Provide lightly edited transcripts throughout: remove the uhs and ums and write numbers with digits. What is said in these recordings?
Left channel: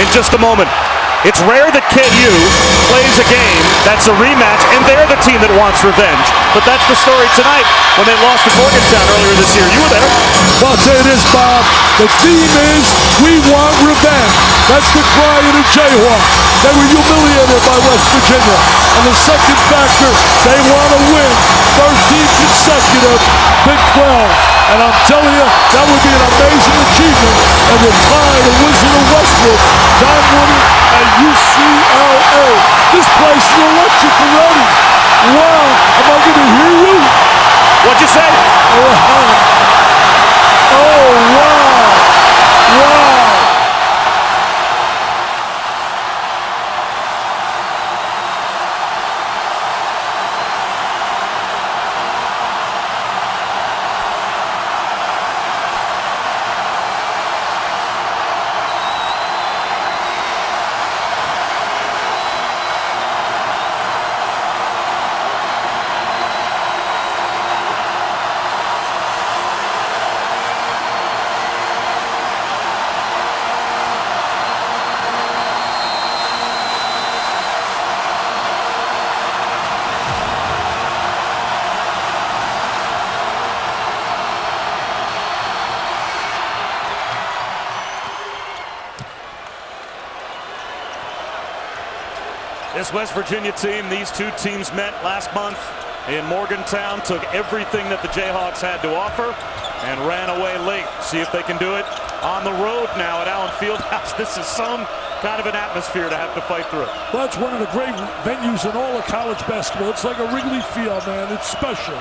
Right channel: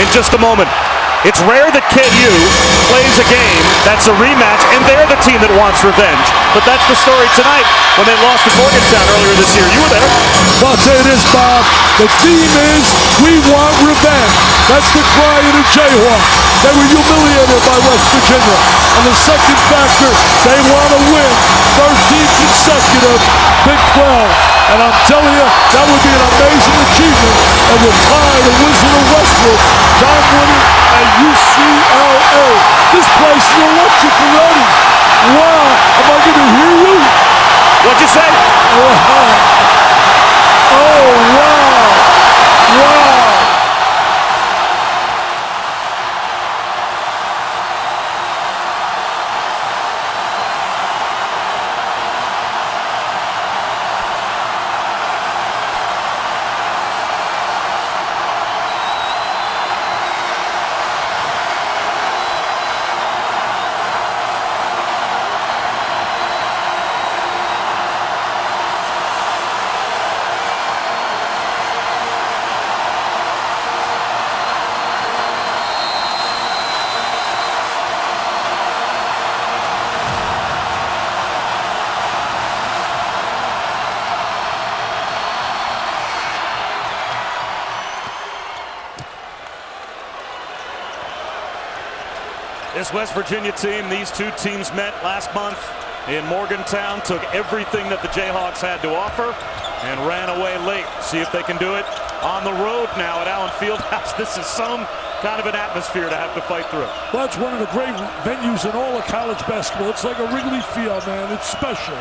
in just a moment. It's rare that KU plays a game that's a rematch, and they're the team that wants revenge. But that's the story tonight when they lost to Morgantown earlier this year. You were there. Well, I'll tell you this, Bob. The theme is, we want revenge. That's the cry of the Jayhawks. They were humiliated by West Virginia. And the second factor, they want to win 13 consecutive Big 12. And I'm telling you, that would be an amazing achievement and would tie the Wizard of Westwood, John Wooden, at UCLA. This place is electric already. Wow, am I going to hear you? What'd you say? Oh, wow. Wow. This West Virginia team, these two teams met last month in Morgantown, took everything that the Jayhawks had to offer and ran away late. See if they can do it on the road now at Allen Fieldhouse. This is some kind of an atmosphere to have to fight through. Well, it's one of the great venues in all of college basketball. It's like a Wrigley Field, man. It's special.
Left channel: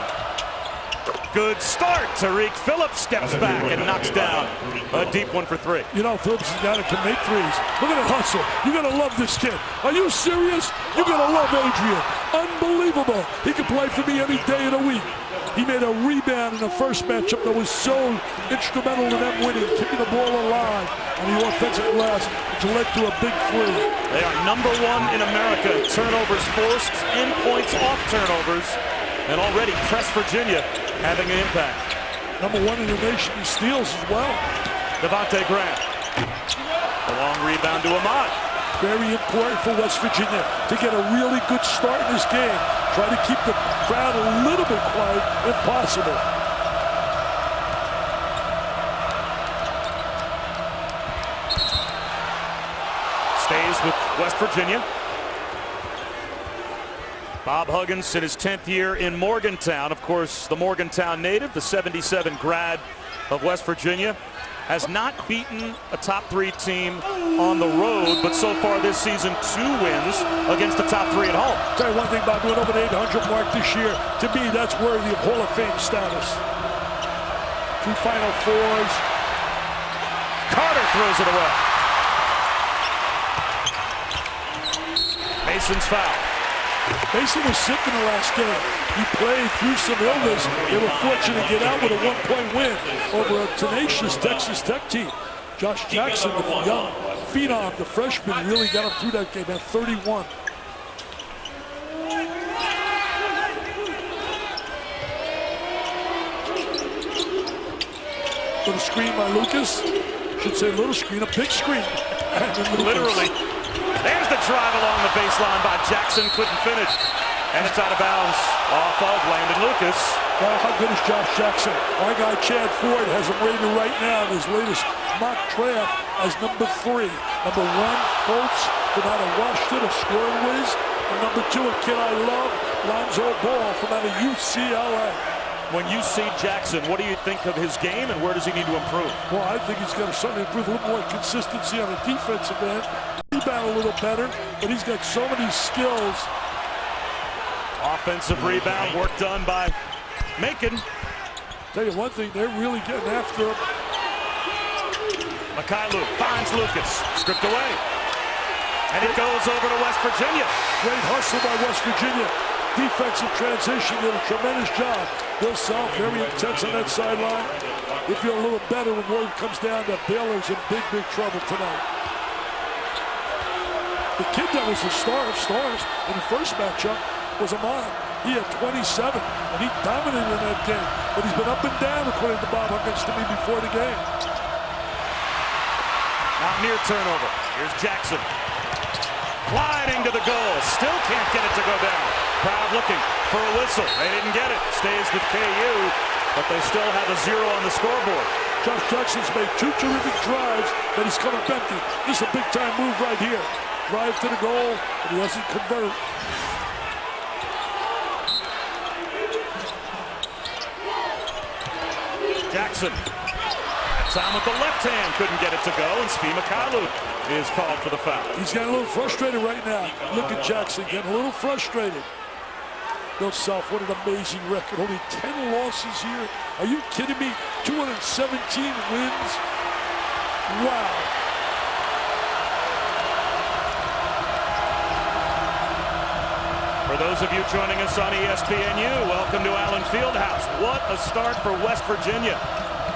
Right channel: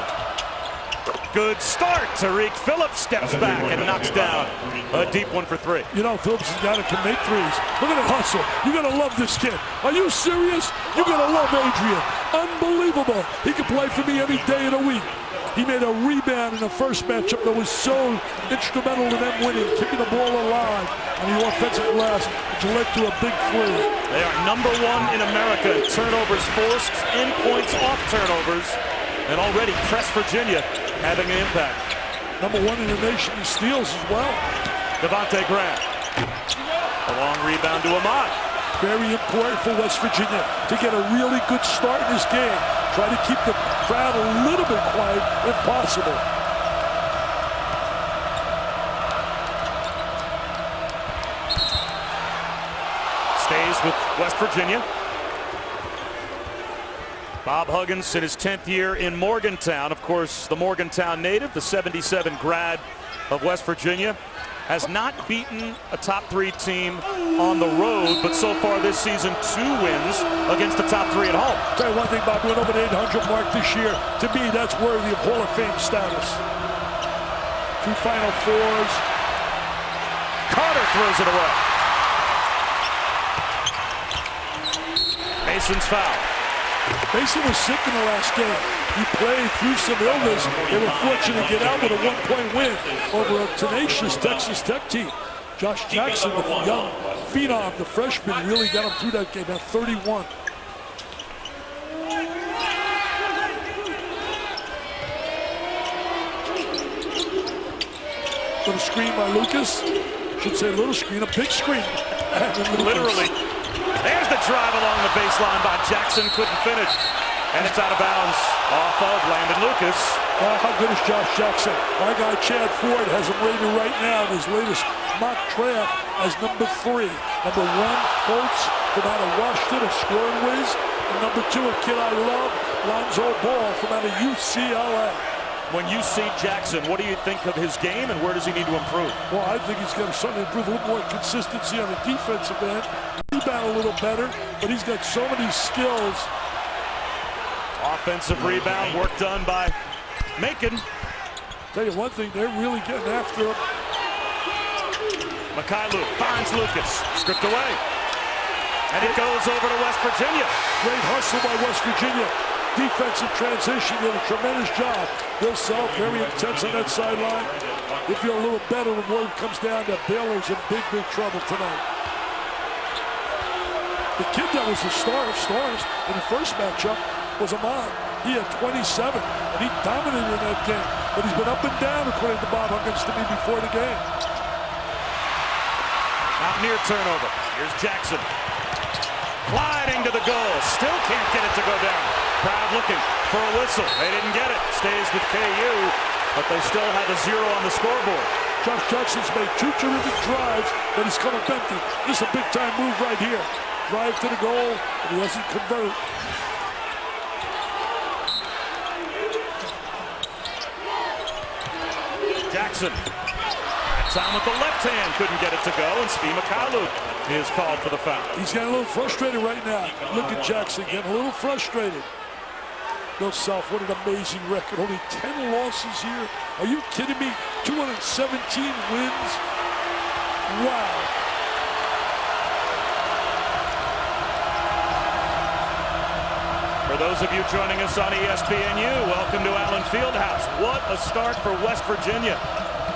Good start. Tariq Phillips steps back and knocks down a deep one for three. You know, Phillips is a guy that can make threes. Look at that hustle. You're going to love this kid. Are you serious? You're going to love Adrian. Unbelievable. He can play for me any day of the week. He made a rebound in the first matchup that was so instrumental in them winning, keeping the ball alive on the offensive glass, which led to a big three. They are #1 in America in turnovers forced and points off turnovers, and already pressed Virginia having an impact. #1 in the nation in steals as well. Devontae Graham. A long rebound to Ahmad. Very important for West Virginia to get a really good start in this game. Try to keep the crowd a little bit quiet if possible. Stays with West Virginia. Bob Huggins in his 10th year in Morgantown. Of course, the Morgantown native, the 77 grad of West Virginia, has not beaten a top 3 team on the road, but so far this season 2 wins against the top 3 at home. Tell you one thing, Bob, went over the 800 mark this year. To me, that's worthy of Hall of Fame status. 2 Final Fours. Carter throws it away. Mason's foul. Mason was sick in the last game. He played through some illness. They were fortunate to get out with a 1-point win over a tenacious Texas Tech team. Josh Jackson, the young phenom, the freshman, really got him through that game at 31. Little screen by Lucas. Should say little screen, a big screen. Literally. There's the drive along the baseline by Jackson, couldn't finish. And it's out of bounds off of Landon Lucas. Well, how good is Josh Jackson? My guy Chad Ford has him rated right now in his latest mock draft as #3. #1, Colts from out of Washington, a scoring whiz. And #2, a kid I love, Lonzo Ball from out of UCLA. When you see Jackson, what do you think of his game and where does he need to improve? Well, I think he's got to certainly improve a little more consistency on the defensive end, rebound a little better, but he's got so many skills. Offensive rebound, work done by Macon. Tell you one thing, they're really getting after him. Mikhailuk finds Lucas, stripped away. And it goes over to West Virginia. Great hustle by West Virginia. Defensive transition, did a tremendous job. Bill Self, very intense on that sideline. They feel a little better when word comes down that Baylor's in big, big trouble tonight. The kid that was the star of stars in the first matchup was Ahmad. He had 27, and he dominated in that game. But he's been up and down, according to Bob Huggins to me before the game. Mountaineer turnover. Here's Jackson. Gliding to the goal. Still can't get it to go down. Crowd looking for a whistle. They didn't get it. Stays with KU, but they still have a 0 on the scoreboard. Josh Jackson's made 2 terrific drives, but he's come up empty. This is a big-time move right here. Drive to the goal, and he doesn't convert. Jackson. That time with the left hand. Couldn't get it to go, and Svi Mykhailiuk is called for the foul. He's getting a little frustrated right now. Look at Jackson getting a little frustrated. Bill Self, what an amazing record. Only 10 losses here. Are you kidding me? 217 wins. Wow. For those of you joining us on ESPNU, welcome to Allen Fieldhouse. What a start for West Virginia.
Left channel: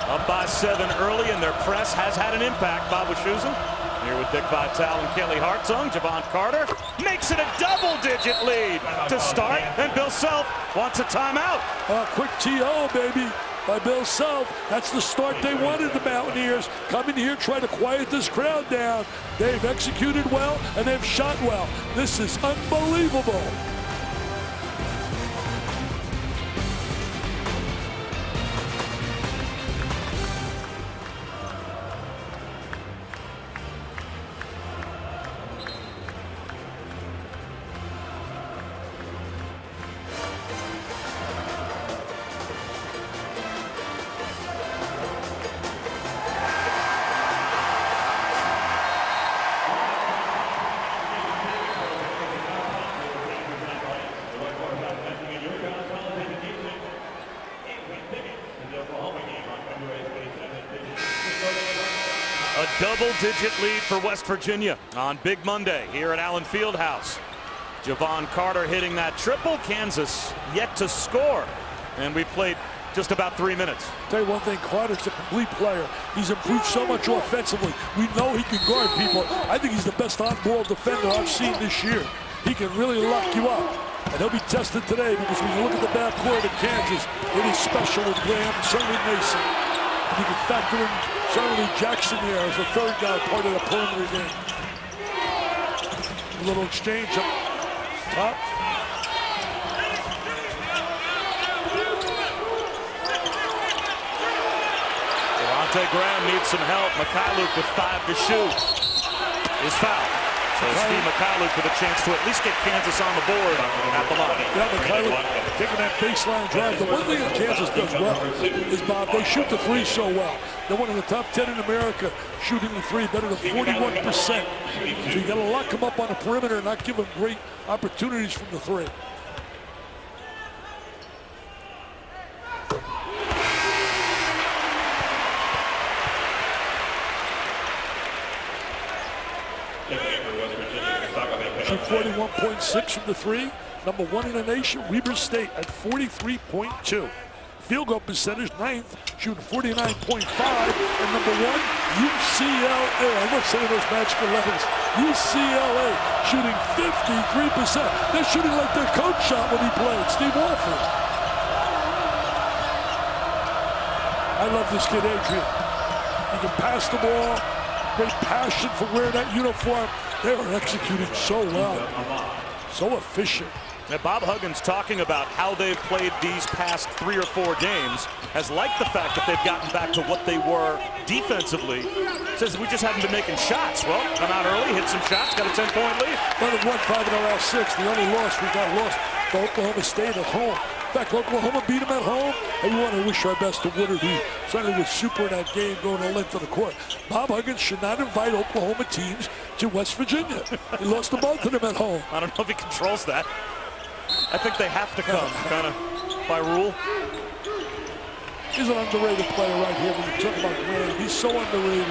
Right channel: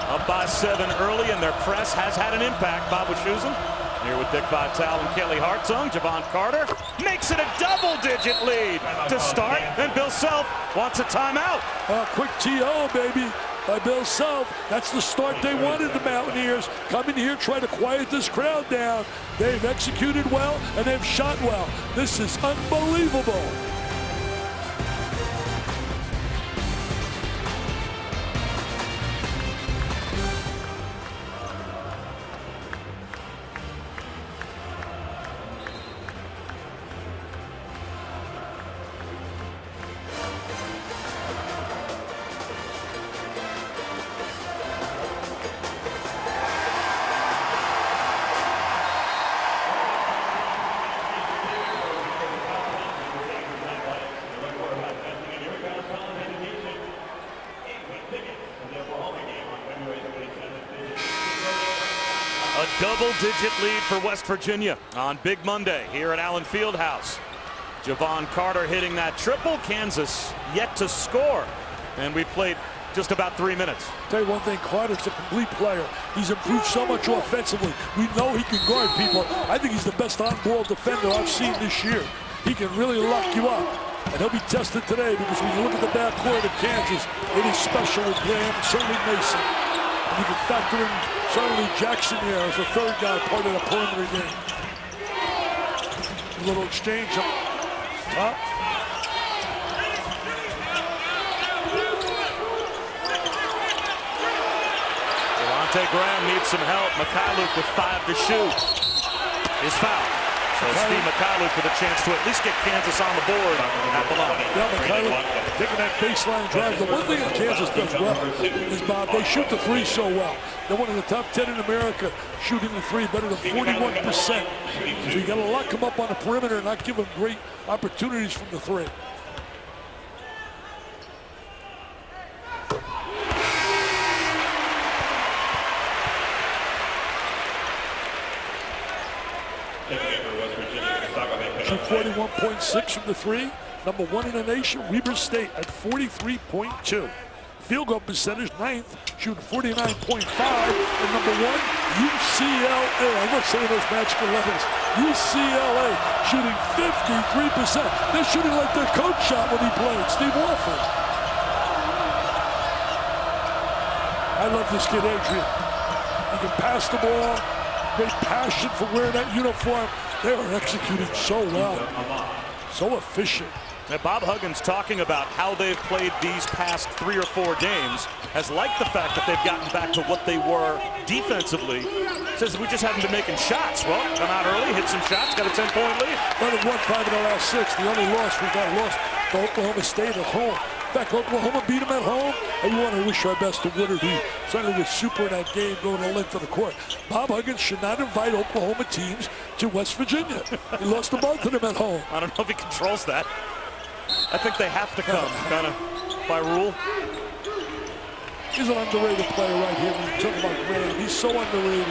Up by 7 early, and their press has had an impact. Bob Wischusen here with Dick Vitale and Kelly Hartzung. Javon Carter makes it a double-digit lead to start, and Bill Self wants a timeout. Quick TO, baby, by Bill Self. That's the start they wanted, the Mountaineers. Come in here, try to quiet this crowd down. They've executed well, and they've shot well. This is unbelievable. A double-digit lead for West Virginia on Big Monday here at Allen Fieldhouse. Javon Carter hitting that triple. Kansas yet to score. And we played just about 3 minutes. Tell you one thing, Carter's a complete player. He's improved so much offensively. We know he can guard people. I think he's the best on-ball defender I've seen this year. He can really lock you up. And he'll be tested today because when you look at the backcourt of Kansas, it is special with Graham and certainly Mason. And you can factor in certainly Jackson here as the third guy, part of the perimeter game. A little exchange up top. Devontae Graham needs some help. Mykhailiuk with 5 to shoot is fouled. So Svi Mykhailiuk with a chance to at least get Kansas on the board at the line. Yeah, Mykhailiuk taking that baseline drive. The one thing that Kansas does well is, Bob, they shoot the three so well. They're one of the top 10 in America shooting the three, better than 41%. So you got to lock them up on the perimeter and not give them great opportunities from the three. Shoot 41.6 from the three. Number 1 in the nation, Weber State at 43.2. Field goal percentage, 9th, shooting 49.5. And number 1, UCLA. I'm not saying those magical letters. UCLA shooting 53%. They're shooting like their coach shot when he played, Steve Walford. I love this kid, Adrian. He can pass the ball, great passion for wearing that uniform. They are executing so well, so efficient. Now, Bob Huggins talking about how they've played these past 3 or 4 games, has liked the fact that they've gotten back to what they were defensively. Says we just haven't been making shots. Well, come out early, hit some shots, got a 10-point lead. But they've won 5 in the last 6. The only loss we got lost to Oklahoma State at home. In fact, Oklahoma beat them at home, and we want to wish our best to Woodard, who certainly was super in that game, going the length of the court. Bob Huggins should not invite Oklahoma teams to West Virginia. He lost to both of them at home. I don't know if he controls that. I think they have to come, kind of by rule. He's an underrated player right here when you talk about Graham. He's so underrated.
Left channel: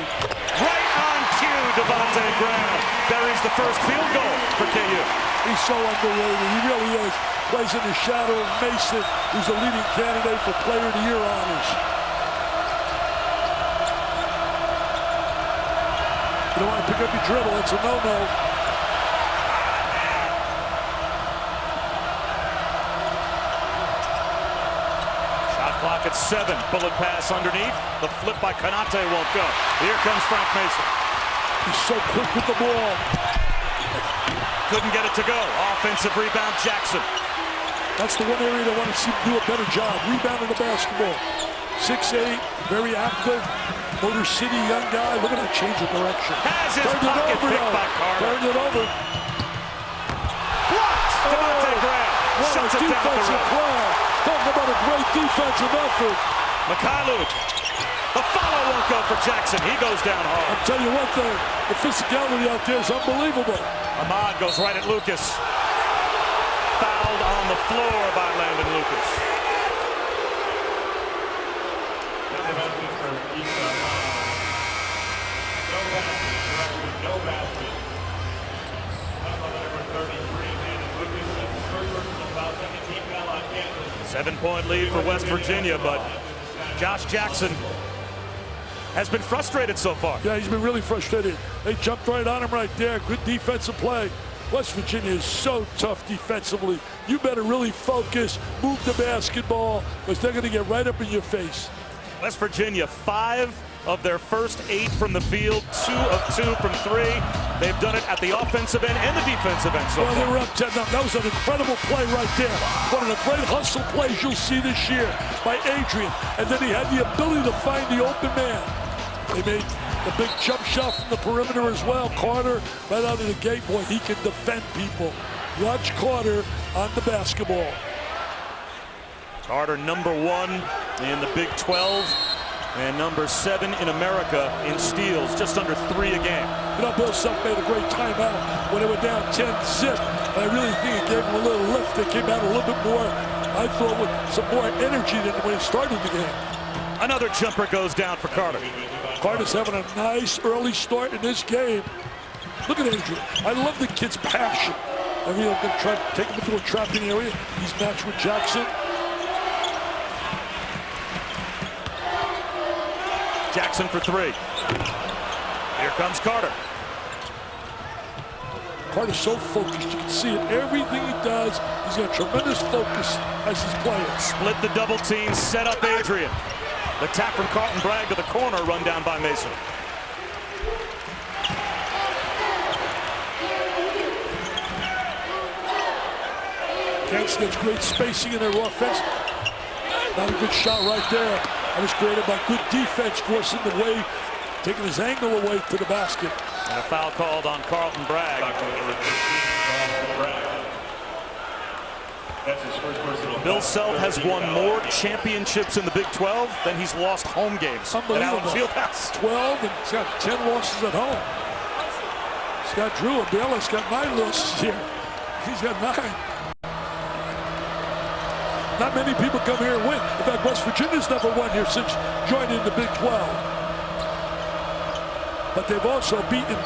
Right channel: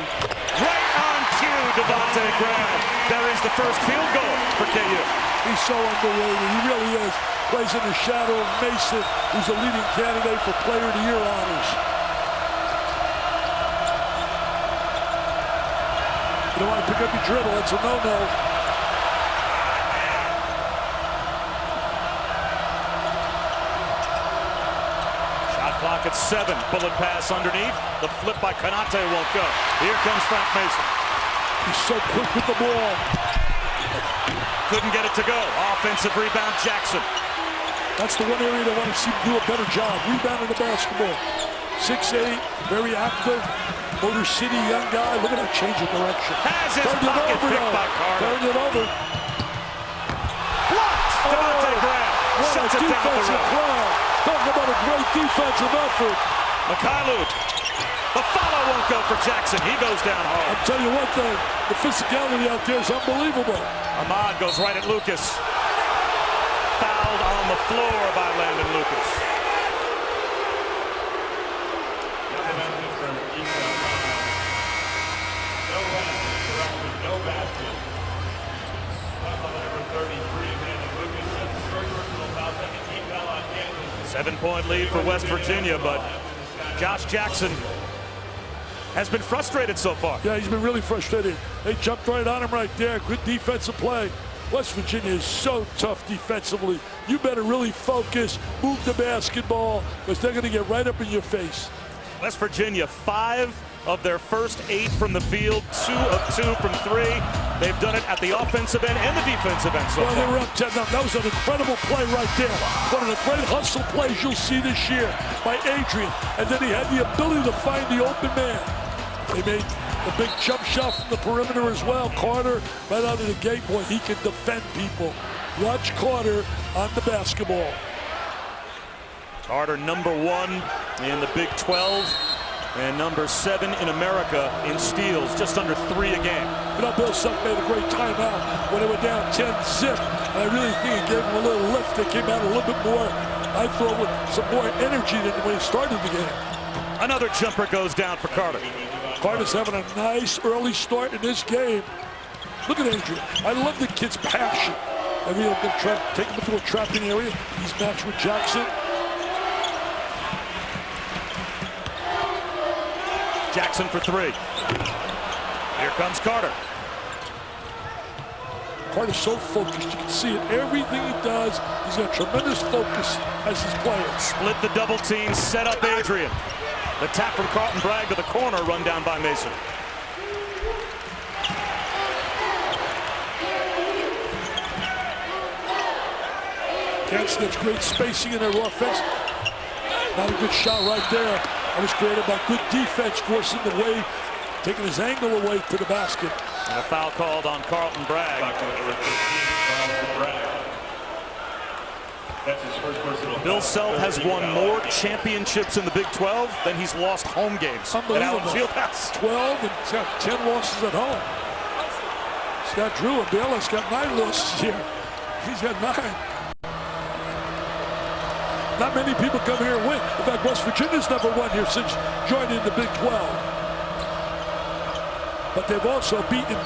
Right on cue, Devontae Graham buries the first field goal for KU. He's so underrated. He really is. Plays in the shadow of Mason, who's the leading candidate for Player of the Year honors. You don't want to pick up your dribble. It's a no-no. Shot clock at 7. Bullet pass underneath. The flip by Konate won't go. Here comes Frank Mason. He's so quick with the ball. Couldn't get it to go. Offensive rebound, Jackson. That's the one area they want to see him do a better job, rebounding the basketball. 6'8", very active. Motor City young guy. Look at that change of direction. Has his pocket picked by Carter. Turned it over. Blocked. Devontae Graham What shuts a it down the defensive rim. play. Talking about a great defensive effort. Mykhailiuk. The follow won't go for Jackson. He goes down hard. I'll tell you one thing. The physicality out there is unbelievable. Ahmad goes right at Lucas. Fouled on the floor by Landon Lucas. Seven-point lead for West Virginia, but Josh Jackson has been frustrated so far. Yeah, he's been really frustrated. They jumped right on him right there. Good defensive play. West Virginia is so tough defensively. You better really focus, move the basketball, because they're going to get right up in your face. West Virginia, 5 of their first 8 from the field, 2 of 2 from 3. They've done it at the offensive end and the defensive end so far. Well, they were up 10 now. That was an incredible play right there. One of the great hustle plays you'll see this year by Adrian. And then he had the ability to find the open man. They made the big jump shot from the perimeter as well. Carter right out of the gate. Boy, he can defend people. Watch Carter on the basketball. Carter, number 1 in the Big 12 and number 7 in America in steals, just under 3 a game. You know, Bill Self made a great timeout when they were down 10-zip. And I really think it gave them a little lift. They came out a little bit more, I thought, with some more energy than when he started the game. Another jumper goes down for Carter. Carter's having a nice early start in this game. Look at Adrian. I love the kid's passion. I mean, I'm going to try to take him into a trapping area. He's matched with Jackson. Jackson for 3. Here comes Carter. Carter's so focused. You can see it. Everything he does, he's got tremendous focus as he's playing. Split the double team, set up Adrian. The tap from Carlton Bragg to the corner, run down by Mason. Kansas gets great spacing in their offense. Not a good shot right there. That was created by good defense, forcing the way, taking his angle away to the basket. And a foul called on Carlton Bragg. Bill Self has won more championships in the Big 12 than he's lost home games at Allen Fieldhouse. 12, and he's got 10 losses at home. Scott Drew and Bayless got 9 losses here. He's got 9. Not many people come here and win. In fact, West Virginia's never won here since joining the Big 12. But they've also beaten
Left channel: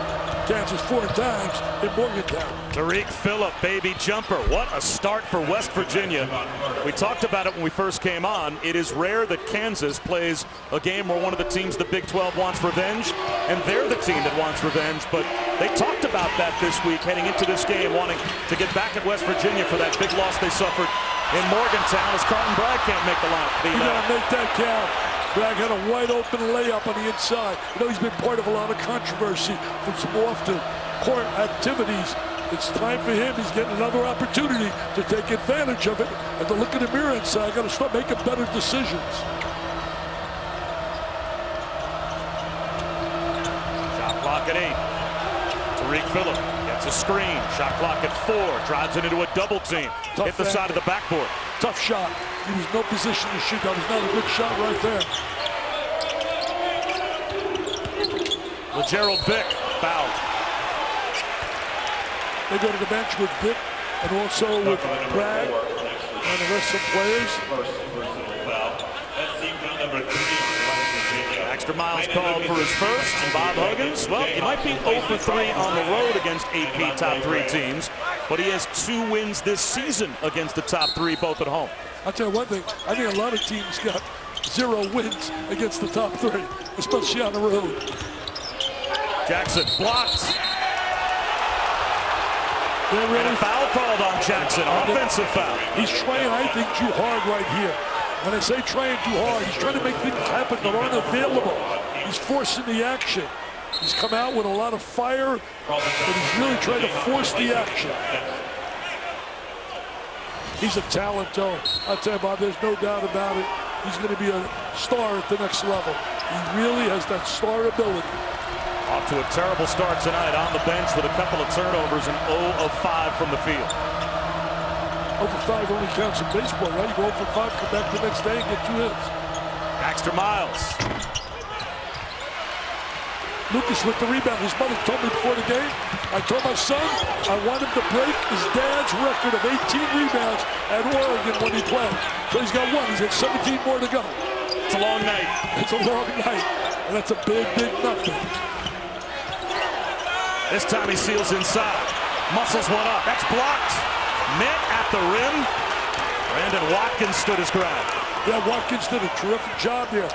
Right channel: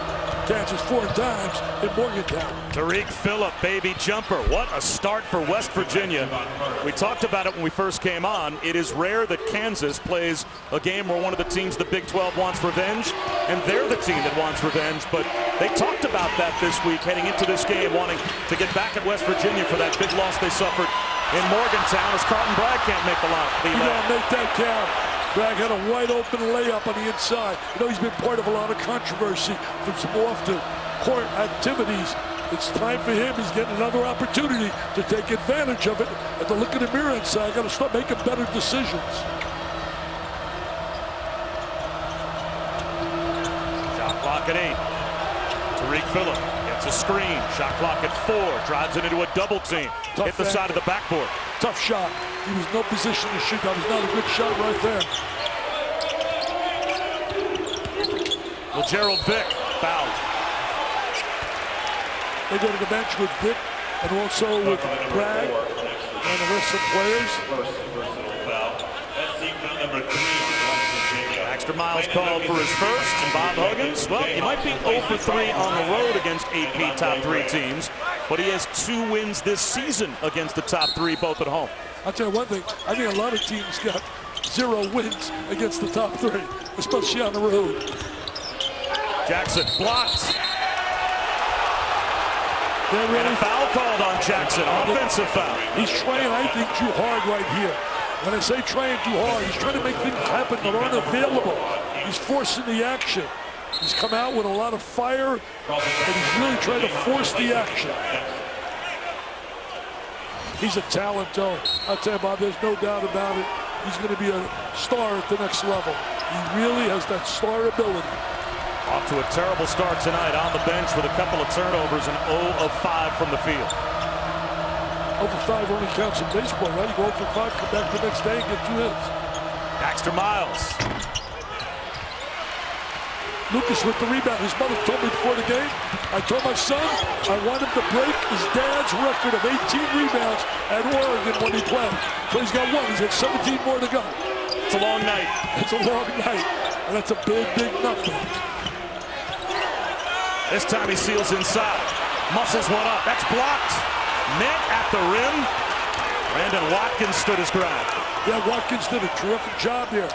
Kansas 4 times in Morgantown. Tariq Phillip, baby jumper. What a start for West Virginia. We talked about it when we first came on. It is rare that Kansas plays a game where one of the teams the Big 12 wants revenge, and they're the team that wants revenge. But they talked about that this week heading into this game, wanting to get back at West Virginia for that big loss they suffered in Morgantown as Carlton Bragg can't make the line. You gotta make that count. Bragg had a wide open layup on the inside. You know, he's been part of a lot of controversy from some off-the-court activities. It's time for him. He's getting another opportunity to take advantage of it and to look in the mirror and say, I got to start making better decisions. Shot clock at 8. Tariq Phillip gets a screen. Shot clock at 4. Drives it into a double team. Tough Hit the side of the backboard. Tough shot. He was no position to shoot. That was not a good shot right there. LeGerald Vick fouled. They go to the bench with Vick and also with Bragg and the rest of the players. Baxter Miles called for his first, and Bob Huggins, well, he might be 0 for 3 on the road against AP top 3 teams, but he has 2 wins this season against the top 3, both at home. I'll tell you one thing, I think a lot of teams got 0 wins against the top 3, especially on the road. Jackson blocked. And a foul called on Jackson, offensive foul. He's trying, I think, too hard right here. When I say trying too hard, he's trying to make things happen that aren't available. He's forcing the action. He's come out with a lot of fire, but he's really trying to force the action. He's a talent, though. I'll tell you, Bob, there's no doubt about it. He's going to be a star at the next level. He really has that star ability. Off to a terrible start tonight on the bench with a couple of turnovers and 0 of 5 from the field. 0 for 5 only counts in baseball, right? You go 0 for 5, come back the next day and get 2 hits. Baxter Miles. Lucas with the rebound. His mother told me before the game, I told my son I want him to break his dad's record of 18 rebounds at Oregon when he played. So he's got 1. He's got 17 more to go. It's a long night. It's a long night, and that's a big, big number. This time he seals inside. Muscles one up. That's blocked. Met at the rim. Brandon Watkins stood his ground. Yeah, Watkins did a terrific job there.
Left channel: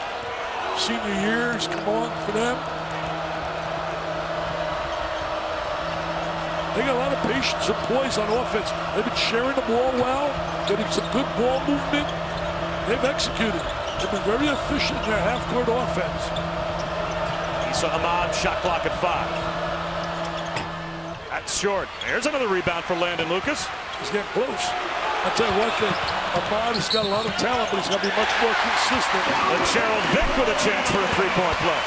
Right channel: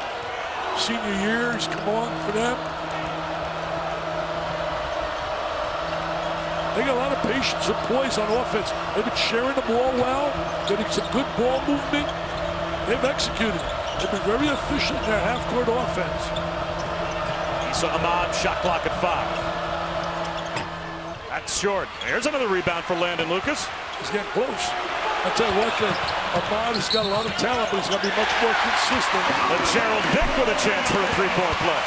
Senior years, come on for them. They got a lot of patience and poise on offense. They've been sharing the ball well, getting some good ball movement. They've executed. They've been very efficient in their half-court offense. Issa Ahmad, shot clock at 5. That's short. There's another rebound for Landon Lucas. He's getting close. I'll tell you one thing. Ahmad has got a lot of talent, but he's got to be much more consistent. And Gerald Vick with a chance for a three-point play.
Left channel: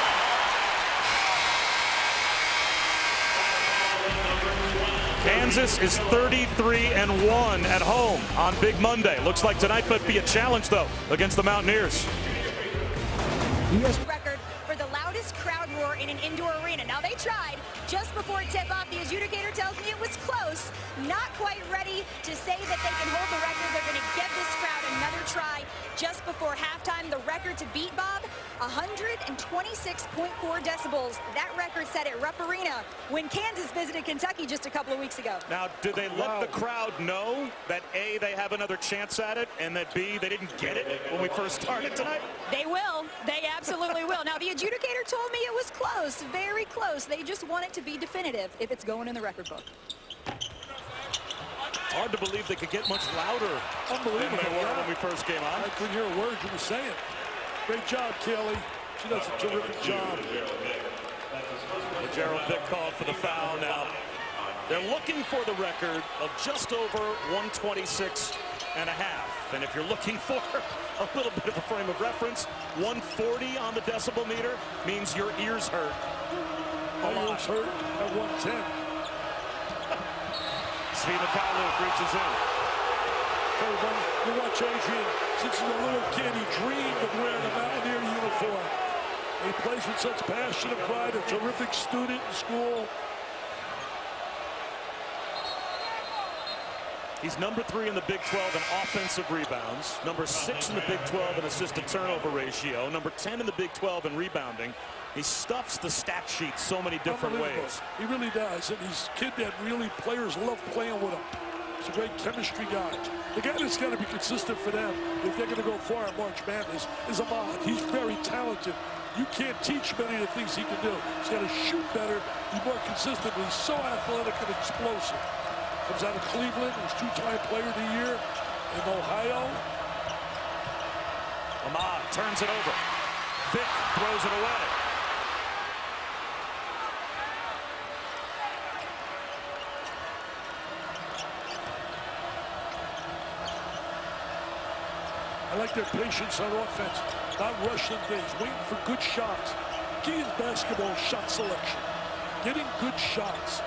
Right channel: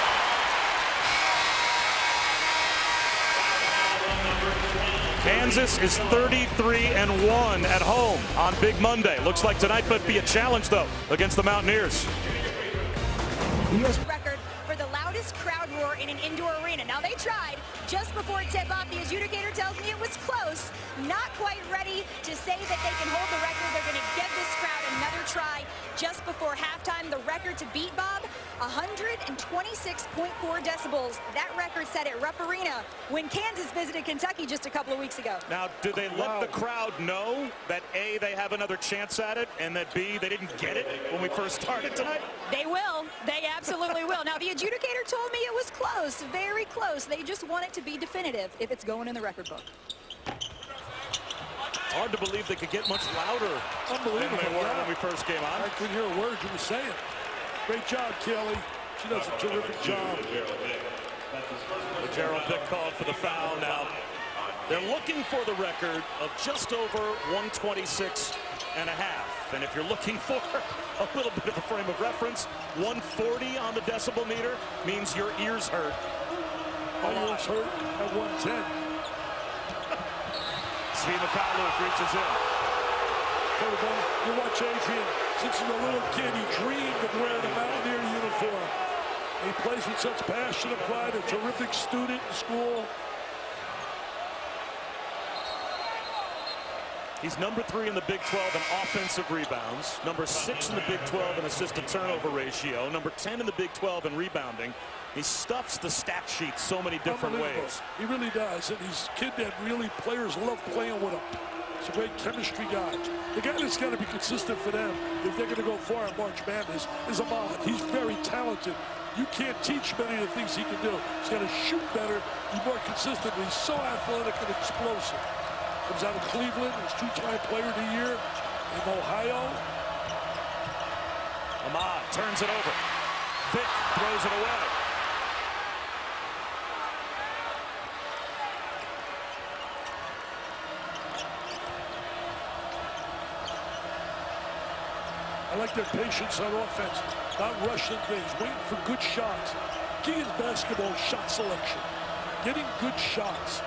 Kansas is 33-1 at home on Big Monday. Looks like tonight might be a challenge, though, against the Mountaineers. Record for the loudest crowd roar in an indoor arena. Now, they tried just before tip-off. The adjudicator tells me it was close. Not quite ready to say that they can hold the record. They're going to give this crowd another try just before halftime. The record to beat, Bob, 126.4 decibels. That record set at Rupp Arena when Kansas visited Kentucky just a couple of weeks ago. Now, did they let the crowd know that A, they have another chance at it, and that B, they didn't get it when we first started tonight? They will. They absolutely will. Now, the adjudicator told me it was close, very close. They just want it to be definitive if it's going in the record book. It's hard to believe they could get much louder than Unbelievable. they were when we first came on. I couldn't hear a word you were saying. Great job, Kelly. She does a terrific job. But Gerald Vick called for the foul. Now, they're looking for the record of just over 126 and a half. And if you're looking for a little bit of a frame of reference, 140 on the decibel meter means your ears hurt. My ears hurt at 110. Svi Mykhailiuk reaches in. Everybody, you watch Adrian. Since he's a little kid, he dreamed of wearing a Mountaineer uniform. He plays with such passion and pride, a terrific student in school. He's number 3 in the Big 12 in offensive rebounds, number 6 in the Big 12 in assist-to-turnover ratio, number 10 in the Big 12 in rebounding. He stuffs the stat sheet so many different ways. He really does, and he's a kid that really players love playing with him. He's a great chemistry guy. The guy that's got to be consistent for them, if they're going to go far in March Madness, is Ahmad. He's very talented. You can't teach many of the things he can do. He's got to shoot better, be more consistent. He's so athletic and explosive. Comes out of Cleveland, was 2-time player of the year in Ohio. Ahmad turns it over. Vick throws it away. I like their patience on offense, not rushing things, waiting for good shots. Key in basketball, shot selection, getting good shots.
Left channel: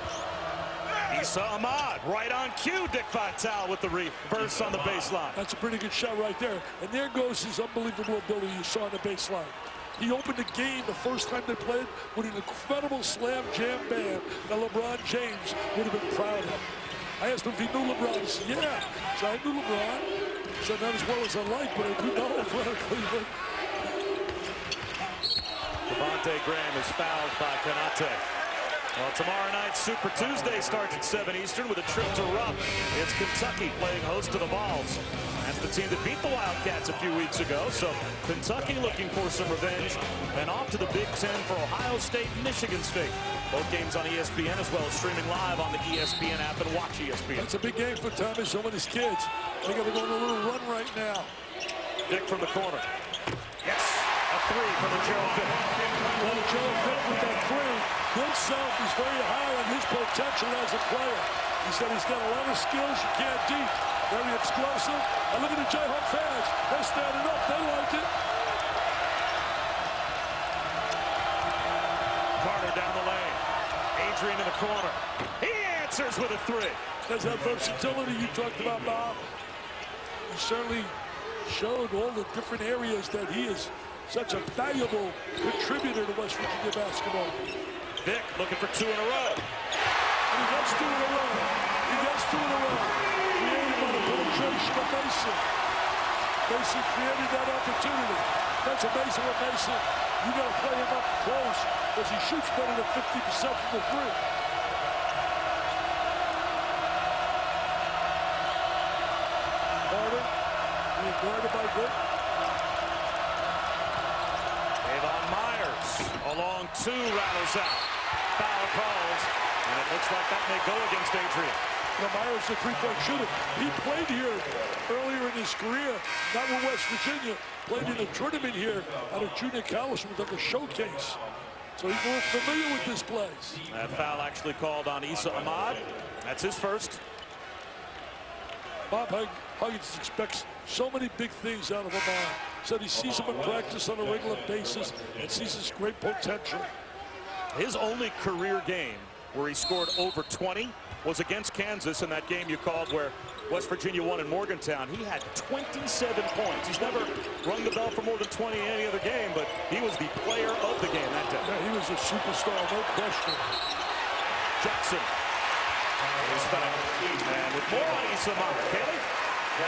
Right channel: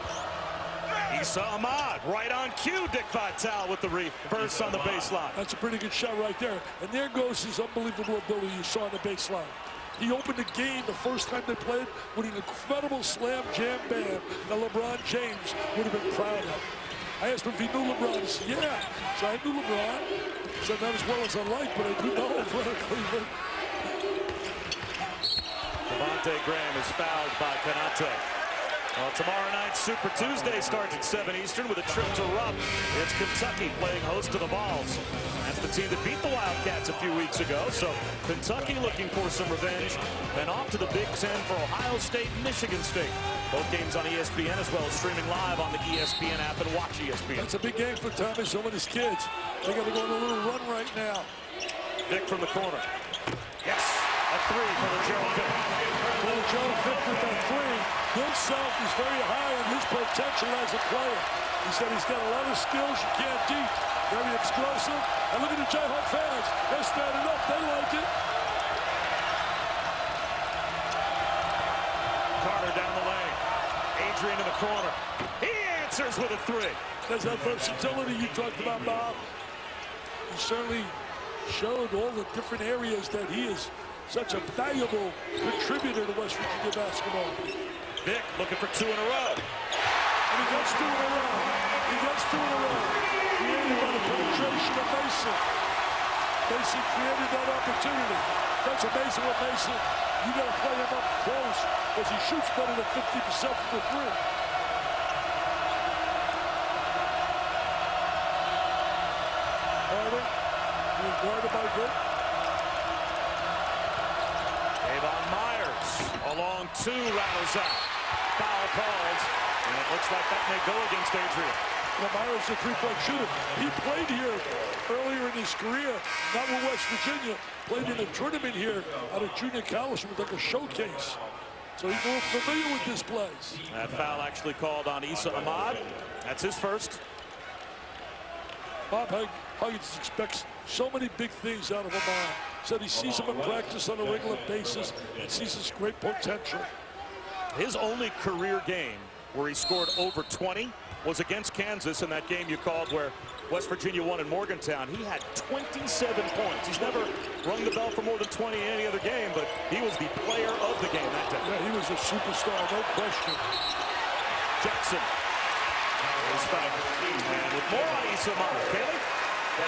Issa Ahmad, right on cue. Dick Vitale with the reverse on the baseline. That's a pretty good shot right there. And there goes his unbelievable ability you saw on the baseline. He opened the game the first time they played with an incredible slam jam bam that LeBron James would have been proud of. I asked him if he knew LeBron. He said, yeah. So I knew LeBron. He said, not as well as I like, but I do know him for Cleveland. Devontae Graham is fouled by Konate. Well, tomorrow night, Super Tuesday starts at 7 Eastern with a trip to Rupp. It's Kentucky playing host to the Vols. That's the team that beat the Wildcats a few weeks ago. So Kentucky looking for some revenge. And off to the Big Ten for Ohio State and Michigan State. Both games on ESPN as well as streaming live on the ESPN app and watch ESPN. That's a big game for Thomas and his kids. They got to go on a little run right now. Vick from the corner. Yes. A three for Gerald Vick. Well, Gerald Vick with that three himself is very high on his potential as a player. He said he's got a lot of skills you can't teach. Very explosive. And look at the Jayhawk fans. They're standing up. They like it. Carter down the lane. Adrian in the corner. He answers with a three. There's that versatility you talked about, Bob. He certainly showed all the different areas that he is such a valuable contributor to West Virginia basketball. Vick looking for two in a row. And he gets two in a row. He gets two in a row. Created by the penetration of Mason. Mason created that opportunity. That's amazing with Mason. You got to play him up close because he shoots better than 50% from the three. Carter being guarded by Vick. Avon Myers along two, rattles out. Foul called, and it looks like that may go against Adrian. Now Myers is a three-point shooter. He played here earlier in his career, not with West Virginia. Played in a tournament here out of junior college with like a showcase. So he's more familiar with this place. That foul actually called on Issa Ahmad. That's his first. Bob Huggins expects so many big things out of Ahmad. Said he sees him in practice on a regular basis and sees his great potential. His only career game where he scored over 20 was against Kansas in that game you called where West Virginia won in Morgantown. He had 27 points. He's never rung the bell for more than 20 in any other game, but he was the player of the game that day. Yeah, he was a superstar, no question. Jackson is fouled. And with more on Issa Ahmad. Kaylee?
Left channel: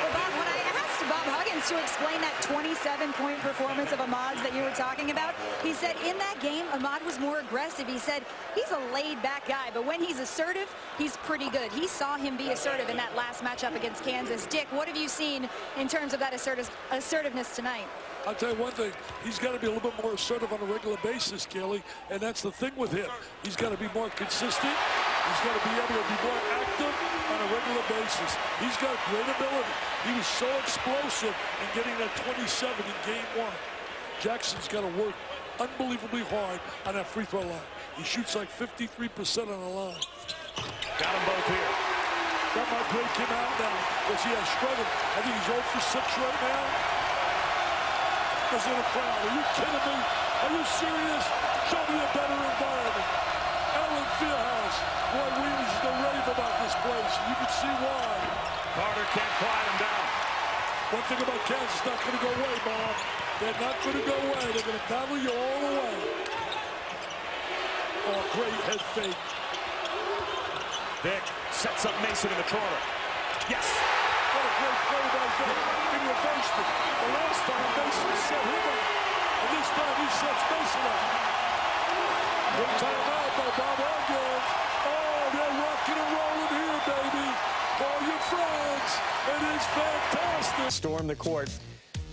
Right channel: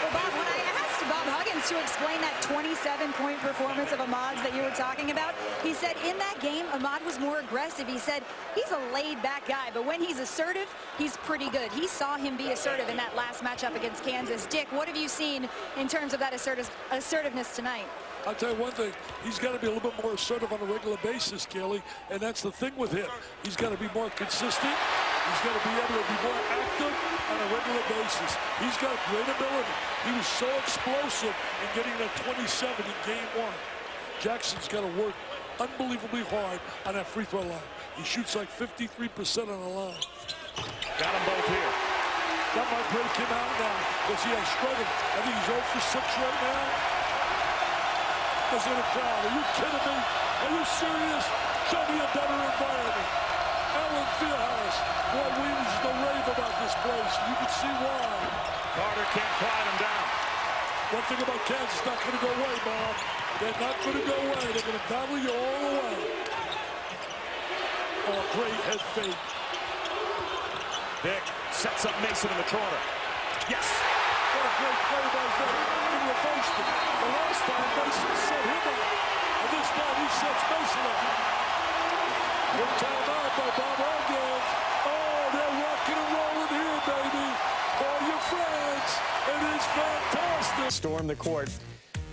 Well, Bob, when I asked Bob Huggins to explain that 27-point performance of Ahmad's that you were talking about, he said in that game, Ahmad was more aggressive. He said he's a laid-back guy, but when he's assertive, he's pretty good. He saw him be assertive in that last matchup against Kansas. Dick, what have you seen in terms of that assertiveness tonight? I'll tell you one thing, he's got to be a little bit more assertive on a regular basis, Kelly, and that's the thing with him. He's got to be more consistent. He's got to be able to be more active on a regular basis. He's got great ability. He was so explosive in getting that 27 in game one. Jackson's got to work unbelievably hard on that free throw line. He shoots like 53% on the line. Got them both here. That might break him out now because he has struggled. I think he's 0 for 6 right now. Because in the crowd, are you kidding me? Are you serious? Show me a better environment. Allen Fieldhouse. Boy, we used to rave about this place. You can see why. Carter can't quiet him down. One thing about Kansas, not going to go away, Bob. They're not going to go away. They're going to battle you all the way. Oh, great head fake. Vick sets up Mason in the corner. Yes. What a great play by Vick. He reversed it. The last time, Mason set him up. And this time, he sets Mason up. Good timeout by Bob Huggins. Oh, they're rocking and rolling here, baby. Call your friends. It is fantastic. Storm the court.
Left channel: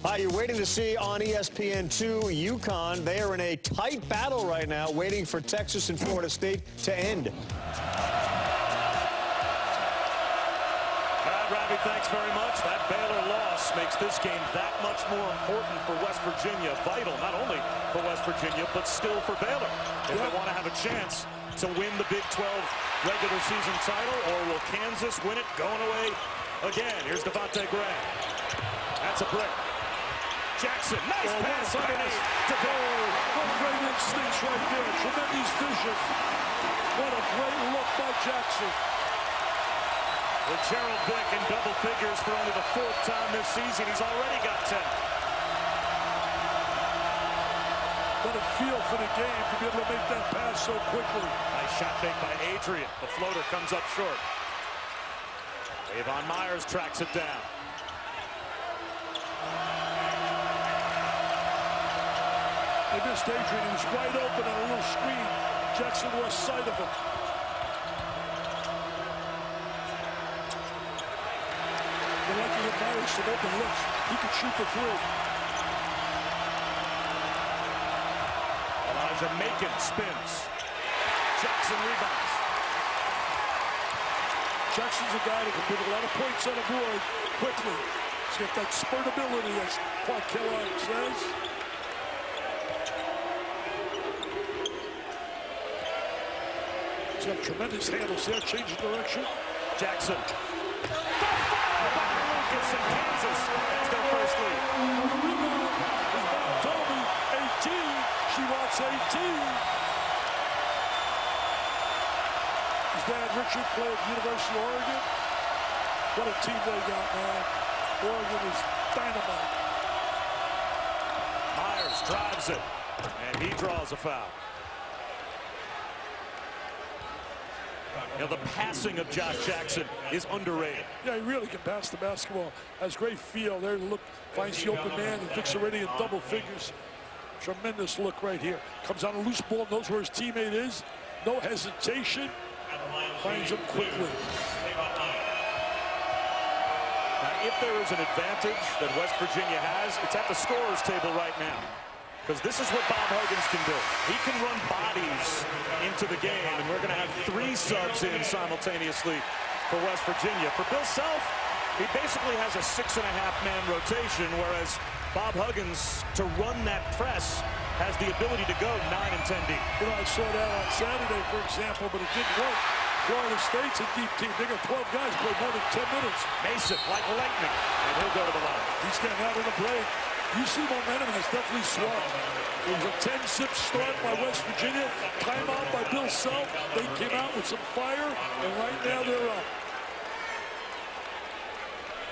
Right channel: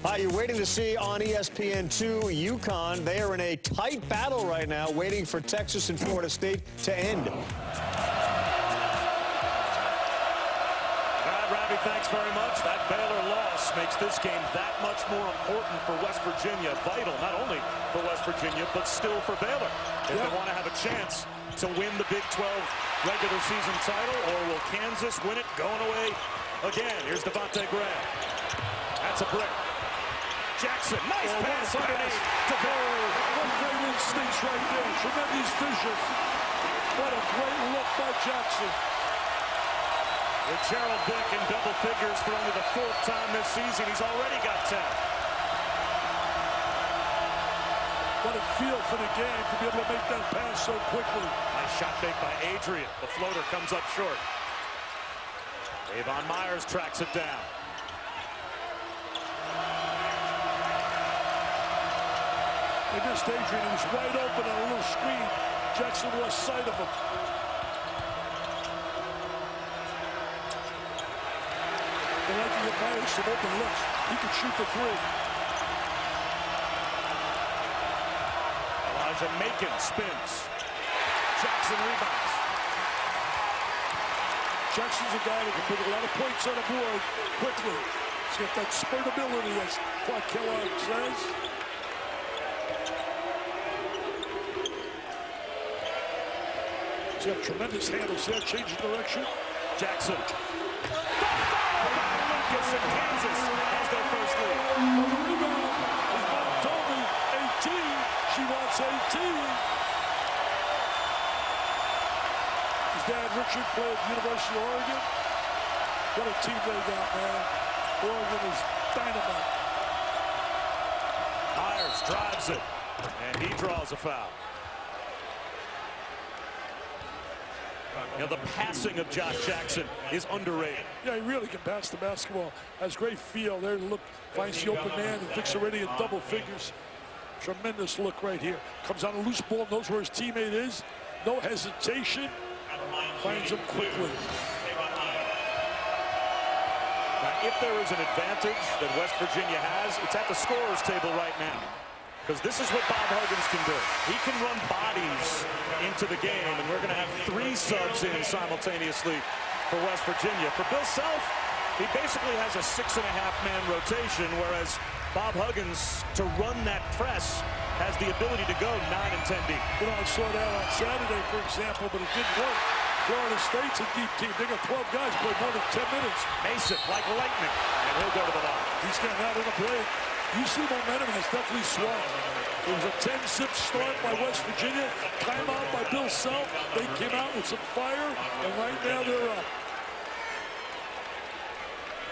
Hi, you're waiting to see on ESPN2 UConn. They are in a tight battle right now, waiting for Texas and Florida State to end. Ravi, thanks very much. That Baylor loss makes this game that much more important for West Virginia. Vital, not only for West Virginia, but still for Baylor. If they want to have a chance to win the Big 12 regular season title, or will Kansas win it going away again? Here's Devontae Graham. That's a break. Jackson, nice pass underneath. What great instincts right there. Tremendous vision. What a great look by Jackson. With Gerald Vick in double figures for only the 4th time this season, he's already got 10. What a feel for the game to be able to make that pass so quickly. Nice shot fake by Adrian. The floater comes up short. Avon Myers tracks it down. They missed Adrian. He was wide open on a little screen. Jackson lost sight of him. They like to get Myers some open looks. He could shoot the three. Elijah Macon spins. Jackson rebounds. Jackson's a guy that can put a lot of points on the board quickly. He's got that spurt ability, as Clark Kellogg says. He's got tremendous handles there, changing direction. Jackson. The follow by Lucas, and Kansas has their first lead. Now the rebound, his mom told me, 18. She wants 18. His dad, Richard, played at University of Oregon. What a team they got, man. Oregon is dynamite. Myers drives it, and he draws a foul. You know, the passing of Josh Jackson is underrated. Yeah, he really can pass the basketball. Has great feel there to look, finds the open man, and Vic's already in double figures. Tremendous look right here. Comes on a loose ball, knows where his teammate is. No hesitation. Finds him quickly. Now, if there is an advantage that West Virginia has, it's at the scorer's table right now. Because this is what Bob Huggins can do. He can run bodies into the game, and we're going to have 3 subs in simultaneously for West Virginia. For Bill Self, he basically has a 6.5-man rotation, whereas Bob Huggins, to run that press, has the ability to go 9 and 10 deep. You know, I saw that on Saturday, for example, but it didn't work. Florida State's a deep team. They got 12 guys play more than 10 minutes. Mason, like lightning, and he'll go to the line. He's getting out in a break. UC momentum has definitely swung. It was a 10-zip start by West Virginia. Timeout by Bill Self. They came out with some fire, and right now they're up.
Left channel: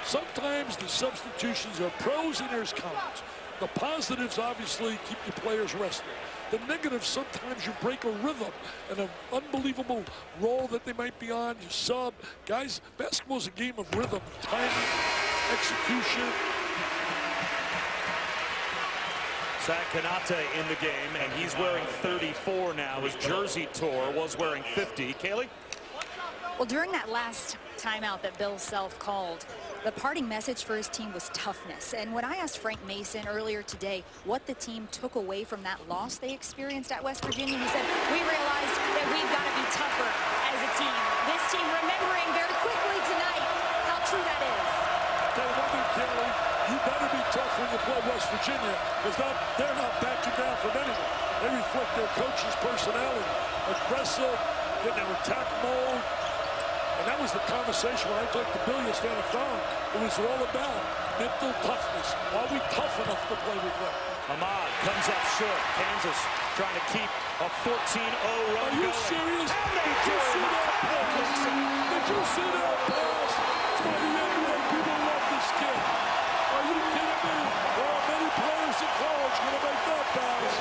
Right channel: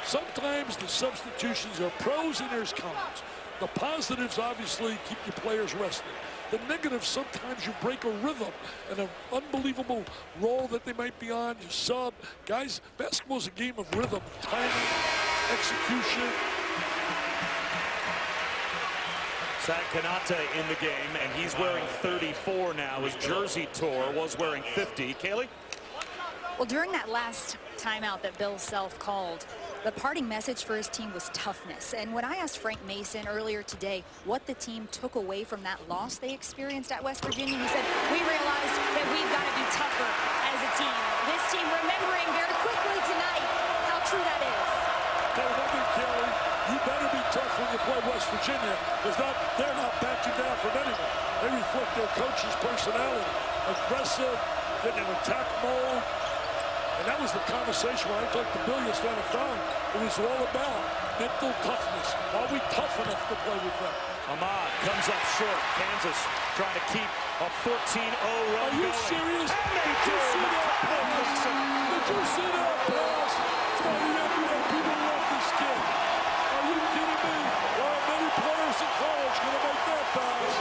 Sometimes the substitutions are pros and there's cons. The positives obviously keep your players rested. The negatives, sometimes you break a rhythm and an unbelievable role that they might be on. You sub. Guys, basketball is a game of rhythm, timing, execution. Zach Kanate in the game, and he's wearing 34 now. His jersey tore, was wearing 50. Kaylee? Well, during that last timeout that Bill Self called, the parting message for his team was toughness. And when I asked Frank Mason earlier today what the team took away from that loss they experienced at West Virginia, he said, we realized that we've got to be tougher as a team. This team remembering very quickly tonight how true that is. Tell you one thing, Kelly, you better be tough when you play West Virginia, because they're not backing down from anyone. They reflect their coach's personality. Aggressive, getting in attack mode. And that was the conversation when I talked to Bill yesterday on the phone. It was all about mental toughness. Are we tough enough to play with them? Ahmad comes up short. Kansas trying to keep a 14-0 run Are you going. serious? And they Did do. you see that McConnell pass? leaks it. Did you see that pass? That's why the NBA people love this kid. Are you kidding me? There are many players in college going to make that pass.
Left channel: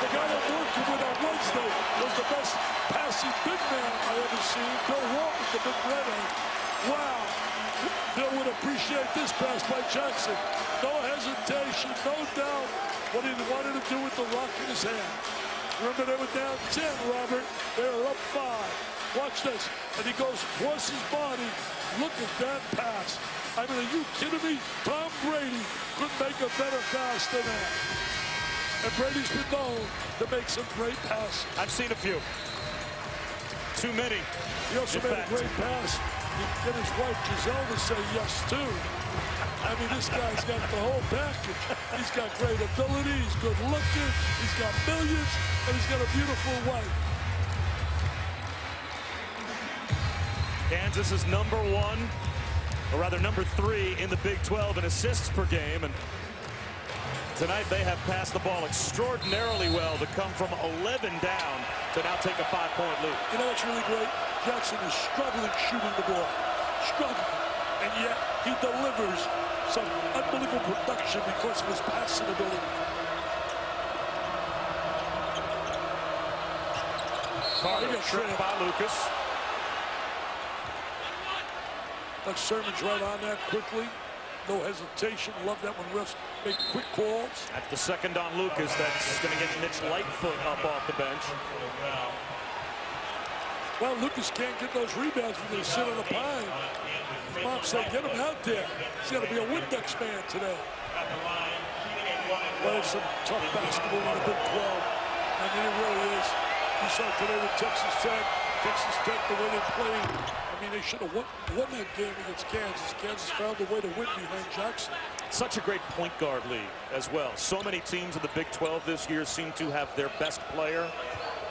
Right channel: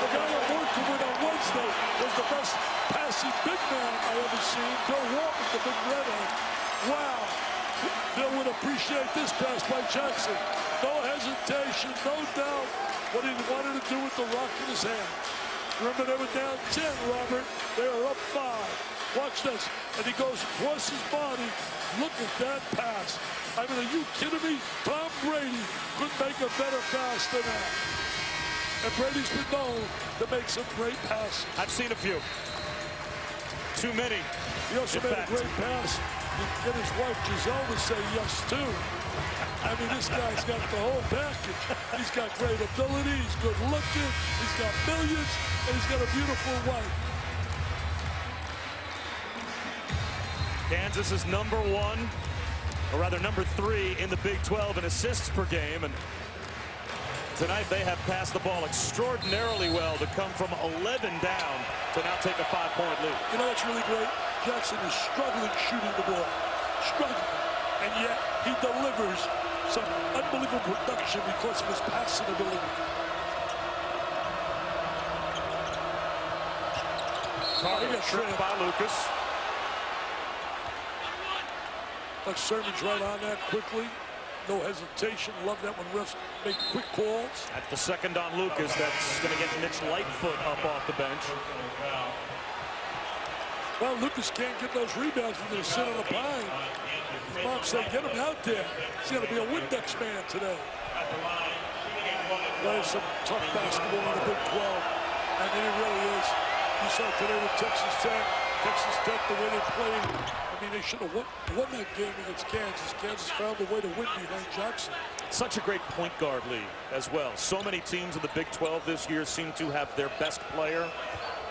The guy I'm working with on Wednesday was the best passing big man I ever seen. Bill Walton, the big redhead. Wow. Bill would appreciate this pass by Jackson. No hesitation, no doubt what he wanted to do with the rock in his hand. Remember, they were down 10, Robert. They are up 5. Watch this. And he goes across his body. Look at that pass. I mean, are you kidding me? Tom Brady couldn't make a better pass than that. And Brady's been known to make some great passes. I've seen a few. Too many. He also made a great pass. He get his wife Giselle to say yes too. I mean, this guy's got the whole package. He's got great ability. He's good looking. He's got millions, and he's got a beautiful wife. Kansas is number 1, or rather number 3 in the Big 12 in assists per game. And tonight they have passed the ball extraordinarily well to come from 11 down to now take a 5-point lead. You know what's really great? Jackson is struggling shooting the ball. Struggling. And yet he delivers some unbelievable production because of his passing ability. Carter tripped by Lucas. Like Sermon's right on that quickly. No hesitation. Love that when refs make quick calls. That's the second on Lucas. That's going to get Mitch Lightfoot up off the bench. Well, Lucas can't get those rebounds. He's going to sit on the pine. His mom said, get him out there. He's got to be a Windex man today. Playing some tough basketball in the Big 12. I mean, it really is. You saw today with Texas Tech. Texas Tech, the way they played. I mean, they should have won that game against Kansas. Kansas found a way to win behind Jackson. Such a great point guard league as well. So many teams in the Big 12 this year seem to have their best player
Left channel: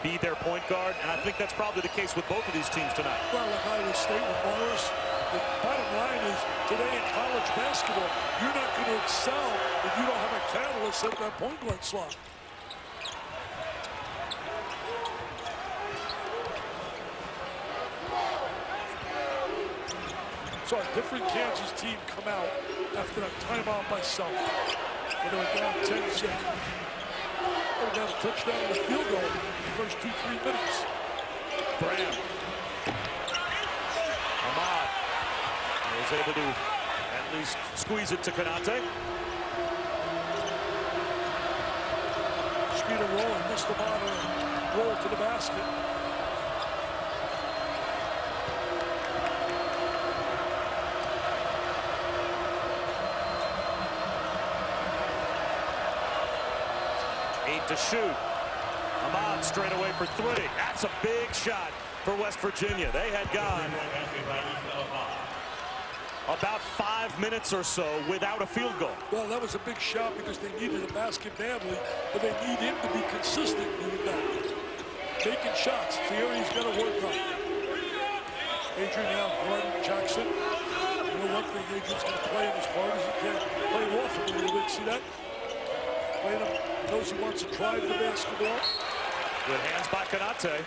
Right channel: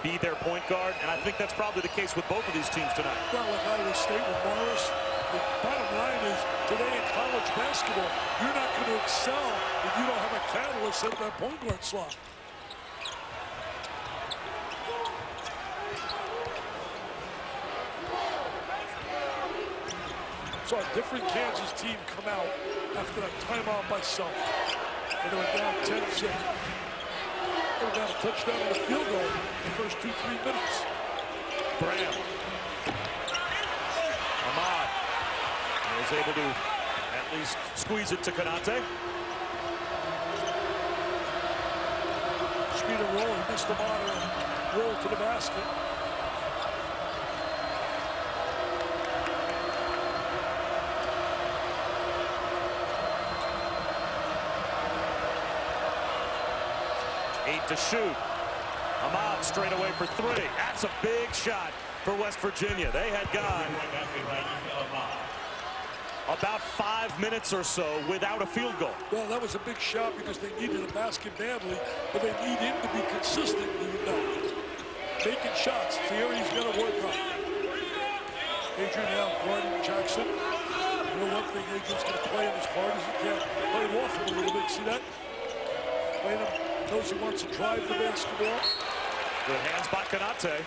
be their point guard, and I think that's probably the case with both of these teams tonight. Well, like Iowa State with Morris, the bottom line is today in college basketball, you're not going to excel if you don't have a catalyst at that point guard slot. Saw a different Kansas team come out after that timeout by Self. They were down 10-6. They were down a touchdown and a field goal in the first 2-3 minutes. Bram. Ahmad was able to at least squeeze it to Konate. Speed and roll. He missed the ball and roll to the basket. Eight to shoot. Ahmad straight away for three. That's a big shot for West Virginia. They had gone about 5 minutes or so without a field goal. Well, that was a big shot because they needed a basket badly, but they need him to be consistent doing that. Making shots. It's the area he's got to work on. Adrian now guarding Jackson. You know one thing, Adrian's going to play him as hard as he can. Play him off him a little bit. See that? Playing him. Knows he wants to drive the basketball. Good hands by Konate.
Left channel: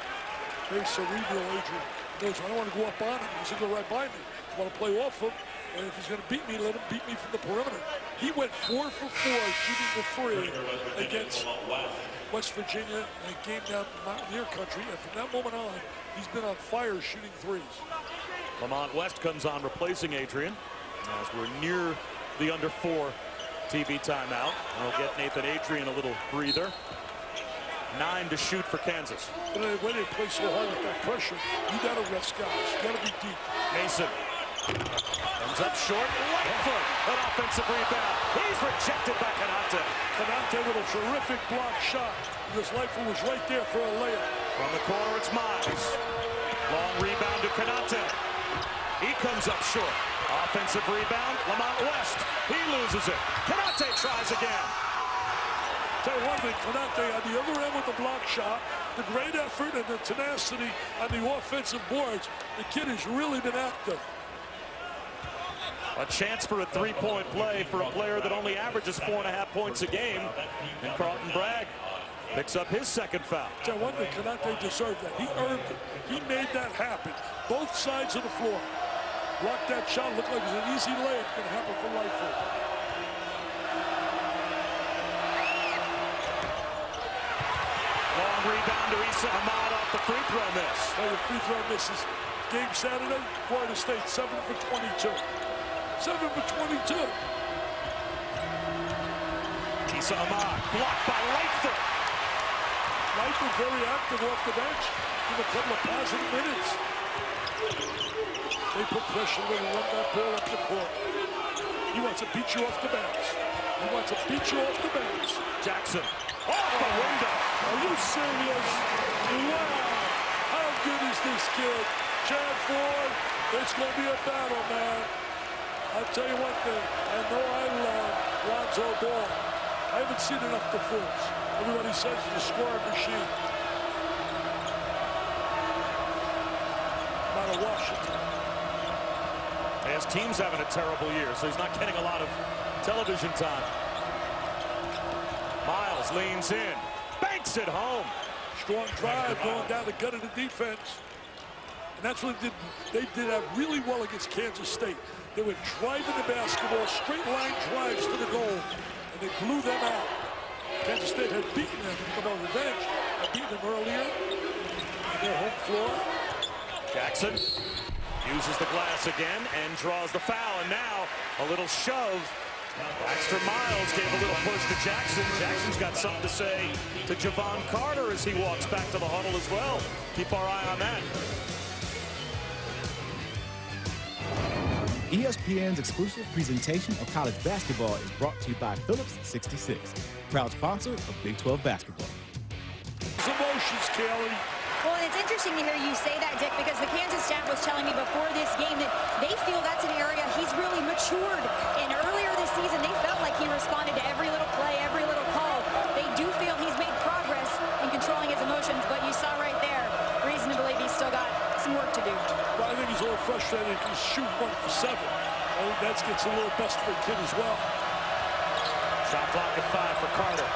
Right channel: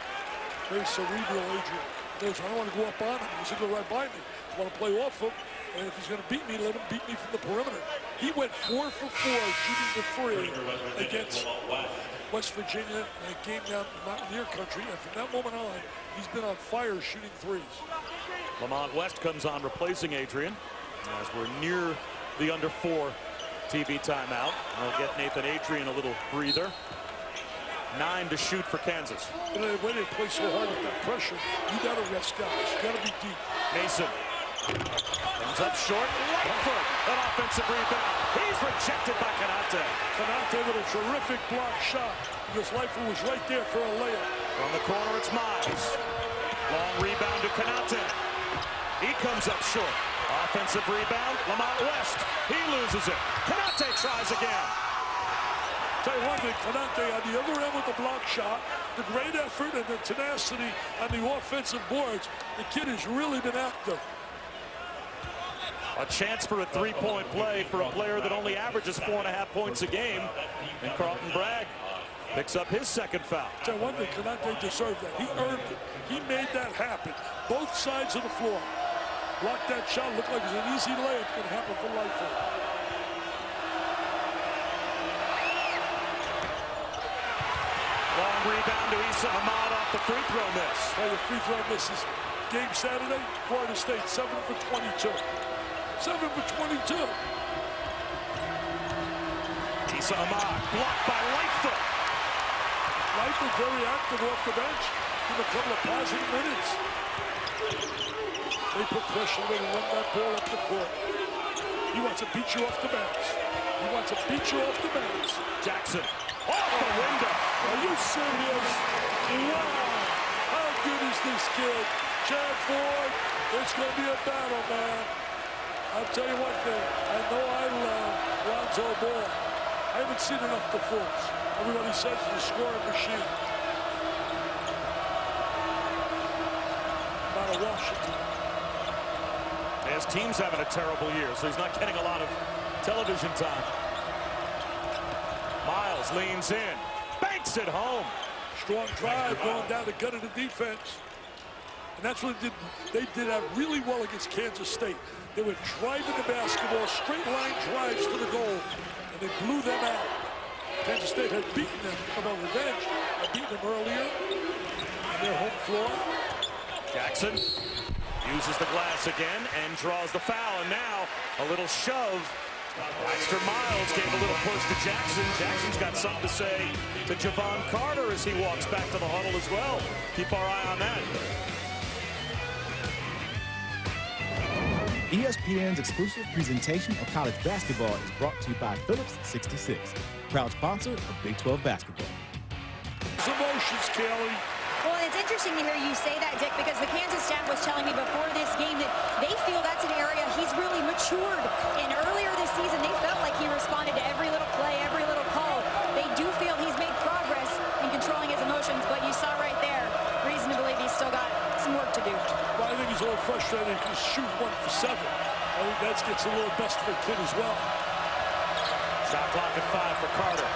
Very cerebral, Adrian. He knows I don't want to go up on him. He's going to go right by me. I want to play off him. And if he's going to beat me, let him beat me from the perimeter. He went 4 for 4 shooting the three against West Virginia in a game down in Mountaineer country. And from that moment on, he's been on fire shooting threes. Lamont West comes on replacing Adrian as we're near the under 4 TV timeout. I'll get Nathan Adrian a little breather. 9 to shoot for Kansas. And the way they play so hard with that pressure, you got to rest guys. You got to be deep. Mason comes up short. Lightfoot, an offensive rebound. He's rejected by Konate. Konate with a terrific block shot because Lightfoot was right there for a layup. From the corner, it's Miles. Long rebound to Konate. He comes up short. Offensive rebound, Lamont West. He loses it. Konate tries again. Tell you one thing, Konate on the other end with the block shot, the great effort and the tenacity on the offensive boards. The kid has really been active. A chance for a three-point play for a player that only averages 4.5 points a game. And Carlton Bragg picks up his second foul. Tell you one thing, Konate deserved that. He earned it. He made that happen. Both sides of the floor. Blocked that shot. Looked like it was an easy layup. Going to happen for Lightfoot. Long rebound to Issa Ahmad off the free throw miss. Well, the free throw misses. Game Saturday, Florida State 7 for 22. 7 for 22. Issa Ahmad blocked by Lightfoot. Lightfoot very active off the bench. Give him a couple of positive minutes. They put pressure when they run that ball up the court. He wants to beat you off the bounce. He wants to beat you off the bounce. Jackson off the window. Are you serious? Wow. How good is this kid? Chad Ford, it's going to be a battle, man. I'll tell you one thing. I know I love Lonzo Ball. I haven't seen enough to fools. Everybody says he's a scoring machine. Out of Washington. His team's having a terrible year, so he's not getting a lot of television time. Miles leans in, banks it home. Strong drive going down the gut of the defense. And that's what they did that really well against Kansas State. They were driving the basketball, straight line drives to the goal, and they blew them out. Kansas State had beaten them about revenge. Had beaten them earlier on their home floor. Jackson uses the glass again and draws the foul, and now a little shove. Baxter Miles gave a little push to Jackson. Jackson's got something to say to Javon Carter as he walks back to the huddle as well. Keep our eye on that. ESPN's exclusive presentation of college basketball is brought to you by Phillips 66, proud sponsor of Big 12 basketball. Emotions, Kelly. Well, and it's interesting to hear you say that, Dick, because the Kansas staff was telling me before this game that they feel that's an area he's really matured. And earlier this season, they felt like he responded to every little play, every little call. They do feel he's made progress in controlling his emotions, but you saw do? Well, I think he's a little frustrated because he's shooting 1 for 7. I think that gets a little best for a kid as well. Shot clock at 5 for Carter.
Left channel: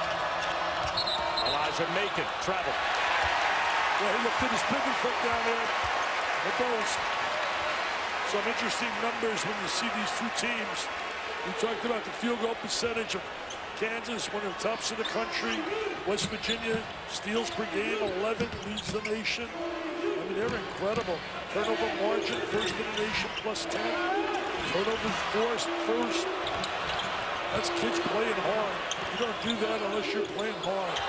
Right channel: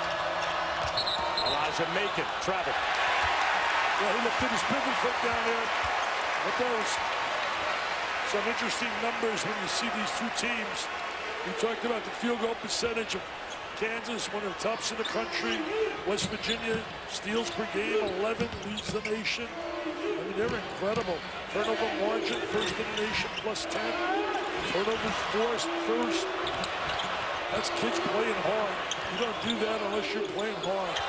Elijah Macon traveled. Yeah, he lifted his pivot foot down there. The post. Some interesting numbers when you see these two teams. We talked about the field goal percentage of Kansas, one of the tops in the country. West Virginia, steals per game, 11, leads the nation. I mean, they're incredible. Turnover margin, first in the nation, plus 10. Turnovers forced, first. That's kids playing hard. You don't do that unless you're playing hard.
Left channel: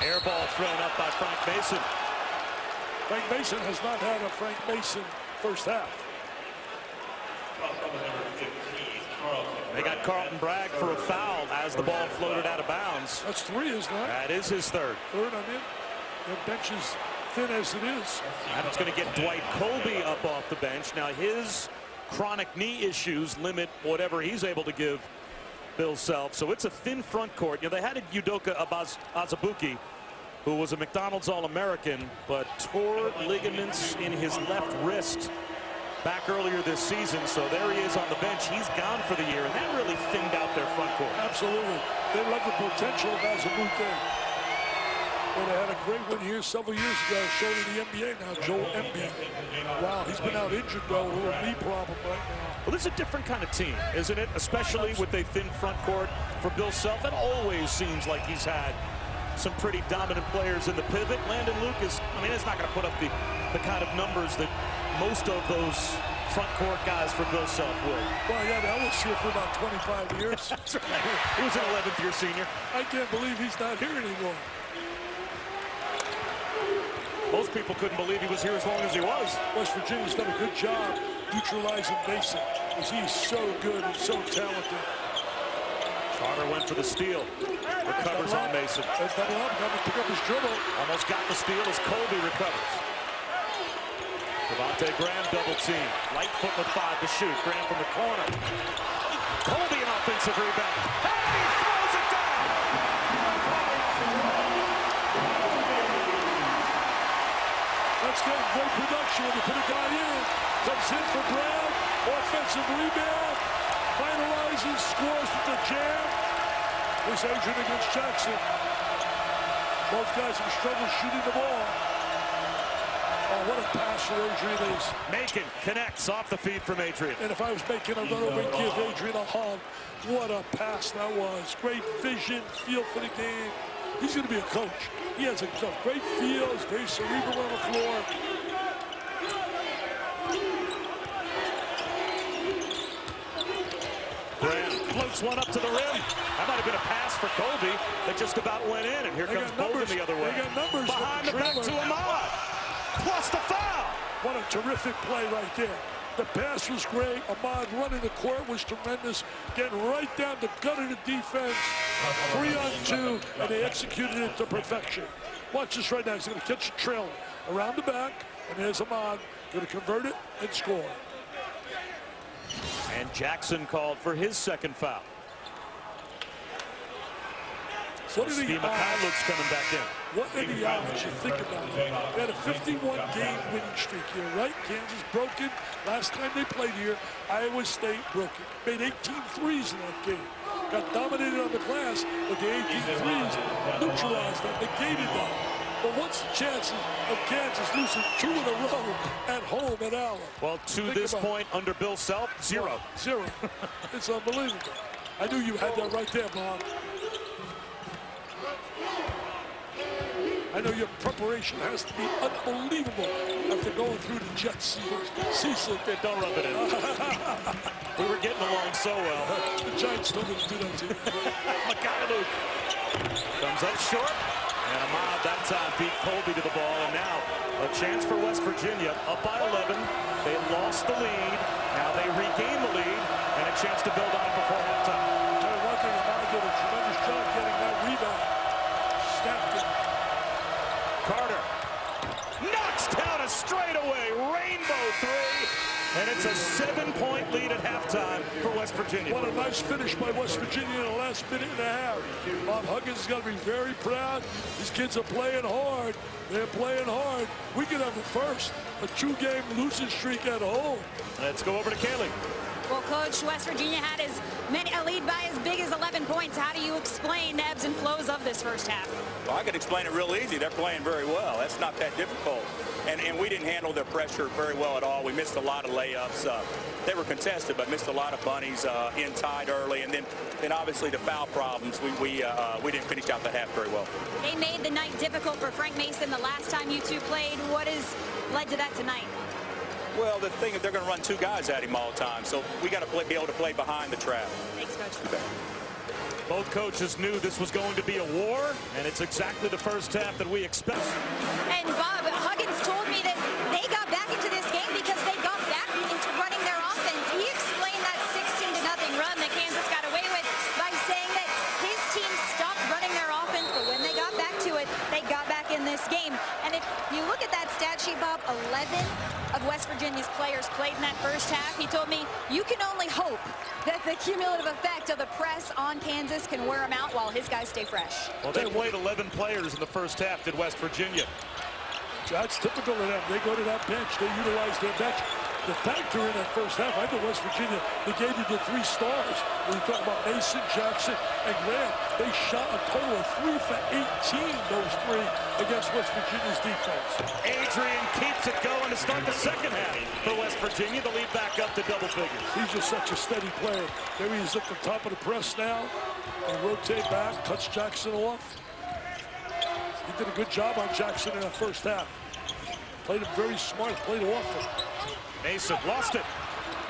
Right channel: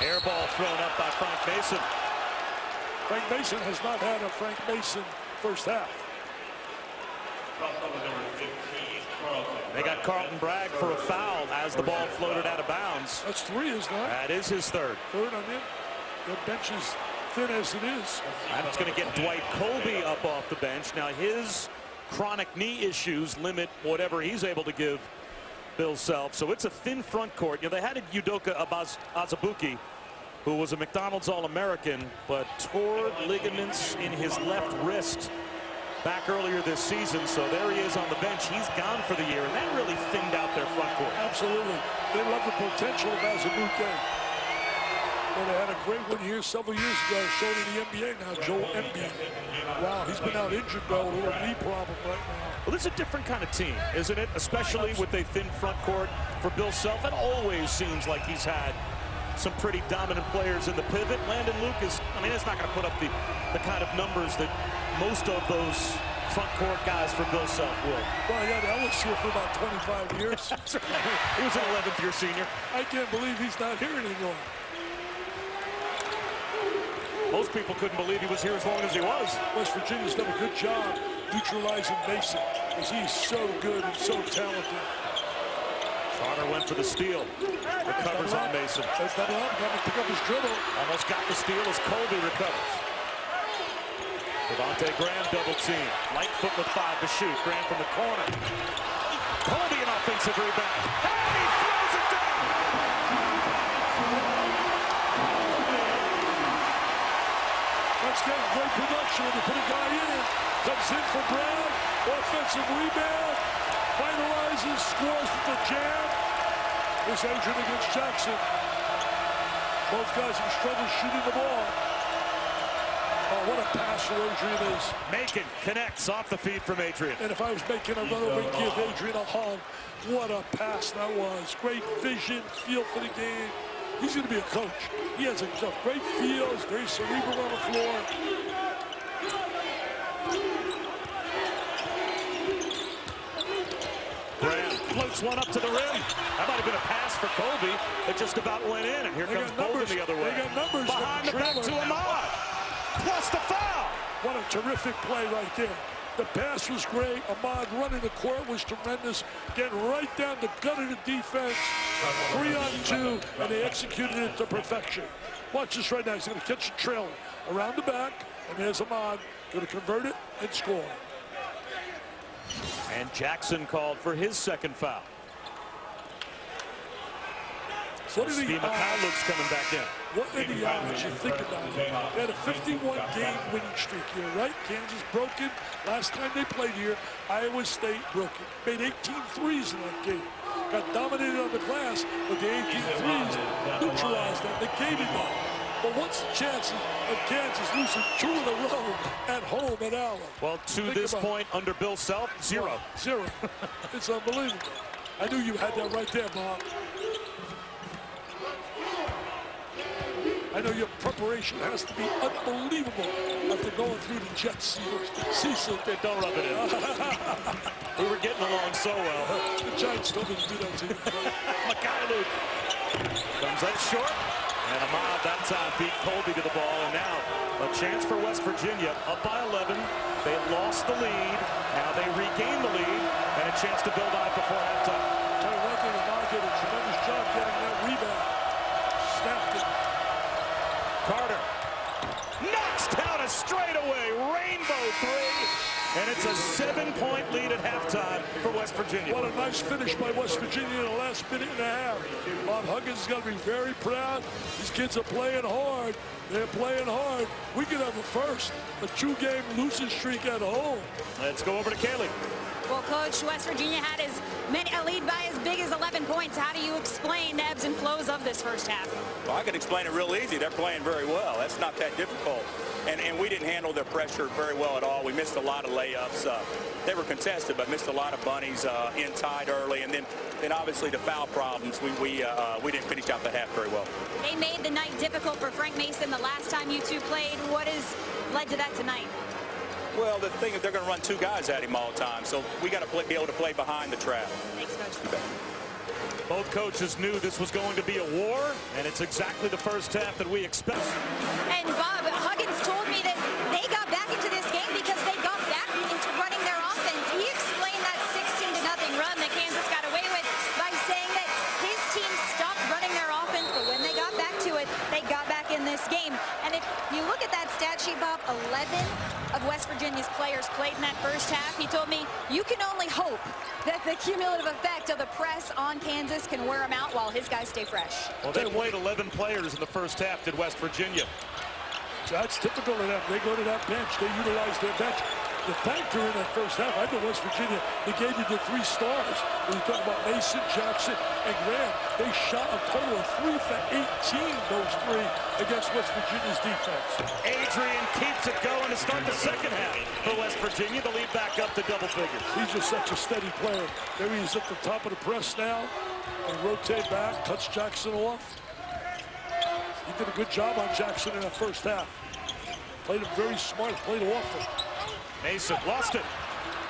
Air ball thrown up by Frank Mason. Frank Mason has not had a Frank Mason first half. They got Carlton Bragg for a foul as the ball floated out of bounds. That's 3, isn't it? That is his third. Third on him. Their bench is thin as it is. And it's going to get Dwight Colby up off the bench. Now his chronic knee issues limit whatever he's able to give Bill Self. So it's a thin front court. You know, they had Udoka Azubuike, who was a McDonald's All-American, but tore ligaments in his left wrist back earlier this season. So there he is on the bench. He's gone for the year, and that really thinned out their front court. Absolutely. They love the potential of Azubuike. Well, they had a great one here several years ago, shown in the NBA now, Joel Embiid. Wow, he's been out injured, though, with a little knee problem right now. Well, this is a different kind of team, isn't it? Especially with a thin front court for Bill Self. It always seems like he's had some pretty dominant players in the pivot. Landon Lucas, I mean, it's not going to put up the kind of numbers that most of those front court guys for Bill Self will. Well, yeah, that was here for about 25 years. That's right. He was an 11th year senior. I can't believe he's not here anymore. Most people couldn't believe he was here as long as he was. West Virginia's done a good job neutralizing Mason, because he's so good and so talented. Carter went for the steal. Recovers on Mason. Double up, got to pick up his dribble. Almost got the steal as Colby recovers. Devontae Graham double team. Lightfoot with 5 to shoot. Graham from the corner. Colby an offensive rebound. And he throws it down. That's getting great production when you put a guy in. Comes in for Bragg. Offensive rebound. Finalizes, scores with the jam. Here's Adrian against Jackson. Both guys have struggled shooting the ball. Oh, what a pass for Adrian is. Macon connects off the feed from Adrian. And if I was making a run over and give Adrian a hug, what a pass that was. Great vision, feel for the game. He's going to be a coach. He has a great feel. He's very cerebral on the floor. Graham floats one up to the rim. That might have been a pass for Colby that just about went in. And here comes Bolden the other way. They got numbers. Behind the back to Ahmad. Plus the foul. What a terrific play right there. The pass was great. Ahmad running the court was tremendous. Getting right down the gut of the defense. 3-on-2, and they executed it to perfection. Watch this right now. He's going to catch a trailer around the back, and there's Ahmad going to convert it and score. And Jackson called for his second foul. So Steve McCullough's coming back in. What are the odds? You think about it. They had a 51-game winning streak here, right? Kansas broken. Last time they played here, Iowa State broken. Made 18 threes in that game. Got dominated on the glass, but the 18 threes neutralized that, negated that. But what's the chances of Kansas losing 2 in a row at home at Allen? Well, to this point, under Bill Self, 0. 0. It's unbelievable. I knew you had that right there, Bob. I know your preparation has to be unbelievable after going through the jet season. Don't rub it in. We were getting along so well. The Giants told me to do that to you. Mikhailuk comes up short. And Ahmad that time beat Colby to the ball. And now a chance for West Virginia up by 11. They lost the lead. Now they regain the lead. And a chance to build on it before halftime. Tell you one thing, Ahmad did a tremendous job getting that rebound. Snapped it. Carter knocks down a straightaway rainbow 3. And it's a 7-point lead at halftime for West Virginia. What a nice finish by West Virginia in the last minute and a half. Bob Huggins is going to be very proud. These kids are playing hard. They're playing hard. We could have a 2-game losing streak at home. Let's go over to Kaylee. Well, Coach, West Virginia had a lead by as big as 11 points. How do you explain the ebbs and flows of this first half? Well, I could explain it real easy. They're playing very well. That's not that difficult. And we didn't handle their pressure very well at all. We missed a lot of layups. They were contested, but missed a lot of bunnies in tied early. And then obviously the foul problems, we didn't finish out the half very well. They made the night difficult for Frank Mason the last time you two played. What has led to that tonight? Well, the thing is they're going to run 2 guys at him all the time. So we got to be able to play behind the trap. Thanks, Coach. You bet. Both coaches knew this was going to be a war, and it's exactly the first half that we expect. And Bob, Huggins told me that they got back into this game because they got back into running their offense. He explained that 16-0 run that Kansas got away with by saying that his team stopped running their offense, but when they got back to it, they got back in this game. And if you look at that stat sheet, Bob, 11 of West Virginia's players played in that first half. He told me you can only hope that the cumulative effect of the press on Kansas can wear him out while his guys stay fresh. Well, they played 11 players in the first half, did West Virginia. That's typical of them. They go to that bench. They utilize their bench. The factor in that first half, I thought West Virginia negated the 3 stars. When you talk about Mason, Jackson, and Grant, they shot a total of 3 for 18, those 3, against West Virginia's defense. Adrian keeps it going to start the second half for West Virginia. The lead back up to double figures. He's just such a steady player. There he is at the top of the press now. And rotate back, cuts Jackson off. He did a good job on Jackson in that first half. Played him very smart, played off him. Mason lost it.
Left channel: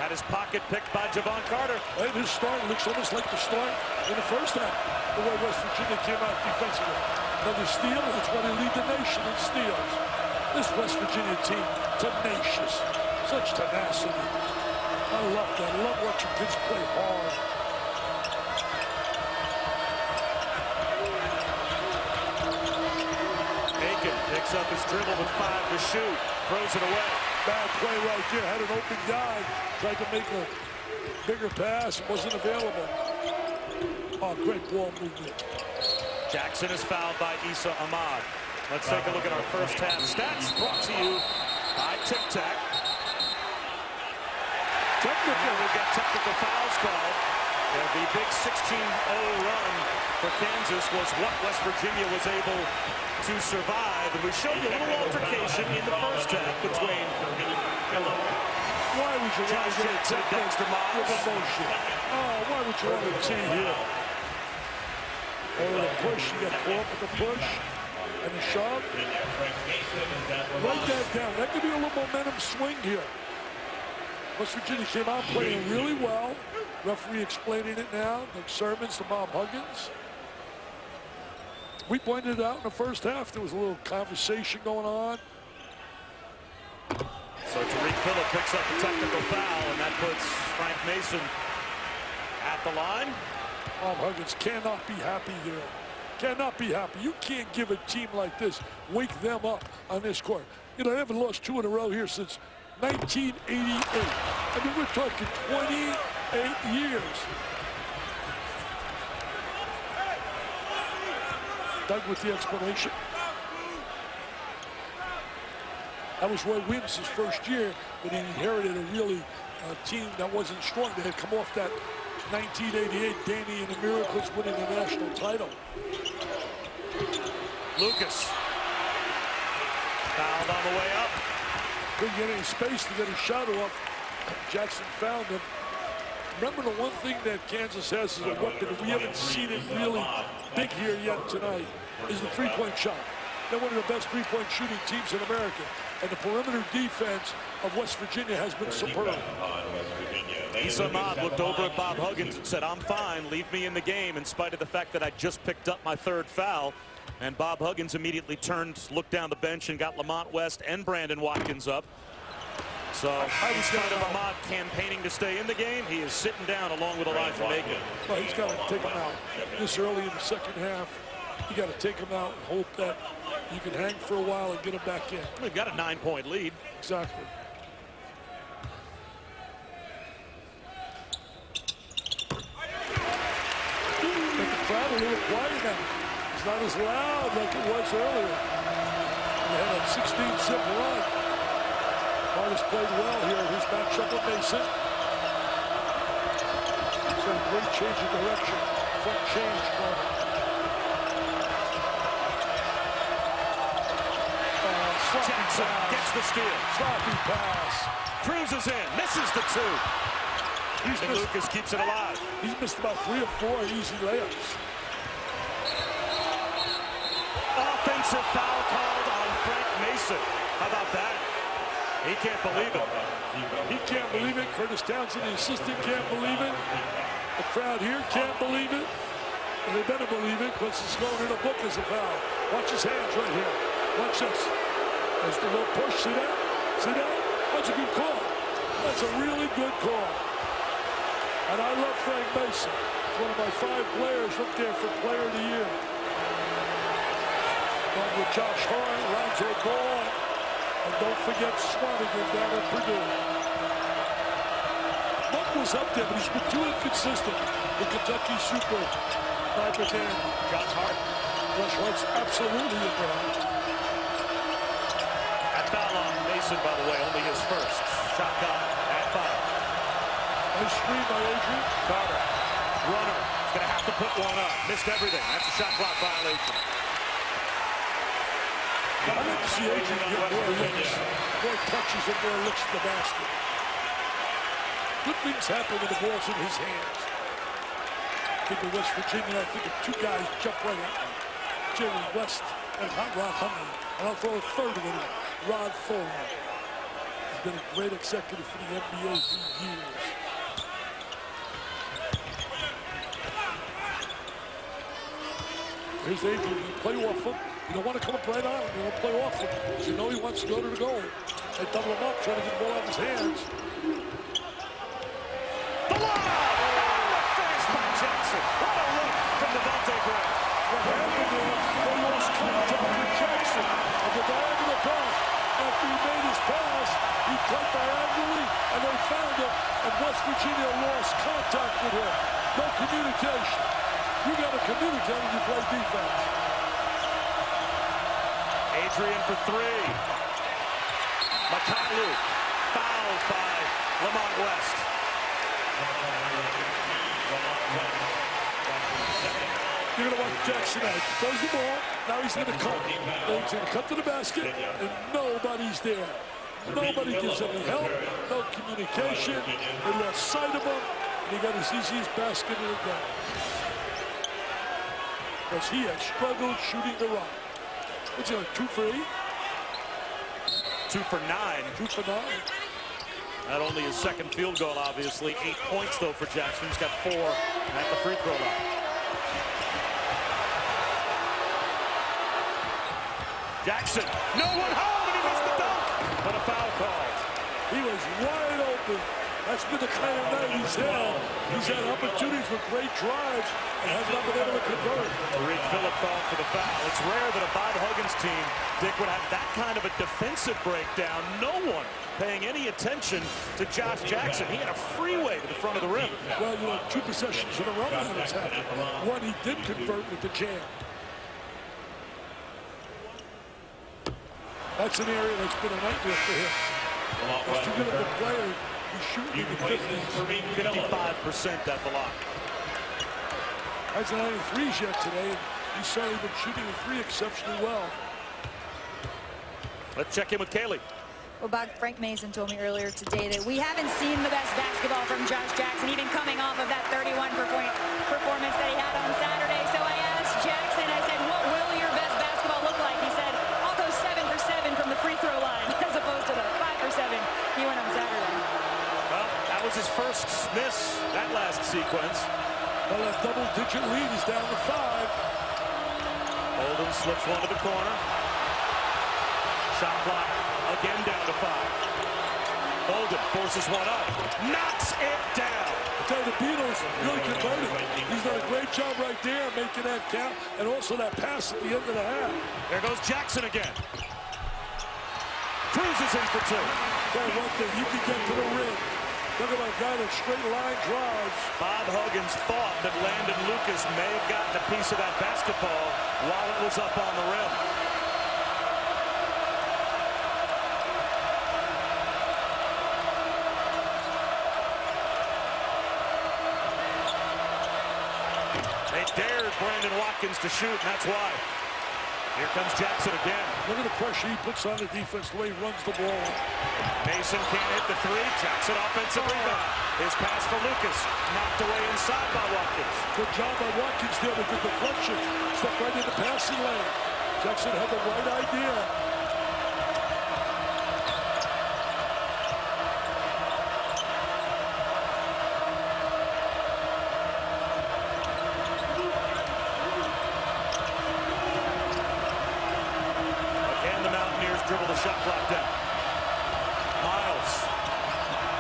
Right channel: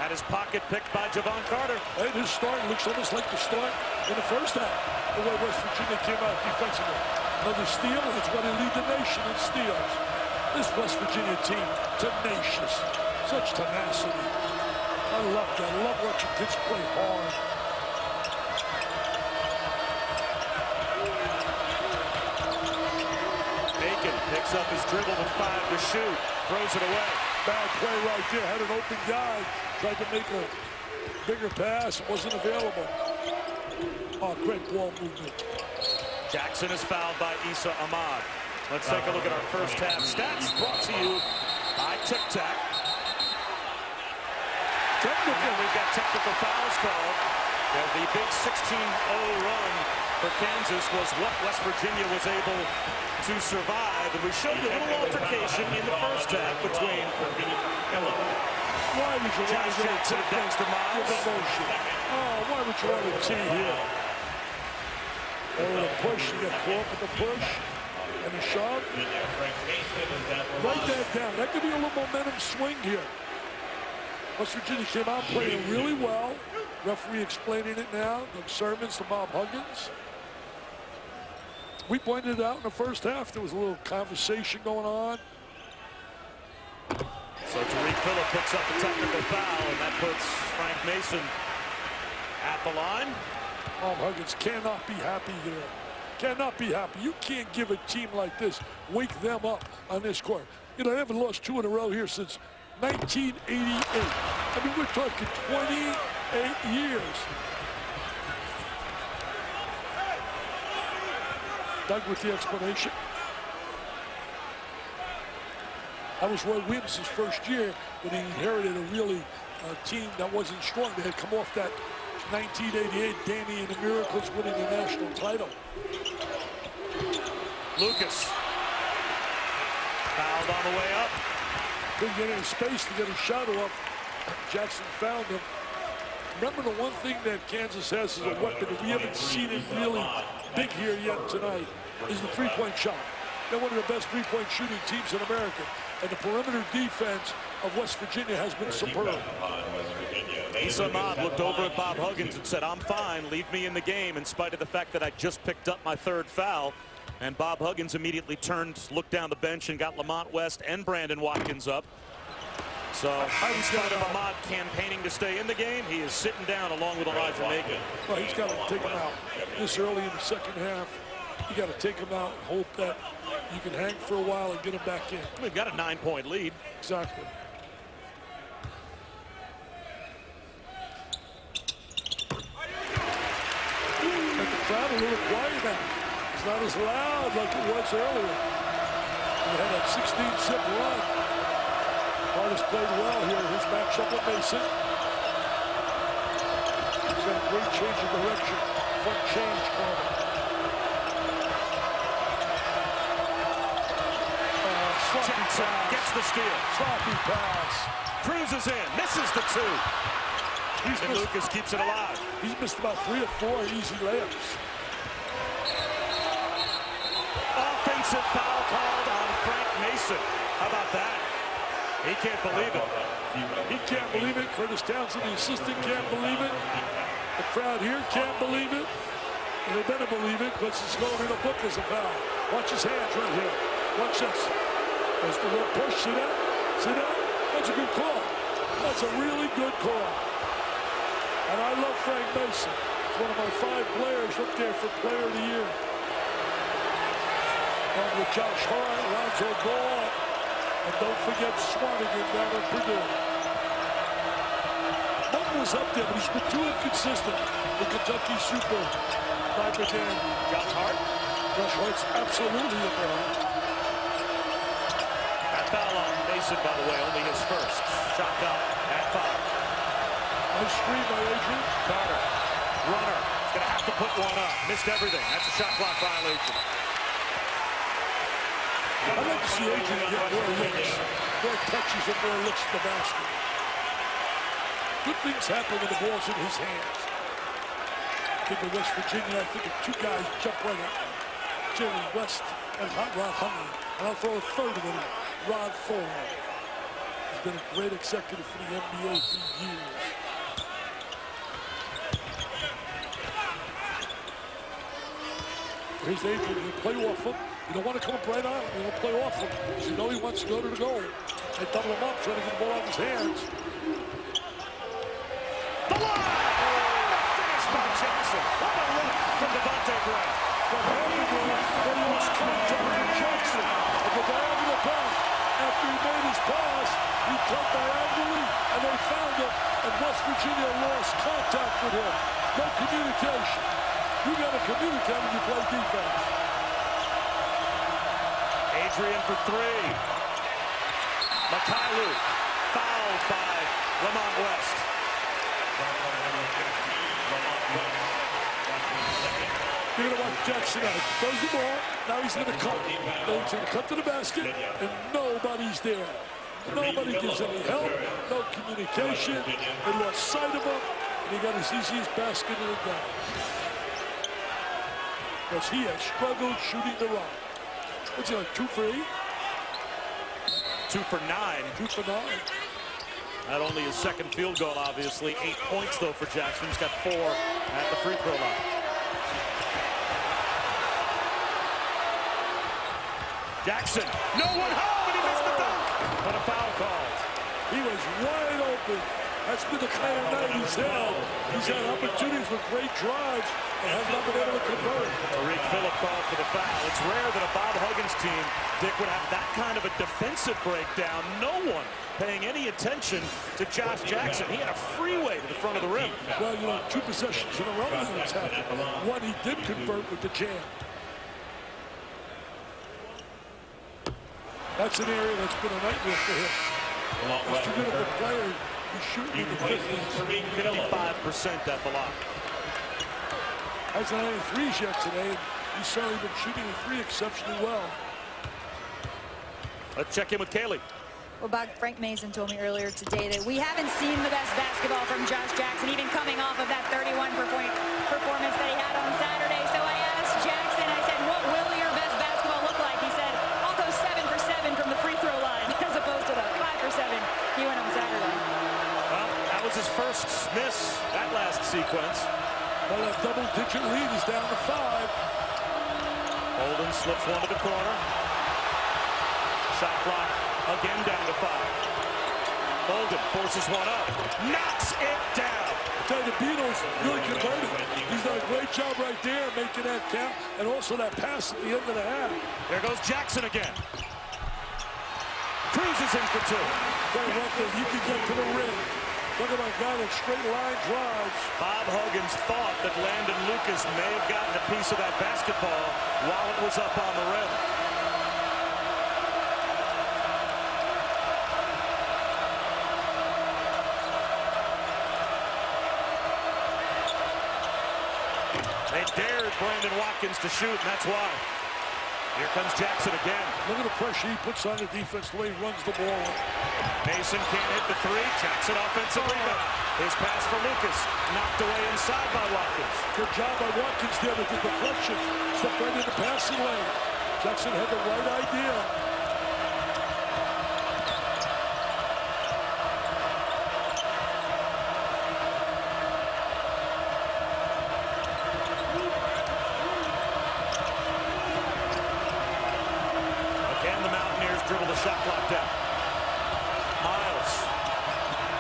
Had his pocket picked by Javon Carter. Hey, this start looks almost like the start in the first half, the way West Virginia came out defensively. Another steal, that's why they lead the nation in steals. This West Virginia team, tenacious, such tenacity. I love that. I love watching kids play hard. Aiken picks up his dribble with 5 to shoot, throws it away. Bad play right there. Had an open guy. Tried to make a bigger pass. Wasn't available. Oh, great ball movement. Jackson is fouled by Issa Ahmad. Let's take a look at our first half stats brought to you by Tic Tac. Technical. And now we've got technical fouls called. The big 16-0 run for Kansas was what West Virginia was able to survive. And we showed you a little altercation in the first half between why would you want to Jackson get to Dexter Miles. emotion? Oh, why would you want to tee here? Oh, the push. You get caught with the push and the shove. Write that down. That could be a little momentum swing here. West Virginia came out playing really well. Referee explaining it now. Doug Sermons to Bob Huggins. We pointed it out in the first half. There was a little conversation going on. So Tariq Phillip picks up the technical foul, and that puts Frank Mason at the line. Bob Huggins cannot be happy there. Cannot be happy. You can't give a team like this, wake them up on this court. You know, they haven't lost 2 in a row here since 1988. I mean, we're talking 28 years. Doug with the explanation. That was Roy Williams' first year when he inherited a really team that wasn't strong. They had come off that 1988 Danny and the Miracles winning the national title. Lucas fouled on the way up. Couldn't get any space to get a shot off. Jackson found him. Remember, the one thing that Kansas has is a weapon, and we haven't seen it really big here yet tonight, is the three-point shot. They're one of the best three-point shooting teams in America, and the perimeter defense of West Virginia has been superb. Issa Ahmad looked over at Bob Huggins and said, "I'm fine, leave me in the game," in spite of the fact that I just picked up my 3rd foul. And Bob Huggins immediately turned, looked down the bench, and got Lamont West and Brandon Watkins up. So in spite of Ahmad campaigning to stay in the game, he is sitting down along with Elijah Macon. Well, he's got to take him out this early in the second half. You got to take him out and hope that you can hang for a while and get him back in. We've got a 9-point lead. Exactly. crowd a little quiet now. It's not as loud like it was earlier. And they had a 16-zip run. Hardest played well here. Here's matchup with Mason. He's got a great change of direction. Front change for him. Jackson pass. gets the steal. Sloppy pass. Cruises in, misses the two. He's And missed, Lucas keeps it alive. he's missed about 3 or 4 easy layups. Offensive foul called on Frank Mason. How about that? He can't believe it. He can't believe it. Curtis Townsend, the assistant, can't believe it. The crowd here can't believe it. And they better believe it because it's going in a book as a foul. Watch his hands right here. Watch this. There's the little push. See that? See that? That's a good call. That's a really good call. And I love Frank Mason. One of my 5 players up there for Player of the Year. Along with Josh Hart, Lonzo Ball, and don't forget Swanigan down at Purdue. Monk was up there, but he's been too inconsistent. The Kentucky Super Sniper Dandy. Josh Hart. Josh Hart's absolutely in there. That foul on Mason, by the way, only his first. Shot clock at 5. Nice screen by Adrian. Carter, runner, is going to have to put one up. Missed everything. That's a shot clock violation. I'd like to see Adrian get more looks, more touches and more looks at the basket. Good things happen when the ball's in his hands. Think of West Virginia, I think of 2 guys jump right at me. Jerry West and Hot Rod Hundley. And I'll throw a third of it in, Rod Ford. He's been a great executive for the NBA for years. Here's Adrian, you play off him. You don't want to come up right on him. You don't play off him because you know he wants to go to the goal. They double him up, trying to get the ball out of his hands. The lob! And the finish by Jackson. What a look from Devontae Graham. What happened there, they lost contact with Jackson on the diagonal pass. After he made his pass, he cut diagonally, and they found him, and West Virginia lost contact with him. No communication. You got to communicate when you play defense. Adrian for 3. Mikhailuk fouled by Lamont West. You're going to watch Jackson out. Throws the ball. Now he's going to cut. Then he's going to cut to the basket, and nobody's there. Nobody gives any help. No communication. They lost sight of him, and he got his easiest basket of the day. Because he has struggled shooting the rock. What's he like, 2 for 8? 2 for 9. 2 for 9. Not only his second field goal, obviously. 8 points, though, for Jackson. He's got 4 at the free throw line. Jackson, no one home, and he missed the dunk. But a foul called. He was wide open. That's been the kind of night he's had. He's had opportunities with great drives and has not been able to convert. Tariq Phillip called for the foul. It's rare that a Bob Huggins team, Dick, would have that kind of a defensive breakdown. No one paying any attention to Josh Jackson. He had a freeway to the front of the rim. Well, you know, 2 possessions in a row that has happened. One he did convert with the jam. That's an area that's been a nightmare for him. He's too good of a player. He's shooting in the 50s. 55% at the line. Hasn't had any threes yet today. He's certainly been shooting the 3 exceptionally well. Let's check in with Kaylee. Well, Bob, Frank Mason told me earlier today that we haven't seen the best basketball from Josh Jackson, even coming off of that 31-point performance that he had on Saturday. So I asked Jackson, I said, what will your best basketball look like? He said, I'll go 7 for 7 from the free throw line, as opposed to the 5 for 7 he went on Saturday. Well, that was his first miss, that last sequence. Well, that double-digit lead is down to 5. Holden slips one to the corner. Shot clock again down to 5. Holden forces one up, knocks it down. I tell you, the Beatles really converted. He's done a great job right there making that count, and also that pass at the end of the half. There goes Jackson again. Cruises in for 2. Tell you one thing, he can get to the rim. Look at my guy that straight line drives. Bob Huggins thought that Landon Lucas may have gotten a piece of that basketball while it was up on the rim. They dared Brandon Watkins to shoot, and that's why. Here comes Jackson again. Look at the pressure he puts on the defense, the way he runs the ball. Mason can't hit the three. Jackson offensive rebound. His pass for Lucas. Knocked away inside by Watkins. Good job by Watkins there with the deflection. Stepped right in the passing lane. Jackson had the right idea. Again, the Mountaineers dribble the shot clock down. Miles.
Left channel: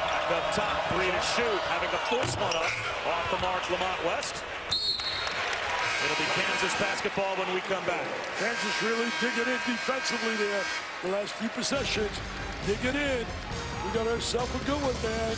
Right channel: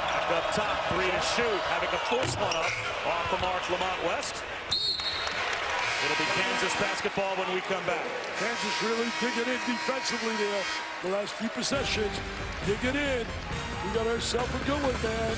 Back up top, three to shoot. Having to force one up off the mark, Lamont West. It'll be Kansas basketball when we come back. Kansas really digging in defensively there. The last few possessions, digging in. We got ourselves a good one, man.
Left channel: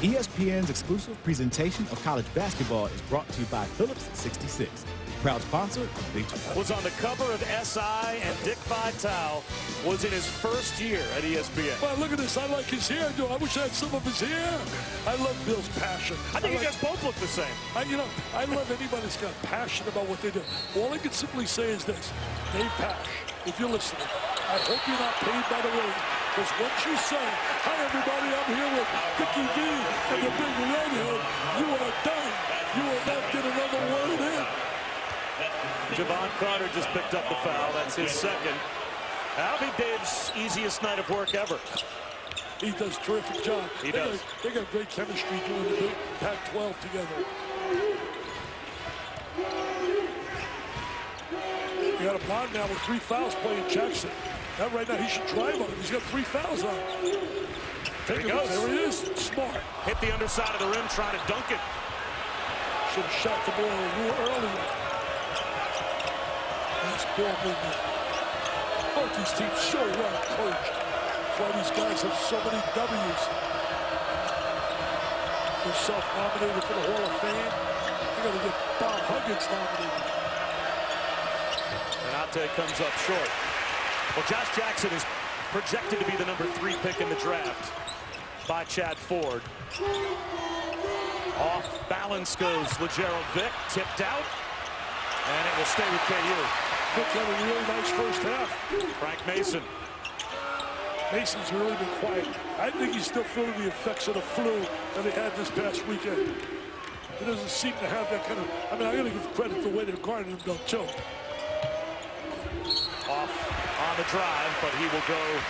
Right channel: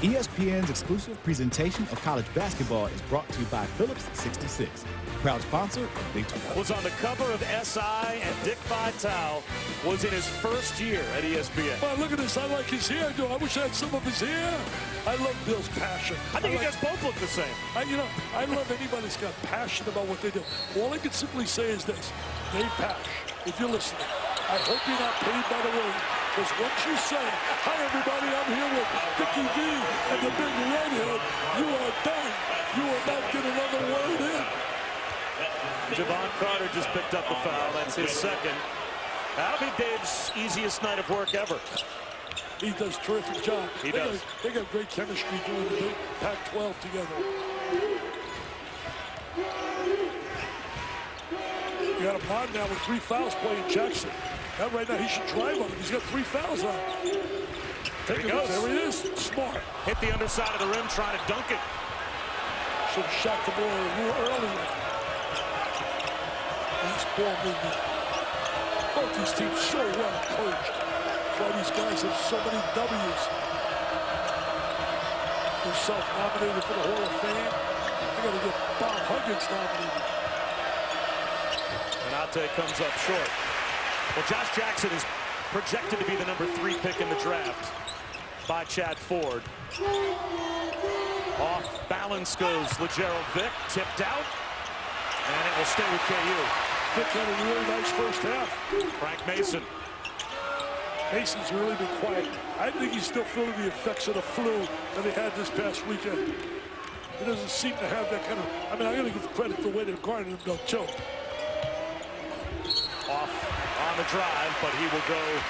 ESPN's exclusive presentation of college basketball is brought to you by Phillips 66, proud sponsor of Big 12. Was on the cover of SI, and Dick Vitale was in his first year at ESPN. Well, look at this. I like his hair, dude. I wish I had some of his hair. I love Bill's passion. I think you guys both look the same. I love anybody that's got passion about what they do. All I can simply say is this. Dave Pash, if you're listening, I hope you're not paid by the word. Because once you say, hi, everybody, I'm here with Dickie V and the big redhead, you are done. You will not get another word in. Javon Carter just picked up the foul. That's his second. That'll be Dave's easiest night of work ever. He does a terrific job. He does. They got great chemistry doing the big Pac-12 together. You got him on now with 3 fouls playing Jackson. Now right now he should drive on him. He's got 3 fouls on. There he goes. There he is. Smart. Hit the underside of the rim trying to dunk it. Should have shot the ball a little earlier. Nice ball movement. Both these teams so well coached. That's why these guys have so many W's. They're self-nominated for the Hall of Fame. They got to get Bob Huggins nominated. Menate comes up short. Well, Josh Jackson is projected to be the number 3 pick in the draft by Chad Ford. Off balance goes LeGerald Vick, tipped out, and it will stay with KU. Vick had a really nice first half. Frank Mason. Mason's really been quiet. I think he's still feeling the effects of the flu that he had this past weekend. He doesn't seem to have that kind of, I mean, I gotta give credit to the way they're guarding him, though, too. Off on the drive, but he will go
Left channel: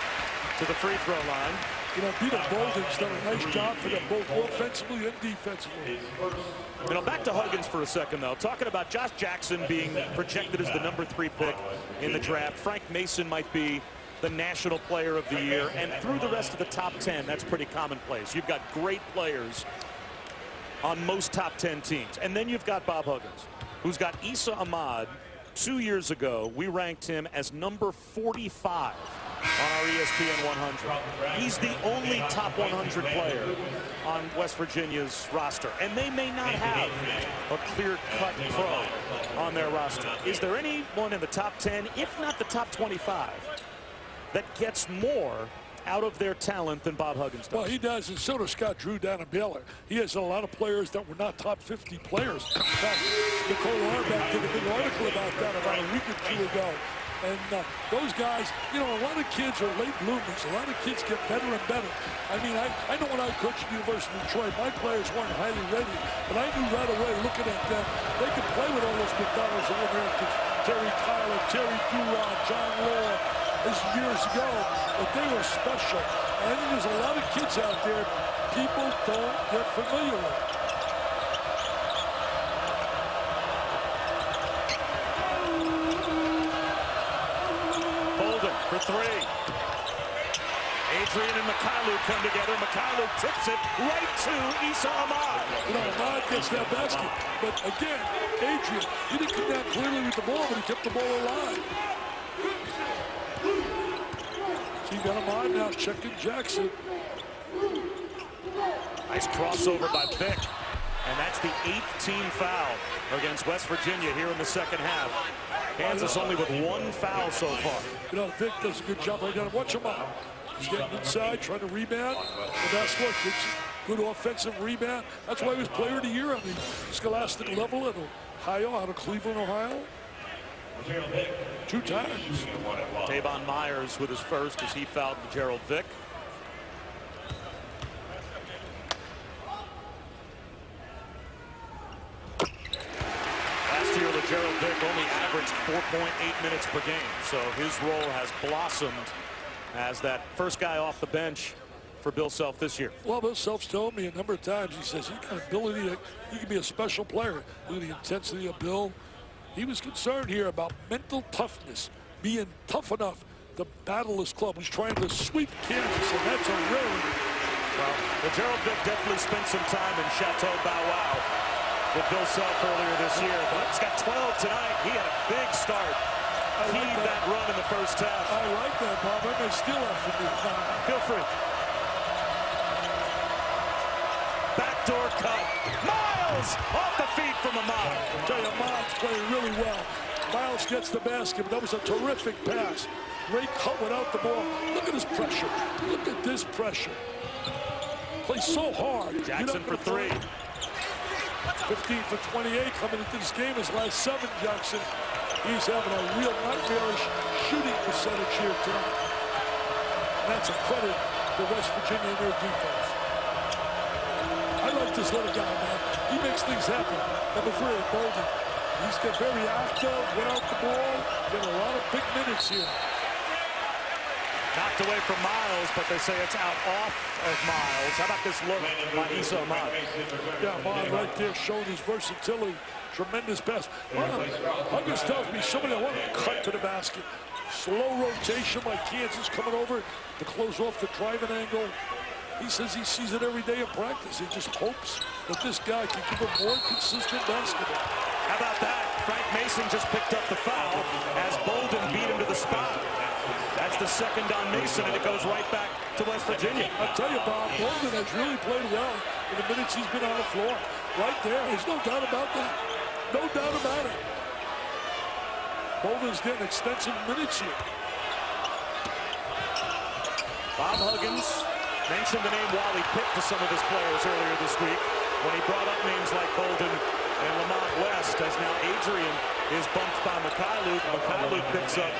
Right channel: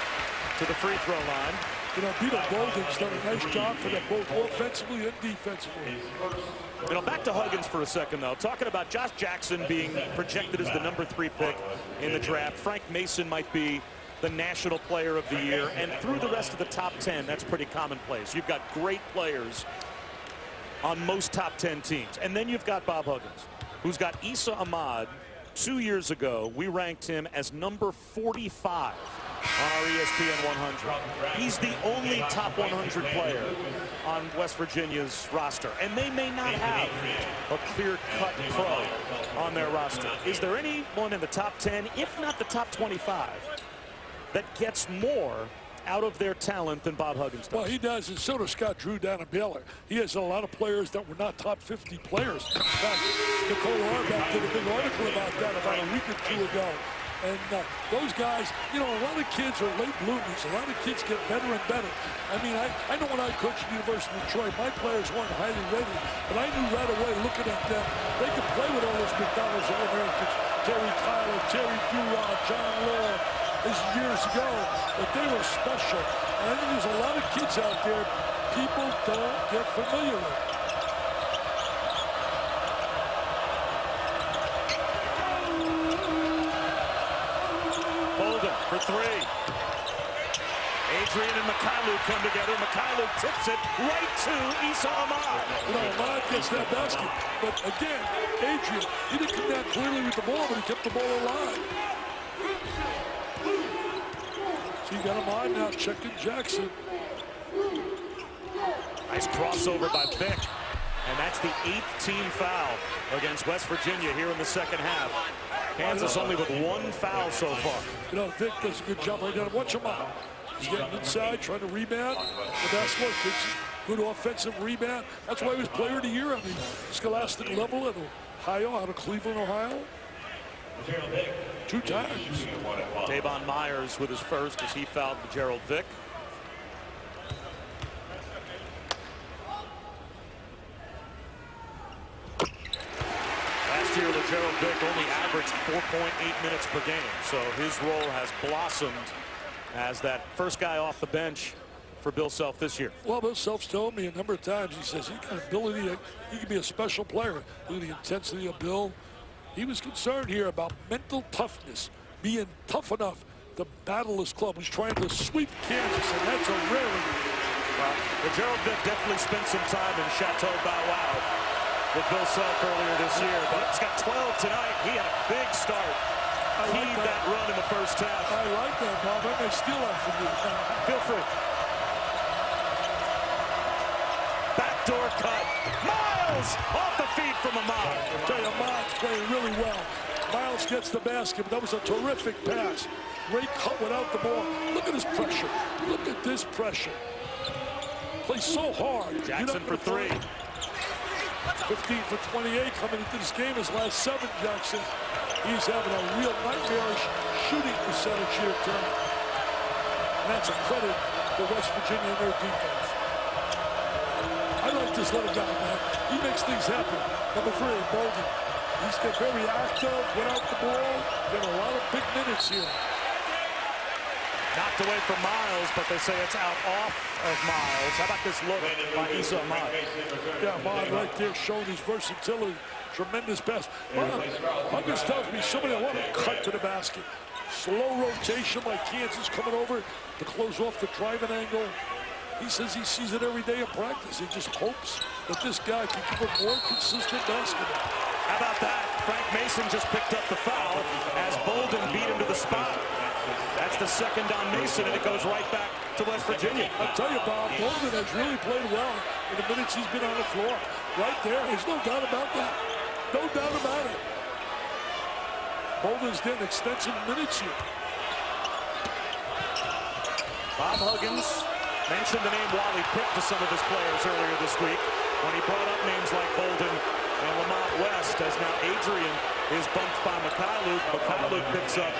to the free throw line. You know, Peter Bolden's done a nice job for them both offensively and defensively. You know, back to Huggins for a second, though. Talking about Josh Jackson being projected as the number 3 pick in the draft. Frank Mason might be the National Player of the Year, and through the rest of the top 10, that's pretty commonplace. You've got great players on most top 10 teams. And then you've got Bob Huggins, who's got Issa Ahmad. 2 years ago, we ranked him as number 45 on our ESPN 100. He's the only top 100 player on West Virginia's roster, and they may not have a clear-cut pro on their roster. Is there anyone in the top 10, if not the top 25, that gets more out of their talent than Bob Huggins does? Well, he does, and so does Scott Drew down at Baylor. He has a lot of players that were not top 50 players. In fact, Nicole Auerbach did a big article about that about a week or 2 ago. And those guys, you know, a lot of kids are late bloomers. A lot of kids get better and better. I mean, I know when I coached at the University of Detroit, my players weren't highly rated, but I knew right away looking at them, they could play with all those McDonald's All-Americans, Terry Tyler, Terry Durod, John Law. This is years ago, but they were special. And I think there's a lot of kids out there people don't get familiar with. Bolden for 3. Adrian and Mykhailiuk come together. Mykhailiuk tips it right to Issa Ahmad. You know, Ahmad gets that basket. But again, Adrian, he didn't come down clearly with the ball, but he kept the ball alive. So you got him on now, checking Jackson. Nice crossover by Vick. And that's the 8th team foul against West Virginia here in the second half. Kansas only with 1 foul so far. You know, Vick does a good job right now. Watch him out. He's getting inside, trying to rebound. The basketball gets good offensive rebound. That's why he was player of the year on the Scholastic level at Ohio, out of Cleveland, Ohio. 2 times. Tavon Myers with his first as he fouled Gerald Vick. Last year, Gerald Vick only averaged 4.8 minutes per game, so his role has blossomed as that first guy off the bench for Bill Self this year. Well, Bill Self's told me a number of times, he says he's got ability, he can be a special player. Look at the intensity of Bill. He was concerned here about mental toughness, being tough enough to battle this club. He's trying to sweep Kansas, and that's a rarity. Well, Gerald Vick definitely spent some time in Chateau Bow Wow with Bill Self earlier this year, but he's got 12 tonight. He had a big start. Heaved that run in the first half. I like that, Bob. I may steal that from you. Feel free. Backdoor cut. Miles off the feet from Ahmad. I tell you, Ahmad's playing really well. Miles gets the basket, but that was a terrific pass. Great cut without the ball. Look at his pressure. Look at this pressure. Plays so hard. Jackson for 3. 15 for 28 coming into this game. His last 7, Jackson. He's having a real nightmarish shooting percentage here tonight. And that's a credit to West Virginia and their defense. I like this little guy, man. He makes things happen. Number 3, Bolden. He's got very active without the ball. Getting a lot of big minutes here. Knocked away from Miles, but they say it's out off of Miles. How about this look by Issa Ahmad? Yeah, Ahmad right there showing his versatility. Tremendous pass. Huggins tells me somebody I want to cut to the basket. Slow rotation by Kansas coming over to close off the driving angle. He says he sees it every day in practice. He just hopes that this guy can give him more consistent basketball. How about that? Frank Mason just picked up the foul as Bolden beat him to the spot. That's the second on Mason, and it goes right back to West Virginia. I'll tell you, Bob, Bolden has really played well in the minutes he's been on the floor. Right there, there's no doubt about that. No doubt about it. Bolden's getting extensive minutes here. Bob Huggins mentioned the name Wally Pipp to some of his players earlier this week when he brought up names like Bolden and Lamont West, as now Adrian is bumped by Mikhailuk. Mikhailuk picks up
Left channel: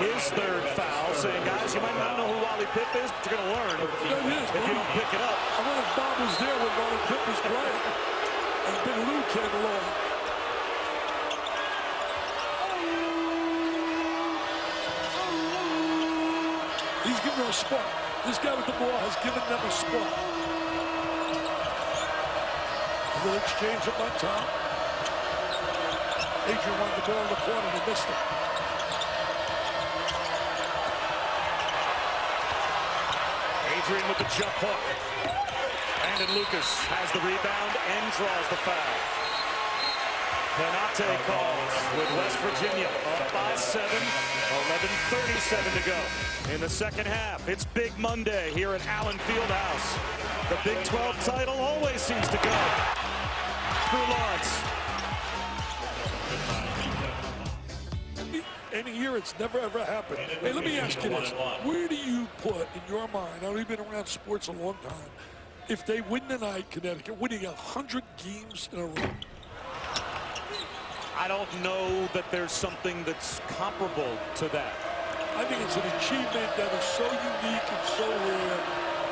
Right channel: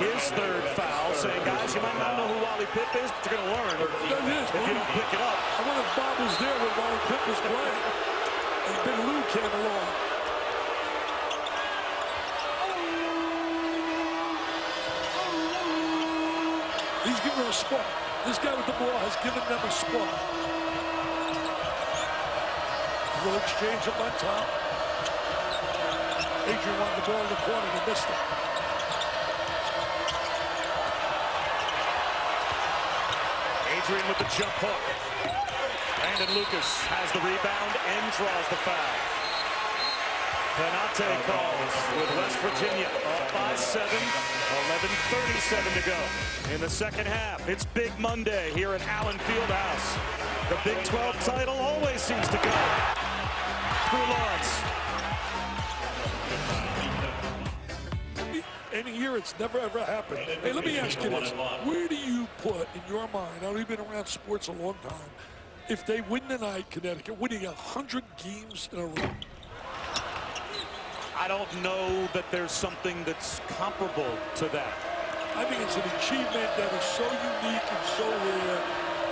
his 3rd foul, saying, guys, you might not know who Wally Pipp is, but you're going to learn if you don't pick it up. I wonder if Bob was there when Wally Pipp was playing and Big Lou came along. He's giving her a spark. This guy with the ball has given them a spark. A little exchange up on top. Adrian wanted the ball in the corner and he missed it. Adrian with the jump hook. Brandon Lucas has the rebound and draws the foul. Penate calls with West Virginia up by 7. 11:37 to go in the second half. It's Big Monday here at Allen Fieldhouse. The Big 12 title always seems to go through Lawrence. Any year it's never ever happened. Hey, let me ask you this. Where do you put in your mind, I know you've been around sports a long time, if they win tonight, Connecticut, winning 100 games in a row? I don't know that there's something that's comparable to that. I think it's an achievement that is so unique and so rare.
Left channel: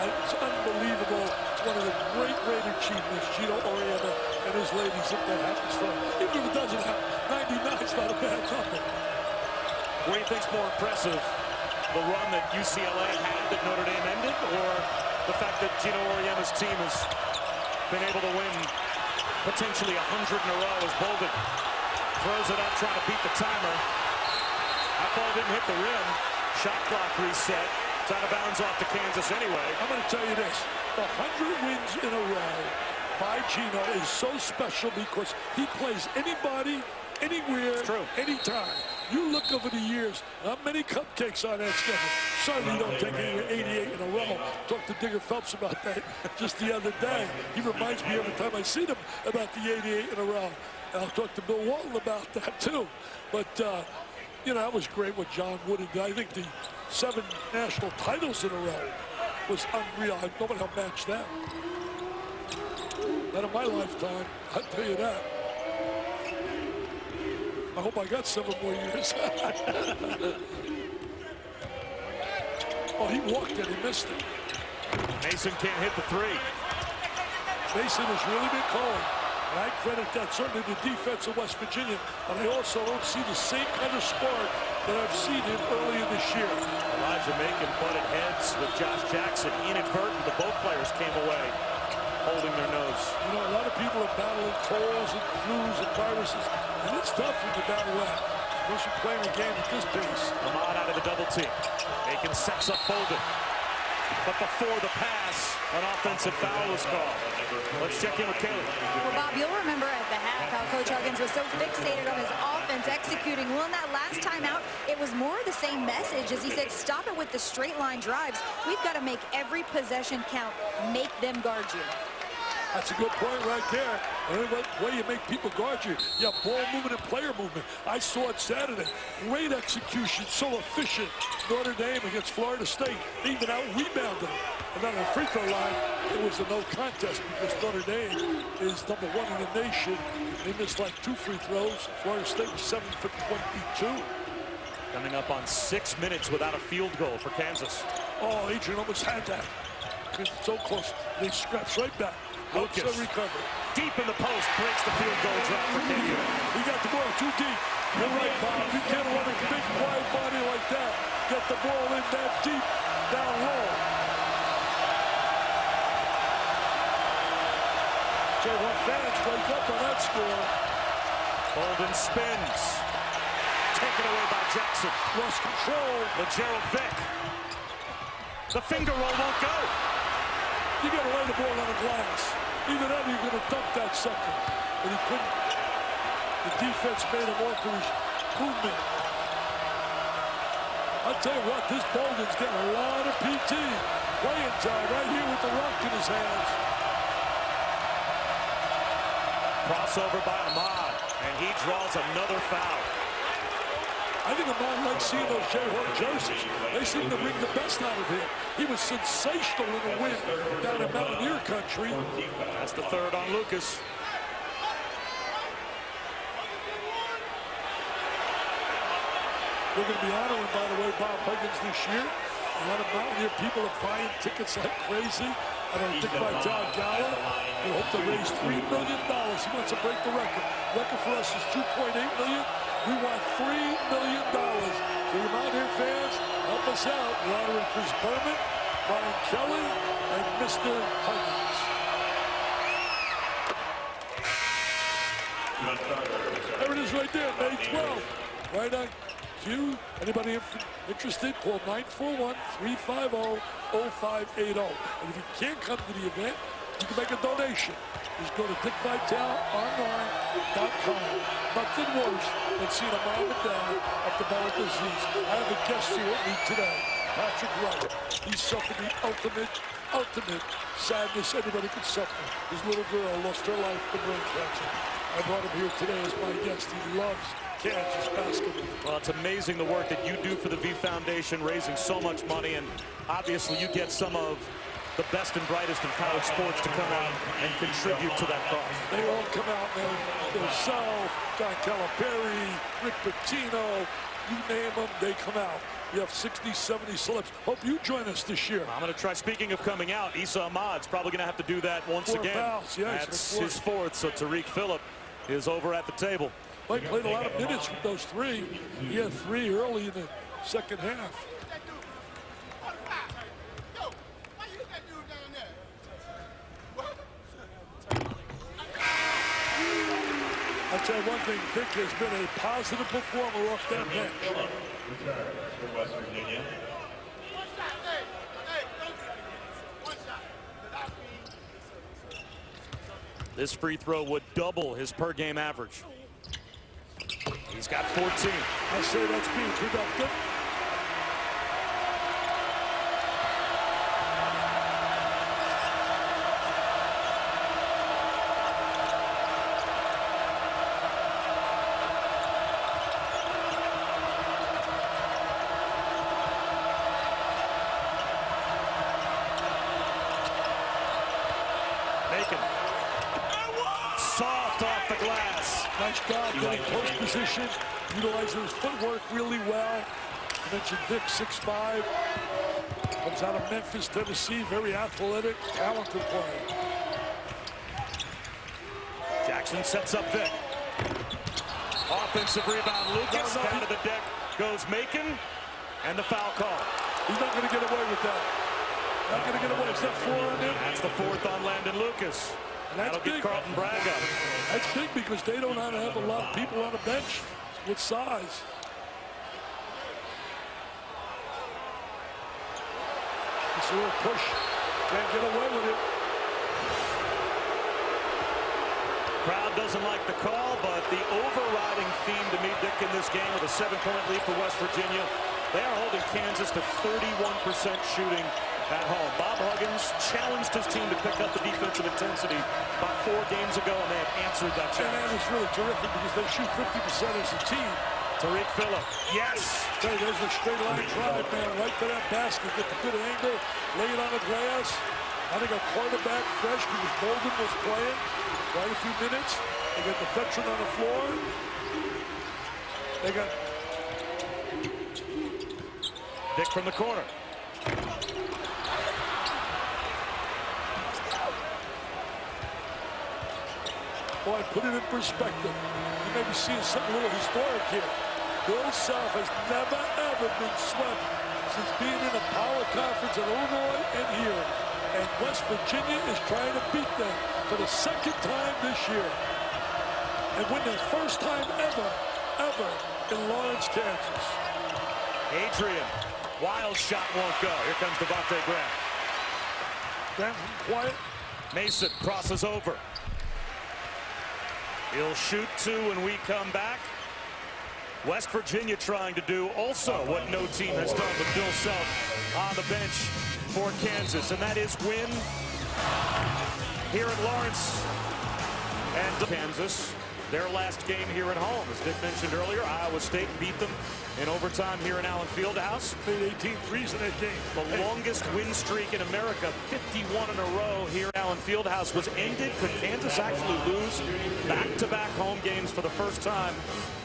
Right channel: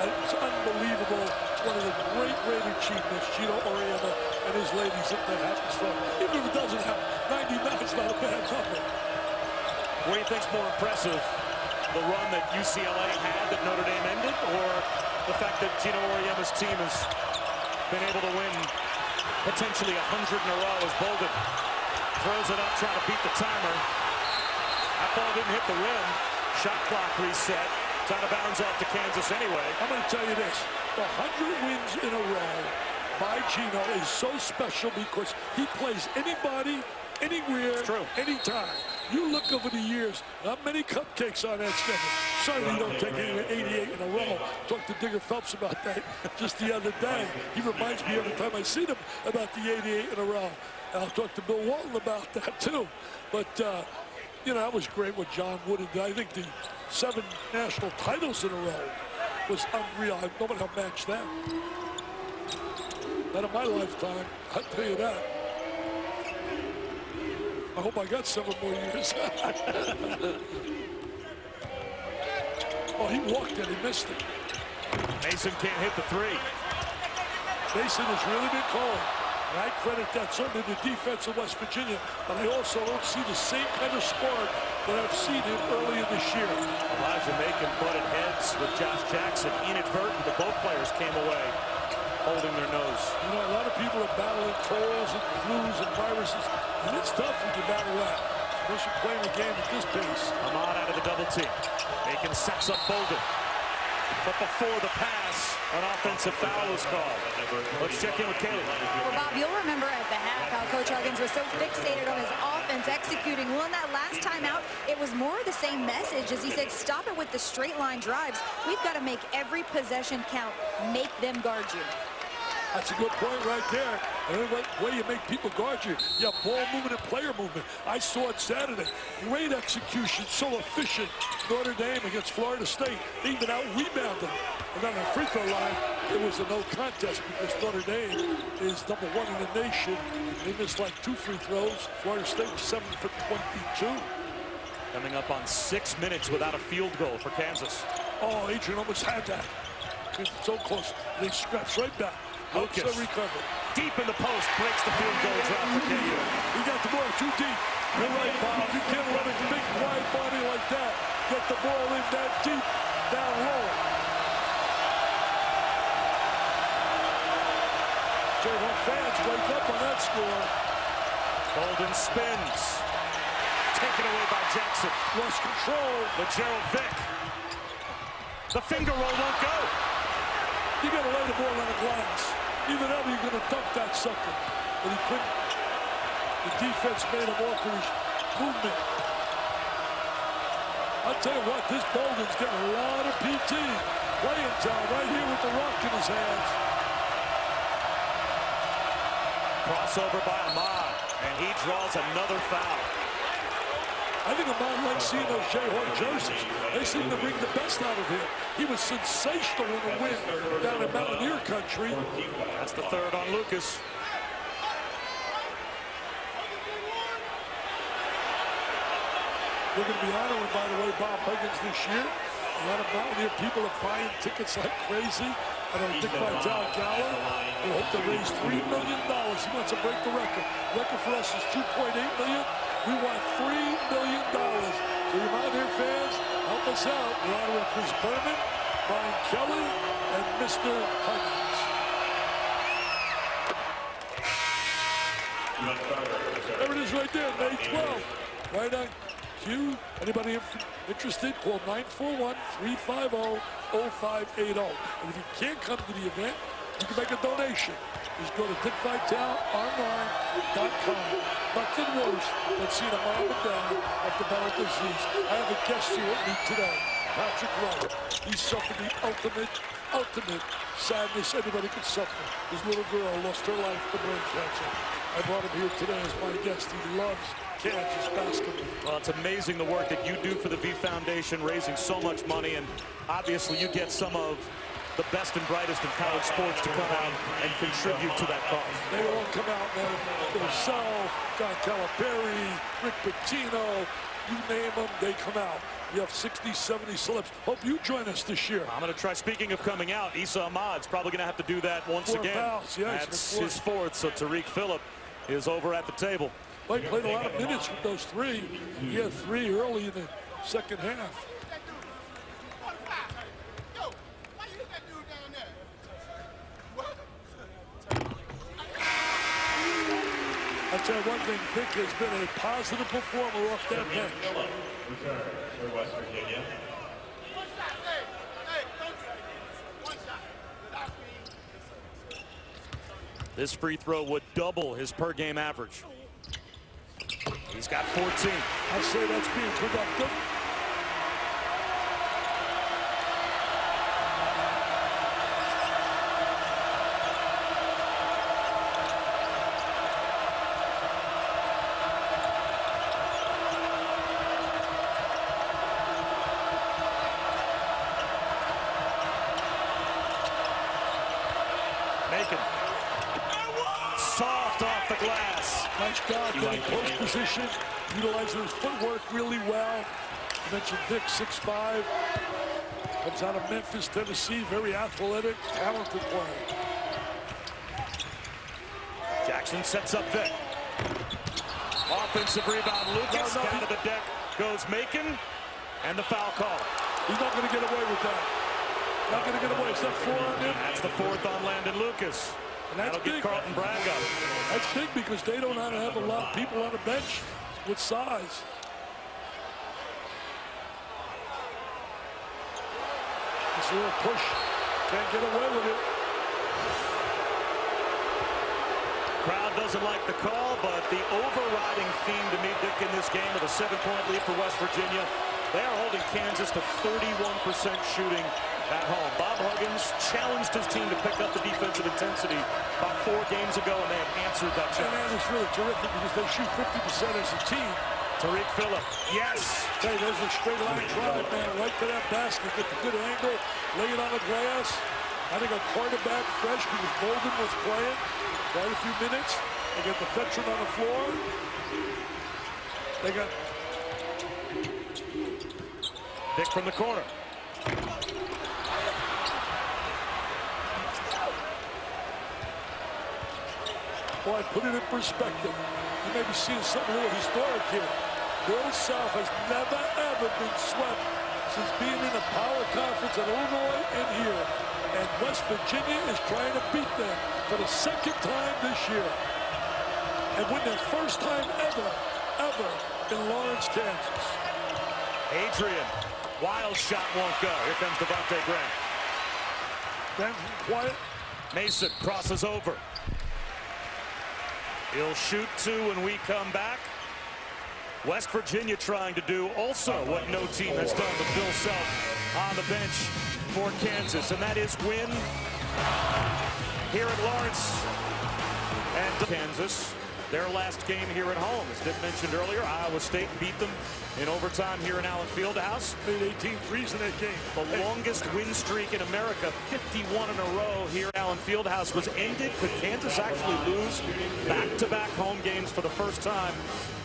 It's unbelievable. It's one of the great, great achievements. Gino Auriemma and his ladies, if that happens for them. Even if it doesn't happen, 99 is not a bad number. What do you think's more impressive? The run that UCLA had that Notre Dame ended, or the fact that Gino Auriemma's team has been able to win potentially 100 in a row as Bolden throws it up, trying to beat the timer. That ball didn't hit the rim. Shot clock reset. It's out of bounds off to Kansas anyway. I'm going to tell you this. The 100 wins in a row by Gino is so special because he plays anybody anywhere, true. anytime. You look over the years, not many cupcakes on that schedule. Certainly you don't take 88 in a row. Talked to Digger Phelps about that just the other day. He reminds me every time I see him about the 88 in a row. And I'll talk to Bill Walton about that too. But, you know, that was great what John Wooden did. I think the 7 national titles in a row was unreal. Nobody will match that. Not in my lifetime, I'll tell you that. I hope I got 7 more years. Oh, he walked it, he missed it. Mason can't hit the 3. Mason has really been cold. And I credit that certainly to the defense of West Virginia, but I also don't see the same kind of spark that I've seen him earlier this year. Elijah Macon butted heads with Josh Jackson. Inadvertent, but both players came away holding their nose. You know, a lot of people are battling colds and flus and viruses, and it's tough when you battle that, especially playing a game at this pace. Ahmad out of the double team. Macon sets up Bolden. But before the pass, an offensive foul was called. Let's check in with Kaylee. Well, Bob, you'll remember at the half how Coach Huggins was so fixated on his offense executing. Well, in that last time out, it was more of the same message as he said, stop it with the straight line drives. We've got to make every possession count. Make them guard you. That's a good point right there. And the way you make people guard you, you have ball movement and player movement. I saw it Saturday. Great execution, so efficient. Notre Dame against Florida State. They even out-rebounded them. And then on the free throw line, it was a no contest because Notre Dame is #1 in the nation. They missed like 2 free throws. Florida State was 7 for 22. Coming up on 6 minutes without a field goal for Kansas. Oh, Adrian almost had that. It's so close. They scratched right back. Helps Lucas. them recover. Deep in the post, breaks the field goal drop for KU. He got the ball too deep. You're right, Bob. You can't run a big, wide body like that. Get the ball in that deep, down low. Jayhawk fans wake up on that score. Bolden spins. Taken away by Jackson. Lost control. LeGerald Vick. The finger roll won't go. You got to lay the ball on the glass. Either that or you're going to dunk that sucker. But he couldn't. The defense made him alter his movement. I'll tell you what, this Bolden's getting a lot of PT. Playing time right here with the rock in his hands. Crossover by Ahmad, and he draws another foul. I think Ahmad likes seeing those Jayhawk jerseys. They seem to bring the best out of him. He was sensational in the win down in Mountaineer country. That's the 3rd on Lucas. We're going to be honoring, by the way, Bob Huggins this year. A lot of Mountaineer people are buying tickets like crazy at our Dick Vitale Gala. We hope to raise $3 million. He wants to break the record. Record for us is $2.8 million. We want $3 million. So you Mountaineer fans, help us out. We're honoring Chris Berman, Brian Kelly, and Mr. Huggins. There it is right there, May 12th. Right on cue. Anybody interested, call 941-350-0580. And if you can't come to the event, you can make a donation. Just go to dickvitaleonline.com. Nothing worse than seeing a mom and dad have to battle disease. I have a guest here with me today, Patrick Wright. He suffered the ultimate sadness anybody could suffer. His little girl lost her life to brain cancer. I brought him here today as my guest. He loves Kansas basketball. Well, it's amazing the work that you do for the V Foundation, raising so much money, and obviously you get some of the best and brightest in college sports to come out and contribute to that cause. They all come out, man. Yourself, John Calipari, Rick Pitino, you name them, they come out. We have 60, 70 celebs. Hope you join us this year. I'm going to try. Speaking of coming out, Issa Ahmad's probably going to have to do that once 4 again. fouls, yes, that's his 4th, so Tariq Phillip is over at the table. He played a lot of minutes with those 3. He had 3 early in the second half. I'll tell you one thing, Vic has been a positive performer off that bench. This free throw would double his per-game average. He's got 14. I say that's being productive. Macon. Soft off the glass. Nice job getting close position, utilizing his footwork really well. You mentioned Vic, 6'5", comes out of Memphis, Tennessee, very athletic, talented player. Jackson sets up Vic. Offensive rebound, Lucas. Down to the deck goes Macon, and the foul call. He's not going to get away with that. Not going to get away. Is that 4 on him? That's the 4th on Landon Lucas. And that's That'll get big. Carlton Bragg up. That's big because they don't have a lot of people on the bench with size. It's a little push. Can't get away with it. Crowd doesn't like the call, but the overriding theme to me, Dick, in this game with a 7-point lead for West Virginia, they are holding Kansas to 31% shooting at home. Bob Huggins challenged his team to pick up the defensive intensity about 4 games ago, and they have answered that challenge. And that is really terrific because they shoot 50% as a team. Tariq Phillip, yes. Okay, there's the straight line drive, man, right to that basket. Get the good angle, lay it on the glass. I think a quarterback fresh because Bolden was playing quite a few minutes. They got the veteran on the floor. They got Vic from the corner. Boy, put it in perspective. You may be seeing something a little historic here. Bill Self has never, ever been swept since being in a power conference at Illinois and here. And West Virginia is trying to beat them for the 2nd time this year. And win their first time ever in Lawrence, Kansas. Adrian, wild shot won't go. Here comes Devontae Graham. Graham from quiet. Mason crosses over. He'll shoot 2 when we come back. West Virginia trying to do also what no team has done with Bill Self on the bench for Kansas, and that is win here at Lawrence. And Kansas, their last game here at home. As Dick mentioned earlier, Iowa State beat them in overtime here in Allen Fieldhouse. Made 18 threes in that game. The longest win streak in America, 51 in a row here at Allen Fieldhouse, was ended. Could Kansas actually lose back-to-back home games for the first time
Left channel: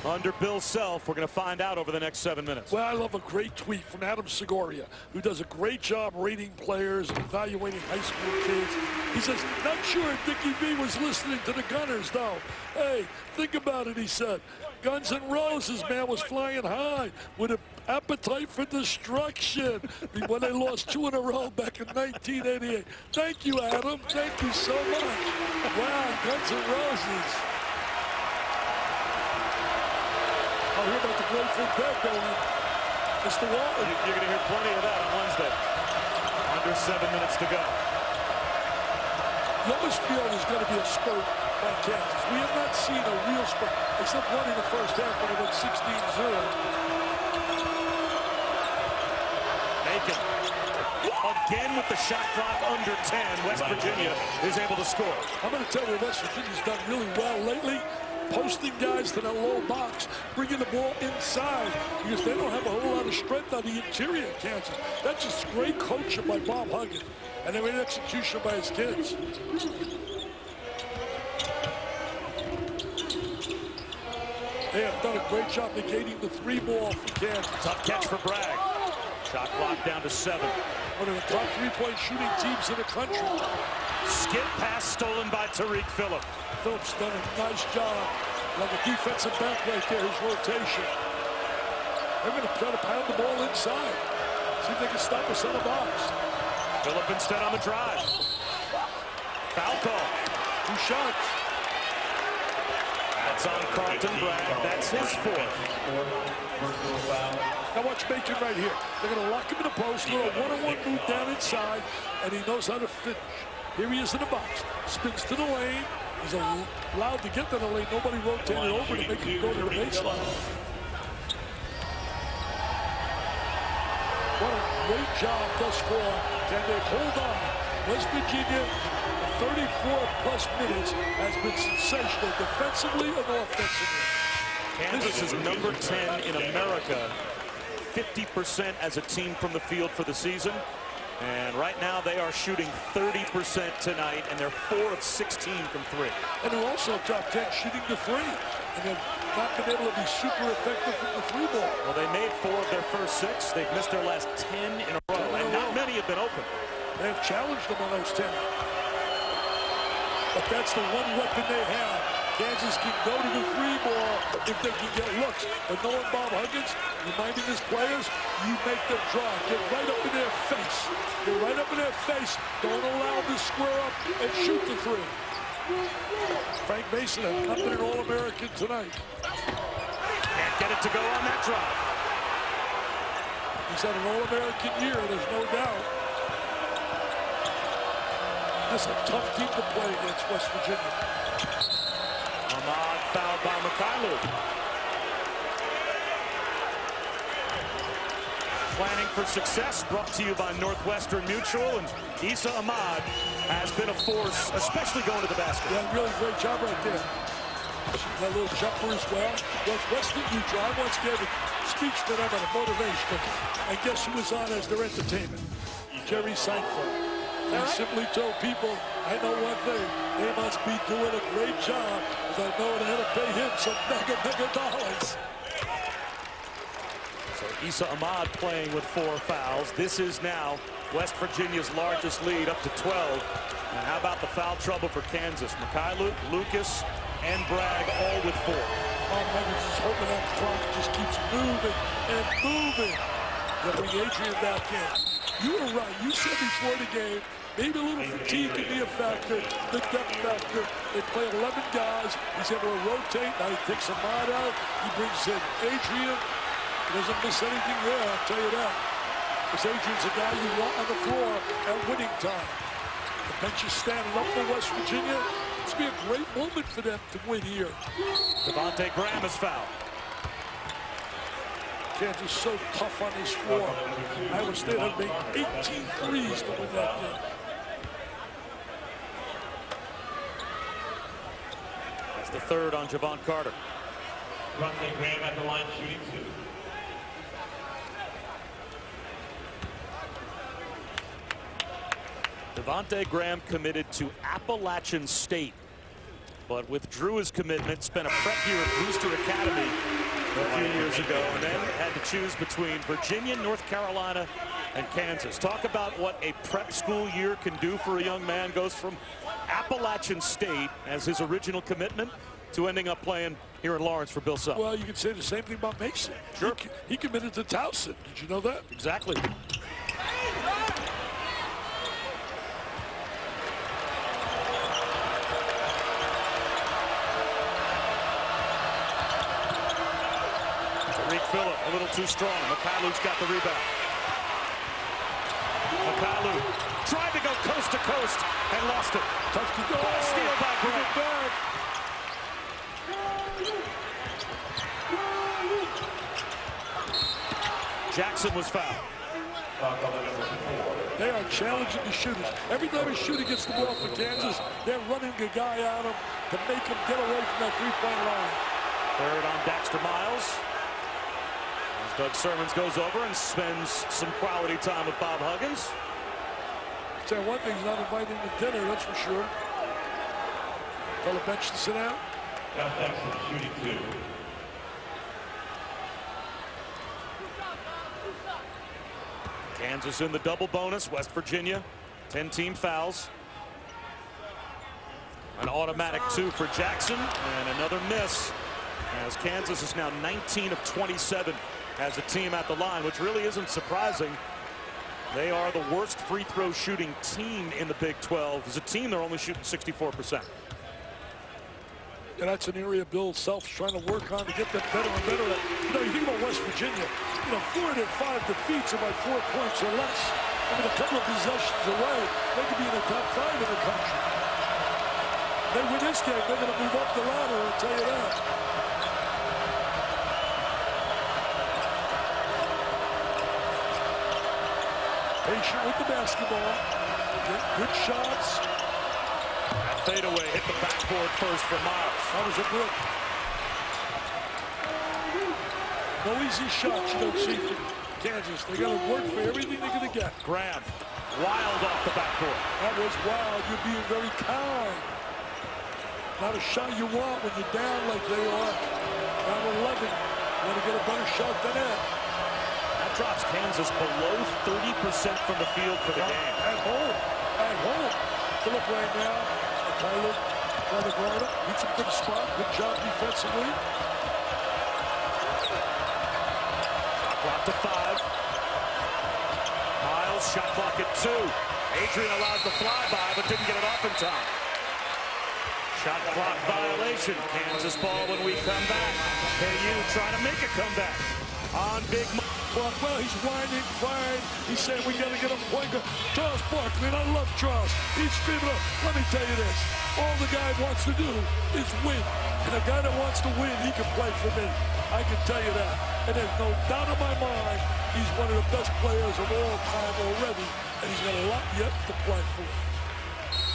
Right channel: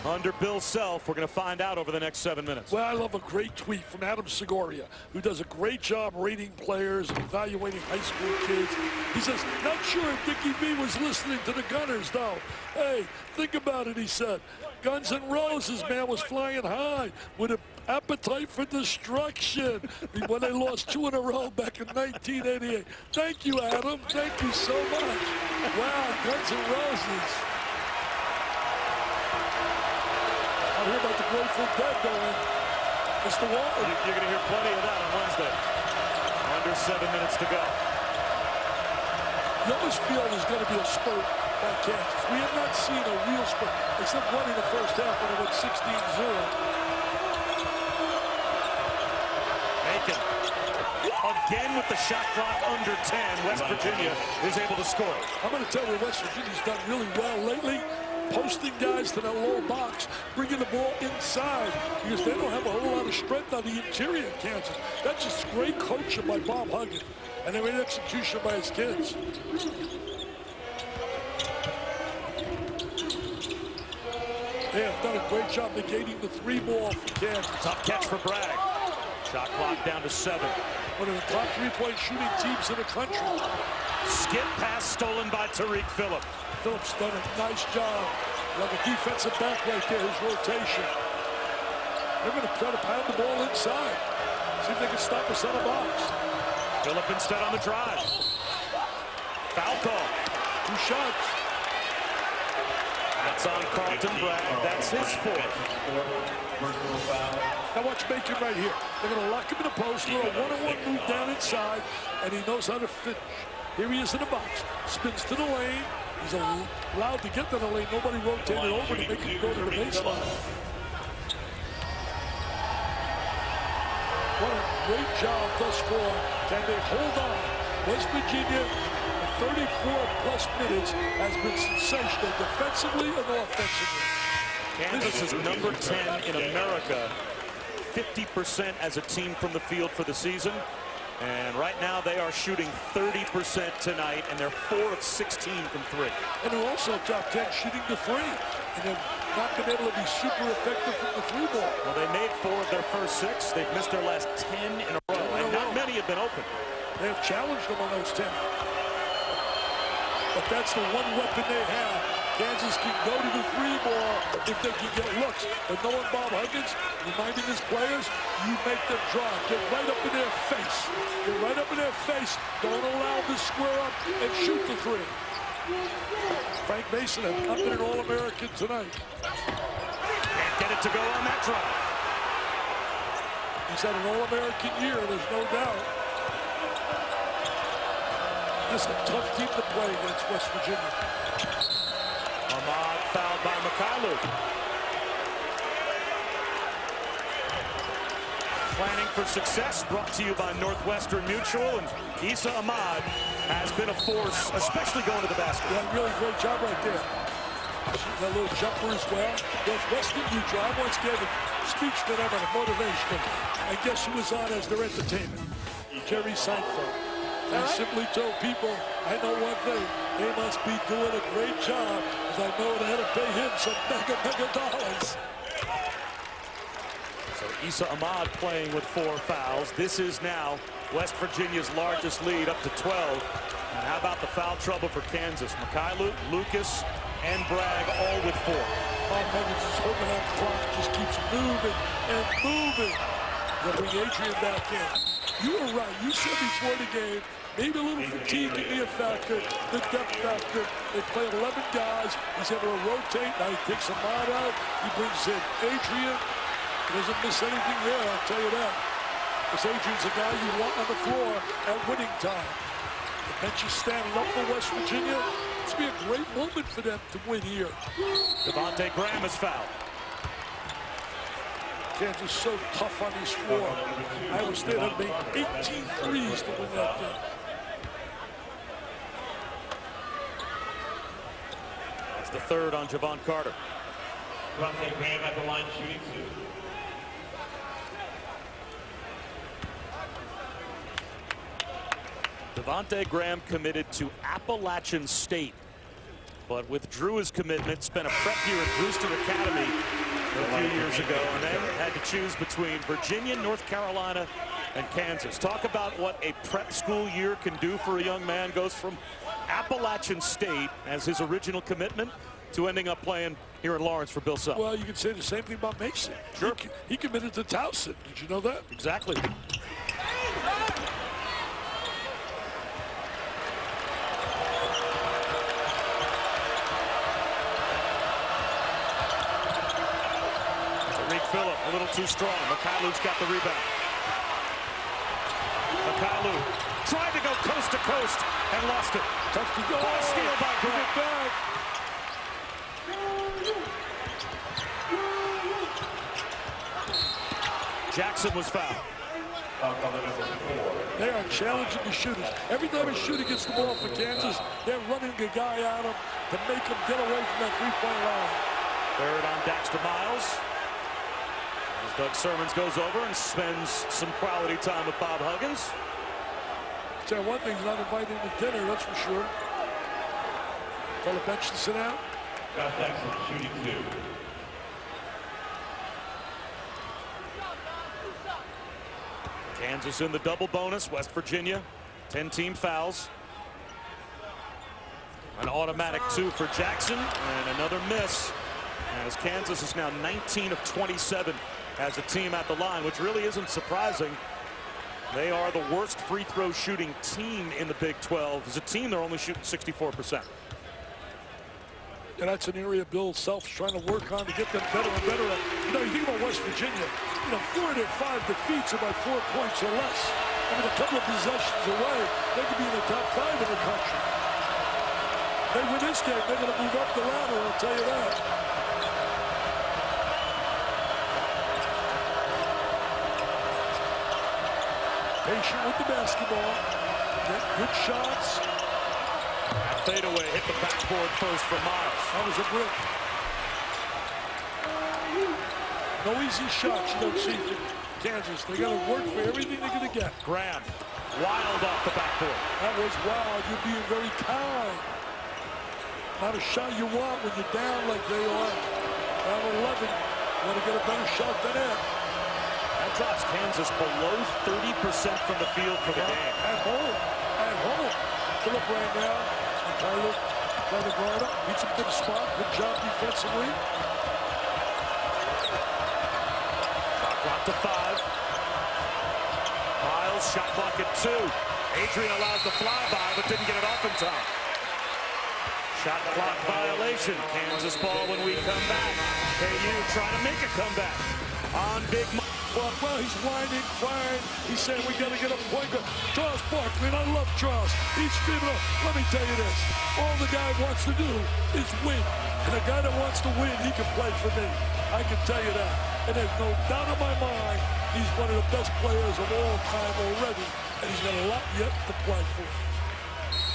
under Bill Self? We're going to find out over the next 7 minutes. Well, I love a great tweet from Adam Segoria, who does a great job rating players and evaluating high school kids. He says, not sure if Dickie V was listening to the Gunners, though. Hey, think about it, he said. Guns N' Roses, man, was flying high with an appetite for destruction when they lost 2 in a row back in 1988. Thank you, Adam. Thank you so much. Wow, Guns N' Roses. I'll hear about the Grateful Dead going. Mr. Walton. You're going to hear plenty of that on Wednesday. Under 7 minutes to go. You always feel there's going to be a spurt by Kansas. We have not seen a real spurt, except one in the first half when it went 16-0. Macon. Again with the shot clock under 10. West Virginia is able to score. I'm going to tell you what West Virginia's done really well lately. Posting guys to that low box, bringing the ball inside because they don't have a whole lot of strength on the interior of Kansas. That's just great coaching by Bob Huggins, and then great execution by his kids. They have done a great job negating the 3 ball for Kansas. Tough catch for Bragg. Shot clock down to 7. One of the top 3-point shooting teams in the country. Skip pass stolen by Tariq Phillip. Phillips done a nice job. Like a defensive back right there, his rotation. They're going to try to pound the ball inside. See if they can stop us on the box. Phillip instead on the drive. Foul call. 2 shots. That's on Carlton Bragg. That's his 4th. Now watch Macon right here. They're going to lock him in the post, little one-on-one move down inside, and he knows how to finish. Here he is in the box. Spins to the lane, He's allowed to get to the lane. Nobody rotated over to make him go to the baseline. What a great job thus far. Can they hold on? West Virginia, the 34-plus minutes, has been sensational defensively and offensively. Kansas is number 10 in America, 50% as a team from the field for the season. And right now they are shooting 30% tonight, and they're 4 of 16 from 3. And they're also top 10 shooting the 3. And they've not been able to be super effective from the 3 ball. Well, they made 4 of their first 6. They've missed their last 10 in a row, and not many have been open. They have challenged them on those 10. But that's the one weapon they have. Kansas can go to the 3 ball if they can get looks. But knowing Bob Huggins, reminding his players, you make them draw. Get right up in their face. Get right up in their face. Don't allow them to square up and shoot the 3. Frank Mason has not been an All-American tonight. Can't get it to go on that drive. He's had an All-American year, there's no doubt. This is a tough team to play against West Virginia. Ahmad fouled by Mykhailiuk. Planning for success brought to you by Northwestern Mutual, and Issa Ahmad has been a force, especially going to the basket. Yeah, really great job right there. Shooting that little jumper as well. Northwestern Mutual, I once gave a speech to them on a motivation, and guess who was on as their entertainment? Jerry Seinfeld. He simply told people, I know one thing, they must be doing a great job, because I know they had to pay him some mega dollars. So Issa Ahmad playing with 4 fouls. This is now West Virginia's largest lead, up to 12. And how about the foul trouble for Kansas? Mykhailiuk, Lucas, and Bragg all with 4. Bob Huggins is hoping that clock just keeps moving and moving. They'll bring Adrian back in. You were right. You said before the game, maybe a little fatigue can be a factor, the depth factor. They play 11 guys. He's able to rotate. Now he takes Ahmad out. He brings in Adrian. He doesn't miss anything there, I'll tell you that. Because Adrian's a guy you want on the floor at winning time. The bench is standing up for West Virginia. It's going to be a great moment for them to win here. Devontae Graham is fouled. Kansas so tough on this floor. Iowa State had made 18 threes to win that game. That's the 3rd on Javon Carter. Devontae Graham at the line shooting 2. Devontae Graham committed to Appalachian State, but withdrew his commitment, spent a prep year at Brewster Academy a few years ago, and then had to choose between Virginia, North Carolina, and Kansas. Talk about what a prep school year can do for a young man. Goes from Appalachian State as his original commitment to ending up playing here in Lawrence for Bill Self. Well, you can say the same thing about Mason. Sure. He committed to Towson. Did you know that? Exactly. Tariq Phillip a little too strong. Mykhailiuk's got the rebound. Mykhailiuk tried to go coast to coast and lost it. Tough to go. What a steal by Graham. Jackson was fouled. They are challenging the shooters. Every time a shooter gets the ball for Kansas, they're running the guy at him to make him get away from that three-point line. 3rd on Daxter Miles. As Doug Sermons goes over and spends some quality time with Bob Huggins. I'll tell you one thing, he's not invited to dinner, that's for sure. Tell the bench to sit down. Shooting 2. Kansas in the double bonus. West Virginia, 10-team fouls. An automatic 2 for Jackson, and another miss, as Kansas is now 19 of 27 as a team at the line, which really isn't surprising. They are the worst free throw shooting team in the Big 12. As a team, they're only shooting 64%. And that's an area Bill Self's trying to work on to get them better and better at. You know, you think about West Virginia, 4 of their 5 defeats are by 4 points or less. I mean, a couple of possessions away, they could be in the top 5 in the country. They win this game, they're going to move up the ladder, I'll tell you that. Patient with the basketball. Get good shots. That fadeaway hit the backboard first for Miles. That was a brick. No easy shots you don't see for Kansas. They got to work for everything they're going to get. Graham, wild off the backboard. That was wild. You're being very kind. Not a shot you want when you're down like they are. Down 11. You want to get a better shot than that. That drops Kansas below 30% from the field for the game. At home. At home. Phillip right now. Tyler trying to guard up. Beats him to the spot. Good job defensively. Shot clock to 5. Miles, shot clock at 2. Adrian allows the flyby, but didn't get it off in time. Shot clock violation. Kansas ball when we come back. KU trying to make a comeback on Big Mike. Well, he's whining, crying. He's saying we got to get a point guard. Charles Barkley, and I love Charles. He's screaming up. Let me tell you this. All the guy wants to do is win. And a guy that wants to win, he can play for me. I can tell you that. And there's no doubt in my mind, he's one of the best players of all time already. And he's got a lot yet to play for.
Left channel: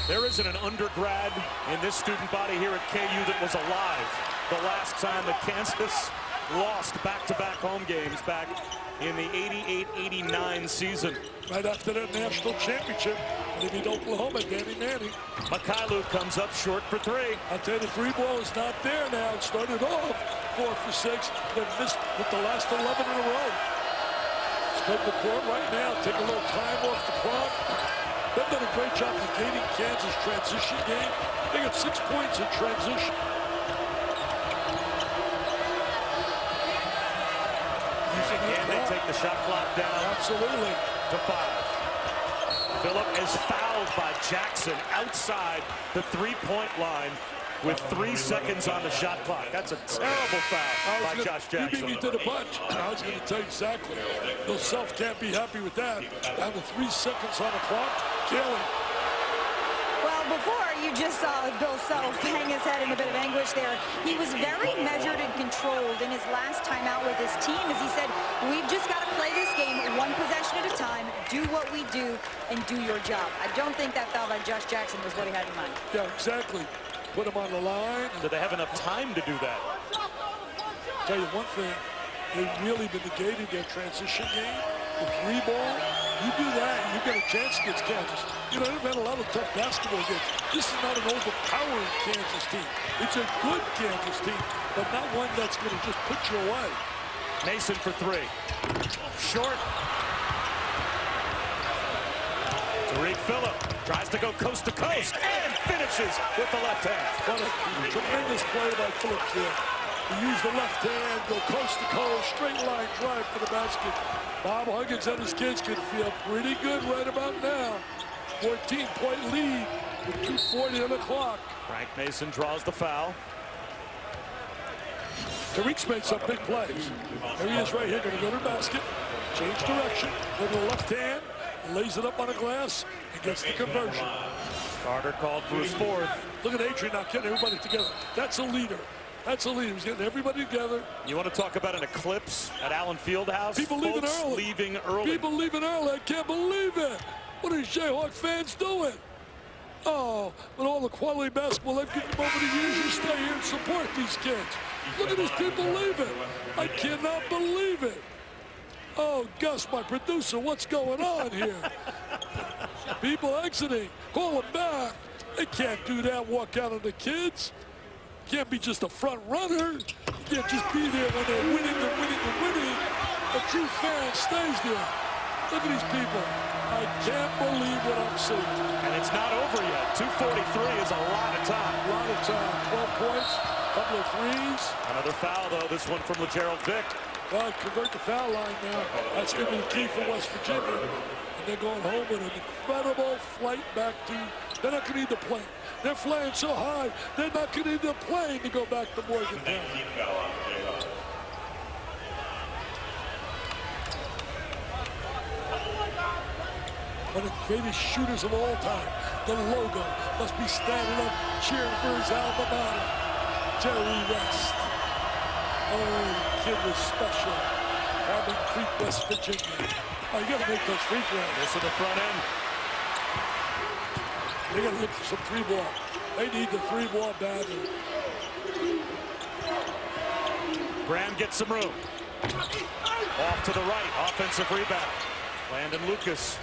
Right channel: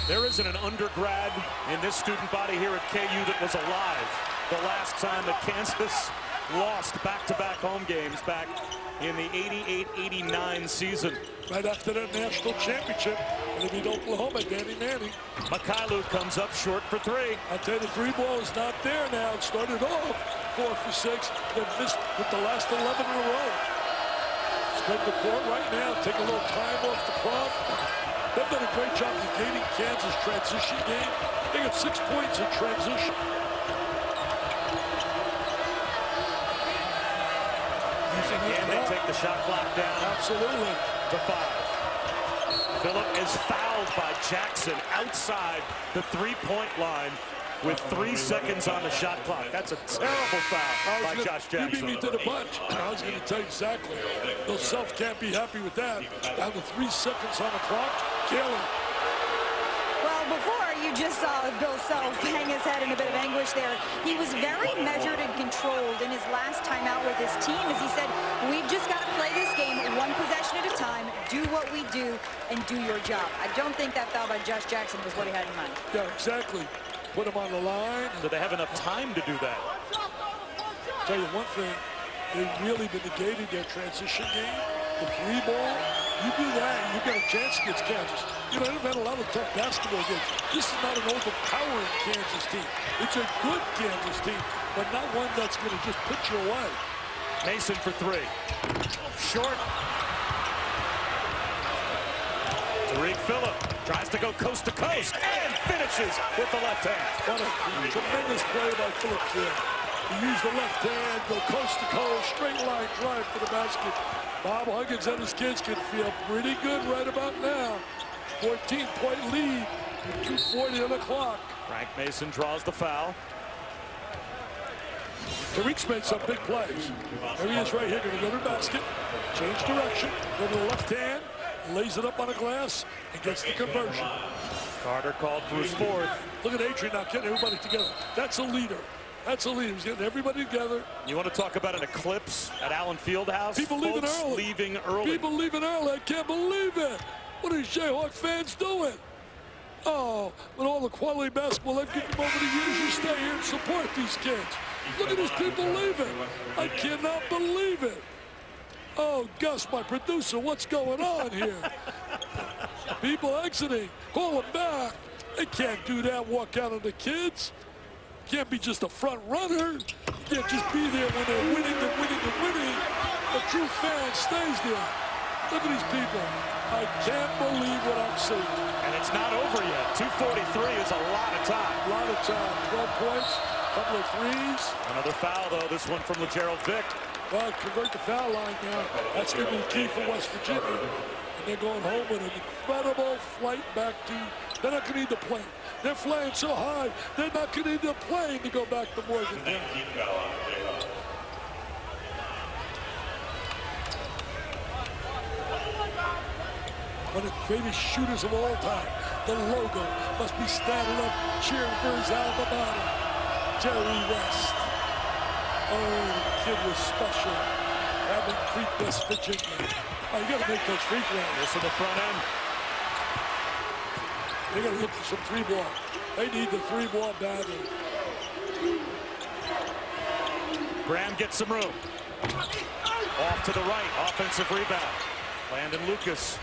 There isn't an undergrad in this student body here at KU that was alive the last time that Kansas lost back-to-back home games back in the 88-89 season. Right after that national championship, when they beat Oklahoma, Danny Manning. Mikhailuk comes up short for 3. I'll tell you, the 3 ball is not there now. It started off 4 for 6. They've missed with the last 11 in a row. Spread the court right now. Take a little time off the clock. They've done a great job negating Kansas' transition game. They got 6 points in transition. Again, they take the shot clock down. Absolutely. To 5. Phillip is fouled by Jackson outside the 3-point line with 3 seconds on the shot clock. That's a terrible foul by Josh Jackson. You beat me to the punch. I was going to tell you exactly. Bill Self can't be happy with that. Down to 3 seconds on the clock. Kelly. Well, before you just saw Bill Self hang his head in a bit of anguish there. He was very measured and controlled in his last time out with his team, as he said, we've just got to play this game 1 possession at a time, do what we do, and do your job. I don't think that foul by Josh Jackson was what he had in mind. Yeah, exactly. Put him on the line. Do they have enough time to do that? Tell you one thing, they've really been negating their transition game. The 3 ball, you do that, you get a chance against Kansas. You know, they've had a lot of tough basketball games. This is not an overpowering Kansas team. It's a good Kansas team, but not one that's going to just put you away. Mason for 3. Short. Tariq Phillip tries to go coast to coast and finishes with the left hand. What a tremendous play by Phillips there. He used the left hand, go coast to coast, straight line drive for the basket. Bob Huggins and his kids can feel pretty good right about now. 14-point lead with 2:40 on the clock. Frank Mason draws the foul. Tariq's made some big plays. There he is right here, going to go to the basket, change direction, go to the left hand, lays it up on the glass, and gets the conversion. Carter called for his 4th. Look at Adrian now getting everybody together. That's a leader. That's a leader. He's getting everybody together. You want to talk about an eclipse at Allen Fieldhouse? People leaving Folks early. leaving early. People leaving early. I can't believe it. What are these Jayhawk fans doing? Oh, with all the quality basketball they've given them over the years, you stay here and support these kids. Look at these people leaving. I cannot believe it. Oh, Gus, my producer, what's going on here? People exiting. Call them back. They can't do that, walk out on the kids. Can't be just a front runner. You can't just be there when they're winning and winning and winning. A true fan stays there. Look at these people. I can't believe what I'm seeing. And it's not over yet. 2:43 is a lot of time. A lot of time. 12 points, couple of threes. Another foul, though, this one from LeGerald Vick. Well, convert the foul line now. That's going to be the key for West Virginia. And they're going home with an incredible flight back to, they're not going to need the plane. They're flying so high, they're not going to need the plane to go back to Morgantown. one of the greatest shooters of all time. The logo must be standing up, cheering for his alma mater, Jerry West. Oh, the kid was special. Cabin Creek, West Virginia. Oh, you got to make those free throws. This in the front end. They got to look for some three ball. They need the three ball badly. Graham gets some room. Off to the right, offensive rebound. Landon Lucas.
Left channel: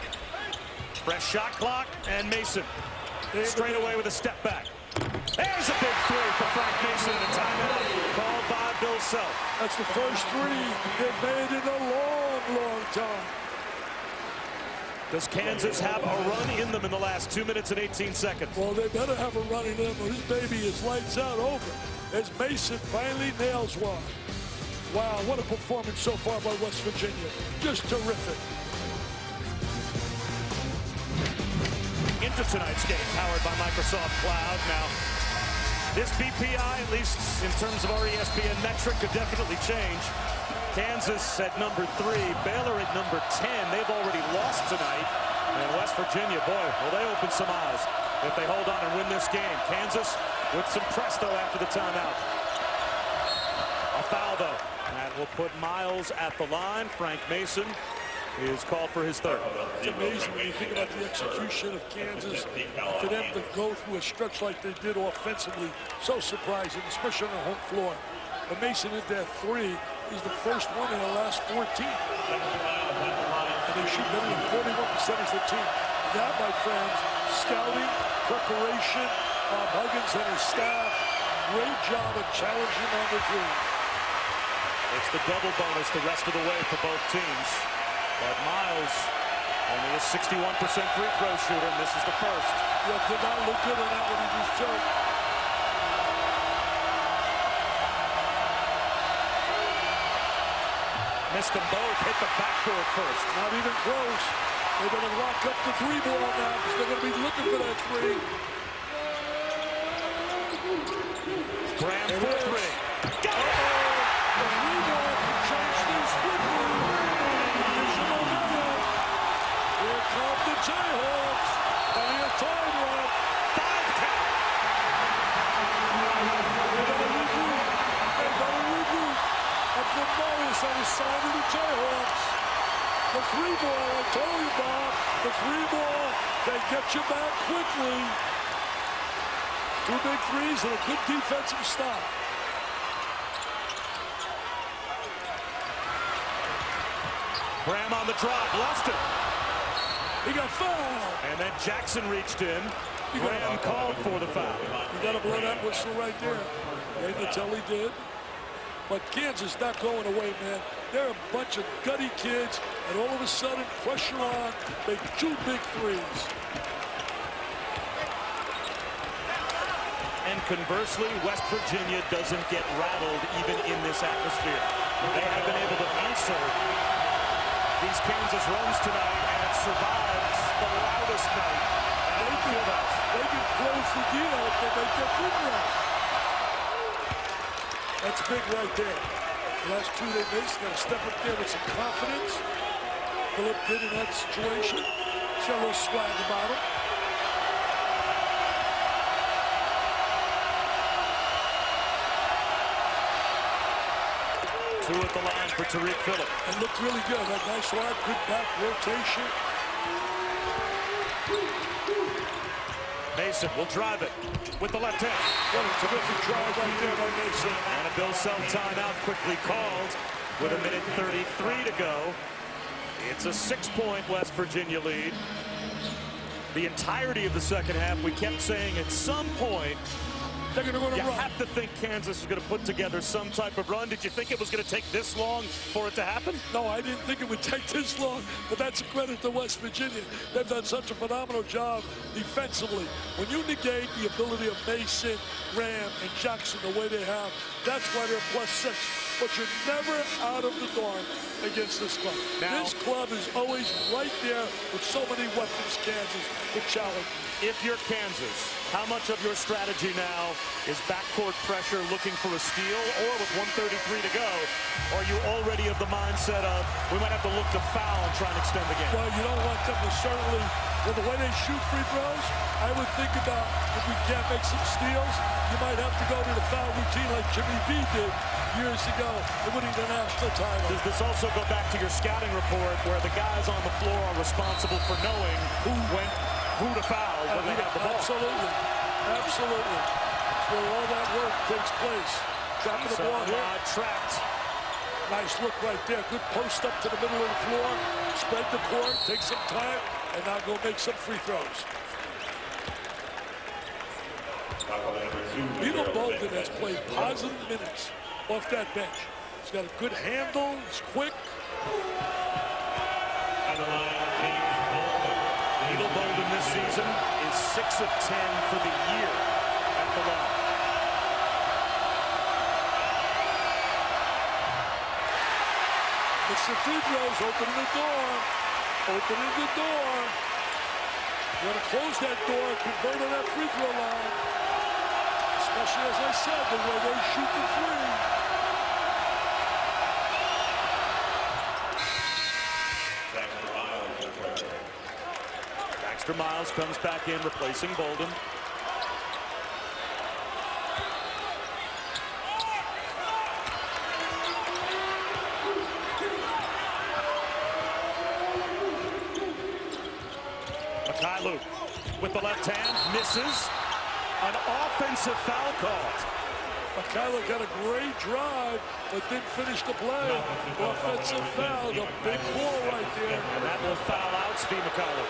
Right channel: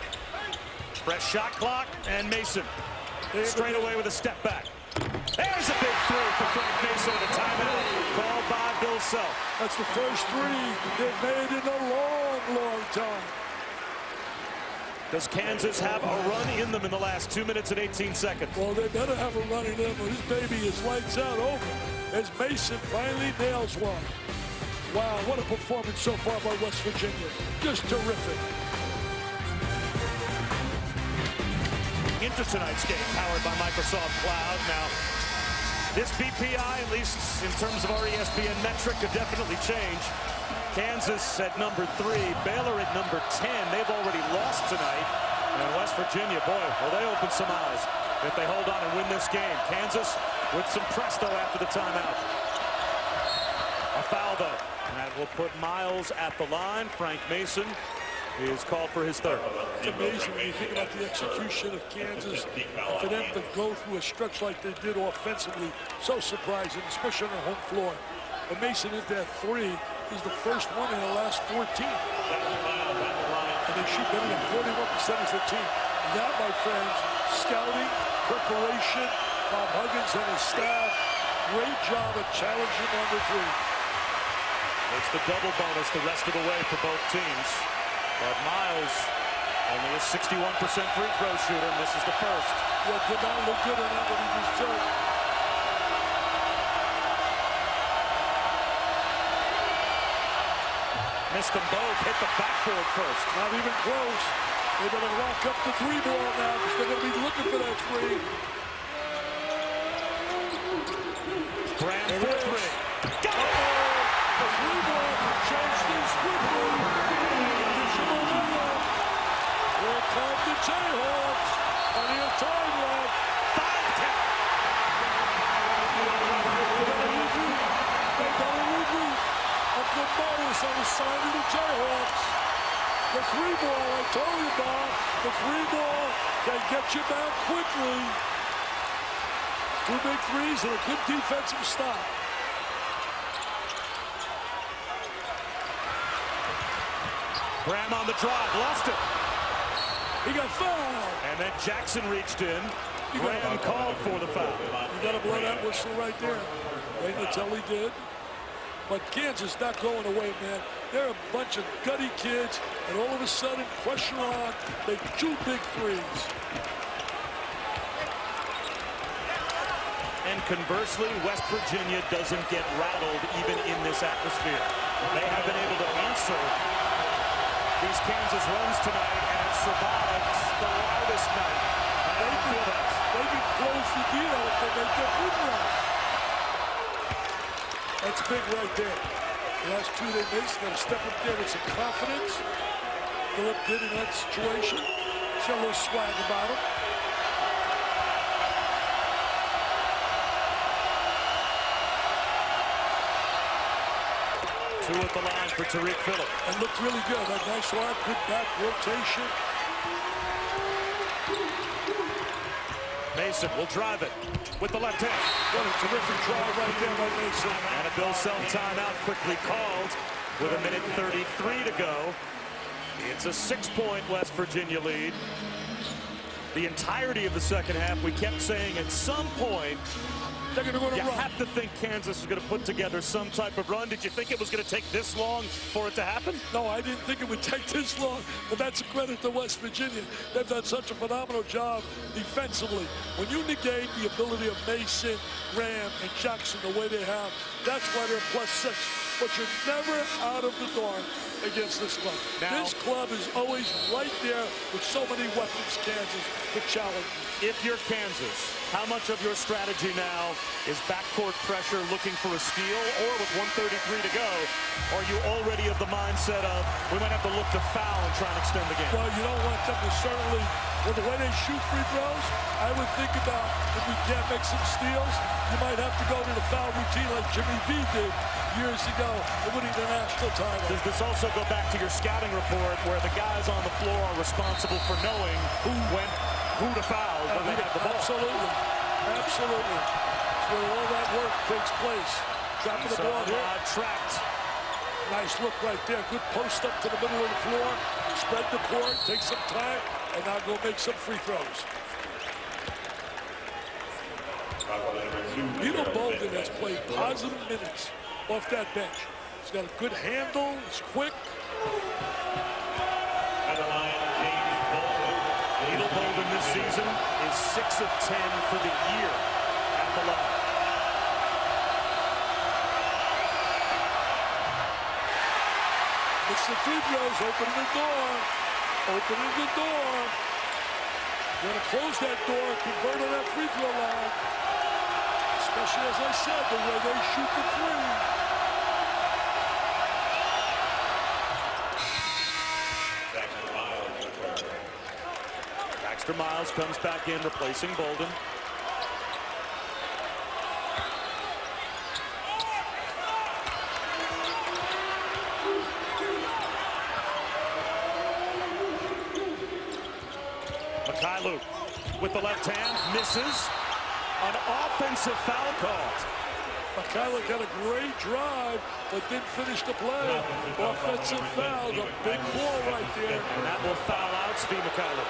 Fresh shot clock, and Mason straight away with a step back. There's a big three for Frank Mason and a timeout called by Bill Self. That's the first three they've made in a long, long time. Does Kansas have a run in them in the last 2 minutes and 18 seconds? Well, they better have a run in them, or this baby is lights out over as Mason finally nails one. Wow, what a performance so far by West Virginia. Just terrific. Into tonight's game, powered by Microsoft Cloud. Now, this BPI, at least in terms of our ESPN metric, could definitely change. Kansas at number 3, Baylor at number 10. They've already lost tonight. And West Virginia, boy, will they open some eyes if they hold on and win this game. Kansas with some press, though, after the timeout. A foul, though. That will put Miles at the line. Frank Mason is called for his third. It's amazing when you think about the execution of Kansas. And for them to go through a stretch like they did offensively, so surprising, especially on the home floor. But Mason hit that three. Is the first one in the last 14. And they shoot better than 41% as a team. That, my friends, scouting, preparation, Bob Huggins and his staff, great job of challenging on the three. It's the double bonus the rest of the way for both teams. But Miles, only a 61% free throw shooter, misses the first. Yeah, did not look good on that one he just took. Missed them both, hit the backboard first. Not even close. They better lock up the three ball now because they're going to be looking for that three. Graham for three. Got it! The three ball can change things quickly. It gives you momentum. Here come the Jayhawks. Plenty of time left. 5 count. They better regroup. They better regroup. Uncle Mo is on the side of the Jayhawks. The three ball, I told you, Bob, the three ball can get you back quickly. 2 big threes and a good defensive stop. Graham on the drive, lost it. He got fouled. And then Jackson reached in. Graham called for the foul. You got to blow that whistle right there. Ray Natelli did. But Kansas not going away, man. They're a bunch of gutty kids, and all of a sudden, pressure on, make 2 big threes. And conversely, West Virginia doesn't get rattled even in this atmosphere. They have been able to answer these Kansas runs tonight, and it survived the loudest night at Allen Fieldhouse. They can close the deal if they make their free throws. That's big right there. The last 2 they missed, got to step up there with some confidence. Phillip did in that situation. He's got a little swag about him. Two at the line for Tariq Phillip. And looked really good. That nice arm, good back rotation. Mason will drive it with the left hand. What a terrific drive right there by Mason. And a Bill Self timeout quickly called with 1:33 to go. It's a 6-point West Virginia lead. The entirety of the second half, we kept saying at some point, they're going to go on a you run. have to think Kansas is going to put together some type of run. Did you think it was going to take this long for it to happen? No, I didn't think it would take this long, but that's a credit to West Virginia. They've done such a phenomenal job defensively. When you negate the ability of Mason, Graham, and Jackson the way they have, that's why they're +6. but you're never out of the dark against this club. Now, this club is always right there with so many weapons, Kansas, to challenge you. if you're Kansas, how much of your strategy now is backcourt pressure looking for a steal, or with 1:33 to go, are you already of the mindset of we might have to look to foul and try and extend the game? Well, you don't want them to certainly, well, the way they shoot free throws, I would think about if we can't make some steals, you might have to go to the foul routine like Jimmy V did years ago in winning the national title. Does this also go back to your scouting report where the guys on the floor are responsible for knowing who to foul when they have the ball? Absolutely. Absolutely. It's where all that work takes place. Trapping the ball here. Trapped. Nice look right there. Good post up to the middle of the floor. Spread the court. Take some time. And now go make some free throws. Beetle Bolden has played positive minutes off that bench. He's got a good handle. He's quick. Beetle Bolden this season is 6 of 10 for the year at the line. It's the free throws. Opening the door. Opening the door. You want to close that door. Convert on that free throw line. Especially, as I said, the way they shoot the three. Baxter Miles comes back in, replacing Bolden. Mykhailiuk with the left hand, misses. An offensive foul called. Mykhailiuk had a great drive, but didn't finish the play. Offensive foul, a big call right there. And that will foul out Steve Mykhailiuk.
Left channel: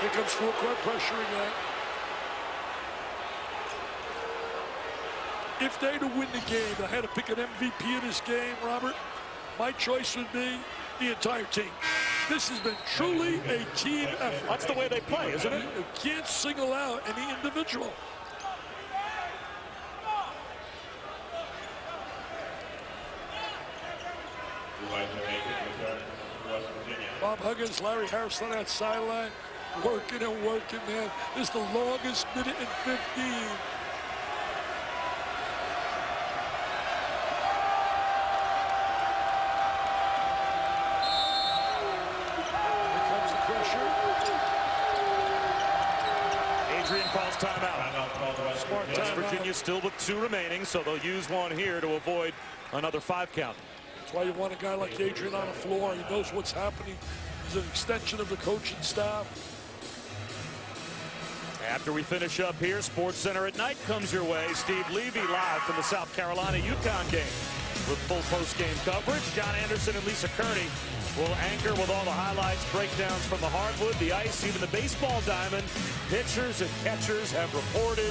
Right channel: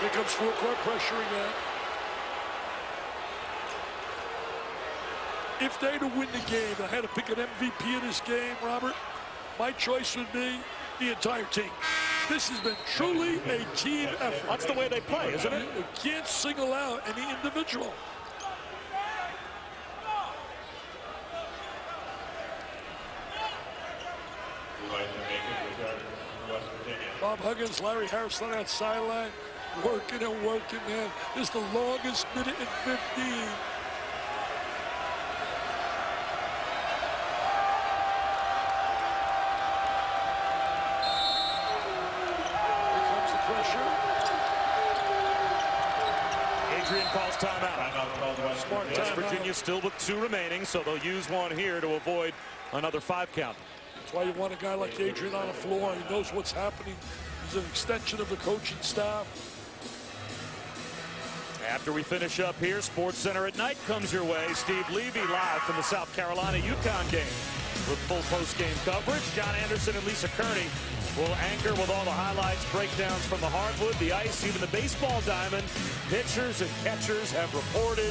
Here comes full court pressure again. If they to win the game, I had to pick an MVP in this game, Robert, my choice would be the entire team. This has been truly a team effort. That's the way they play, isn't it? You can't single out any individual. Bob Huggins, Larry Harris on that sideline, working and working, man. This is the longest minute and 15. Pressure. Adrian calls timeout. Smart West timeout. Virginia still with 2 remaining, so they'll use one here to avoid another 5 count. That's why you want a guy like Adrian on the floor. He knows what's happening. He's an extension of the coaching staff. After we finish up here, Sports Center at Night comes your way. Steve Levy live from the South Carolina UConn game with full post-game coverage. John Anderson and Lisa Kearney will anchor with all the highlights, breakdowns from the hardwood, the ice, even the baseball diamond. Pitchers and catchers have reported.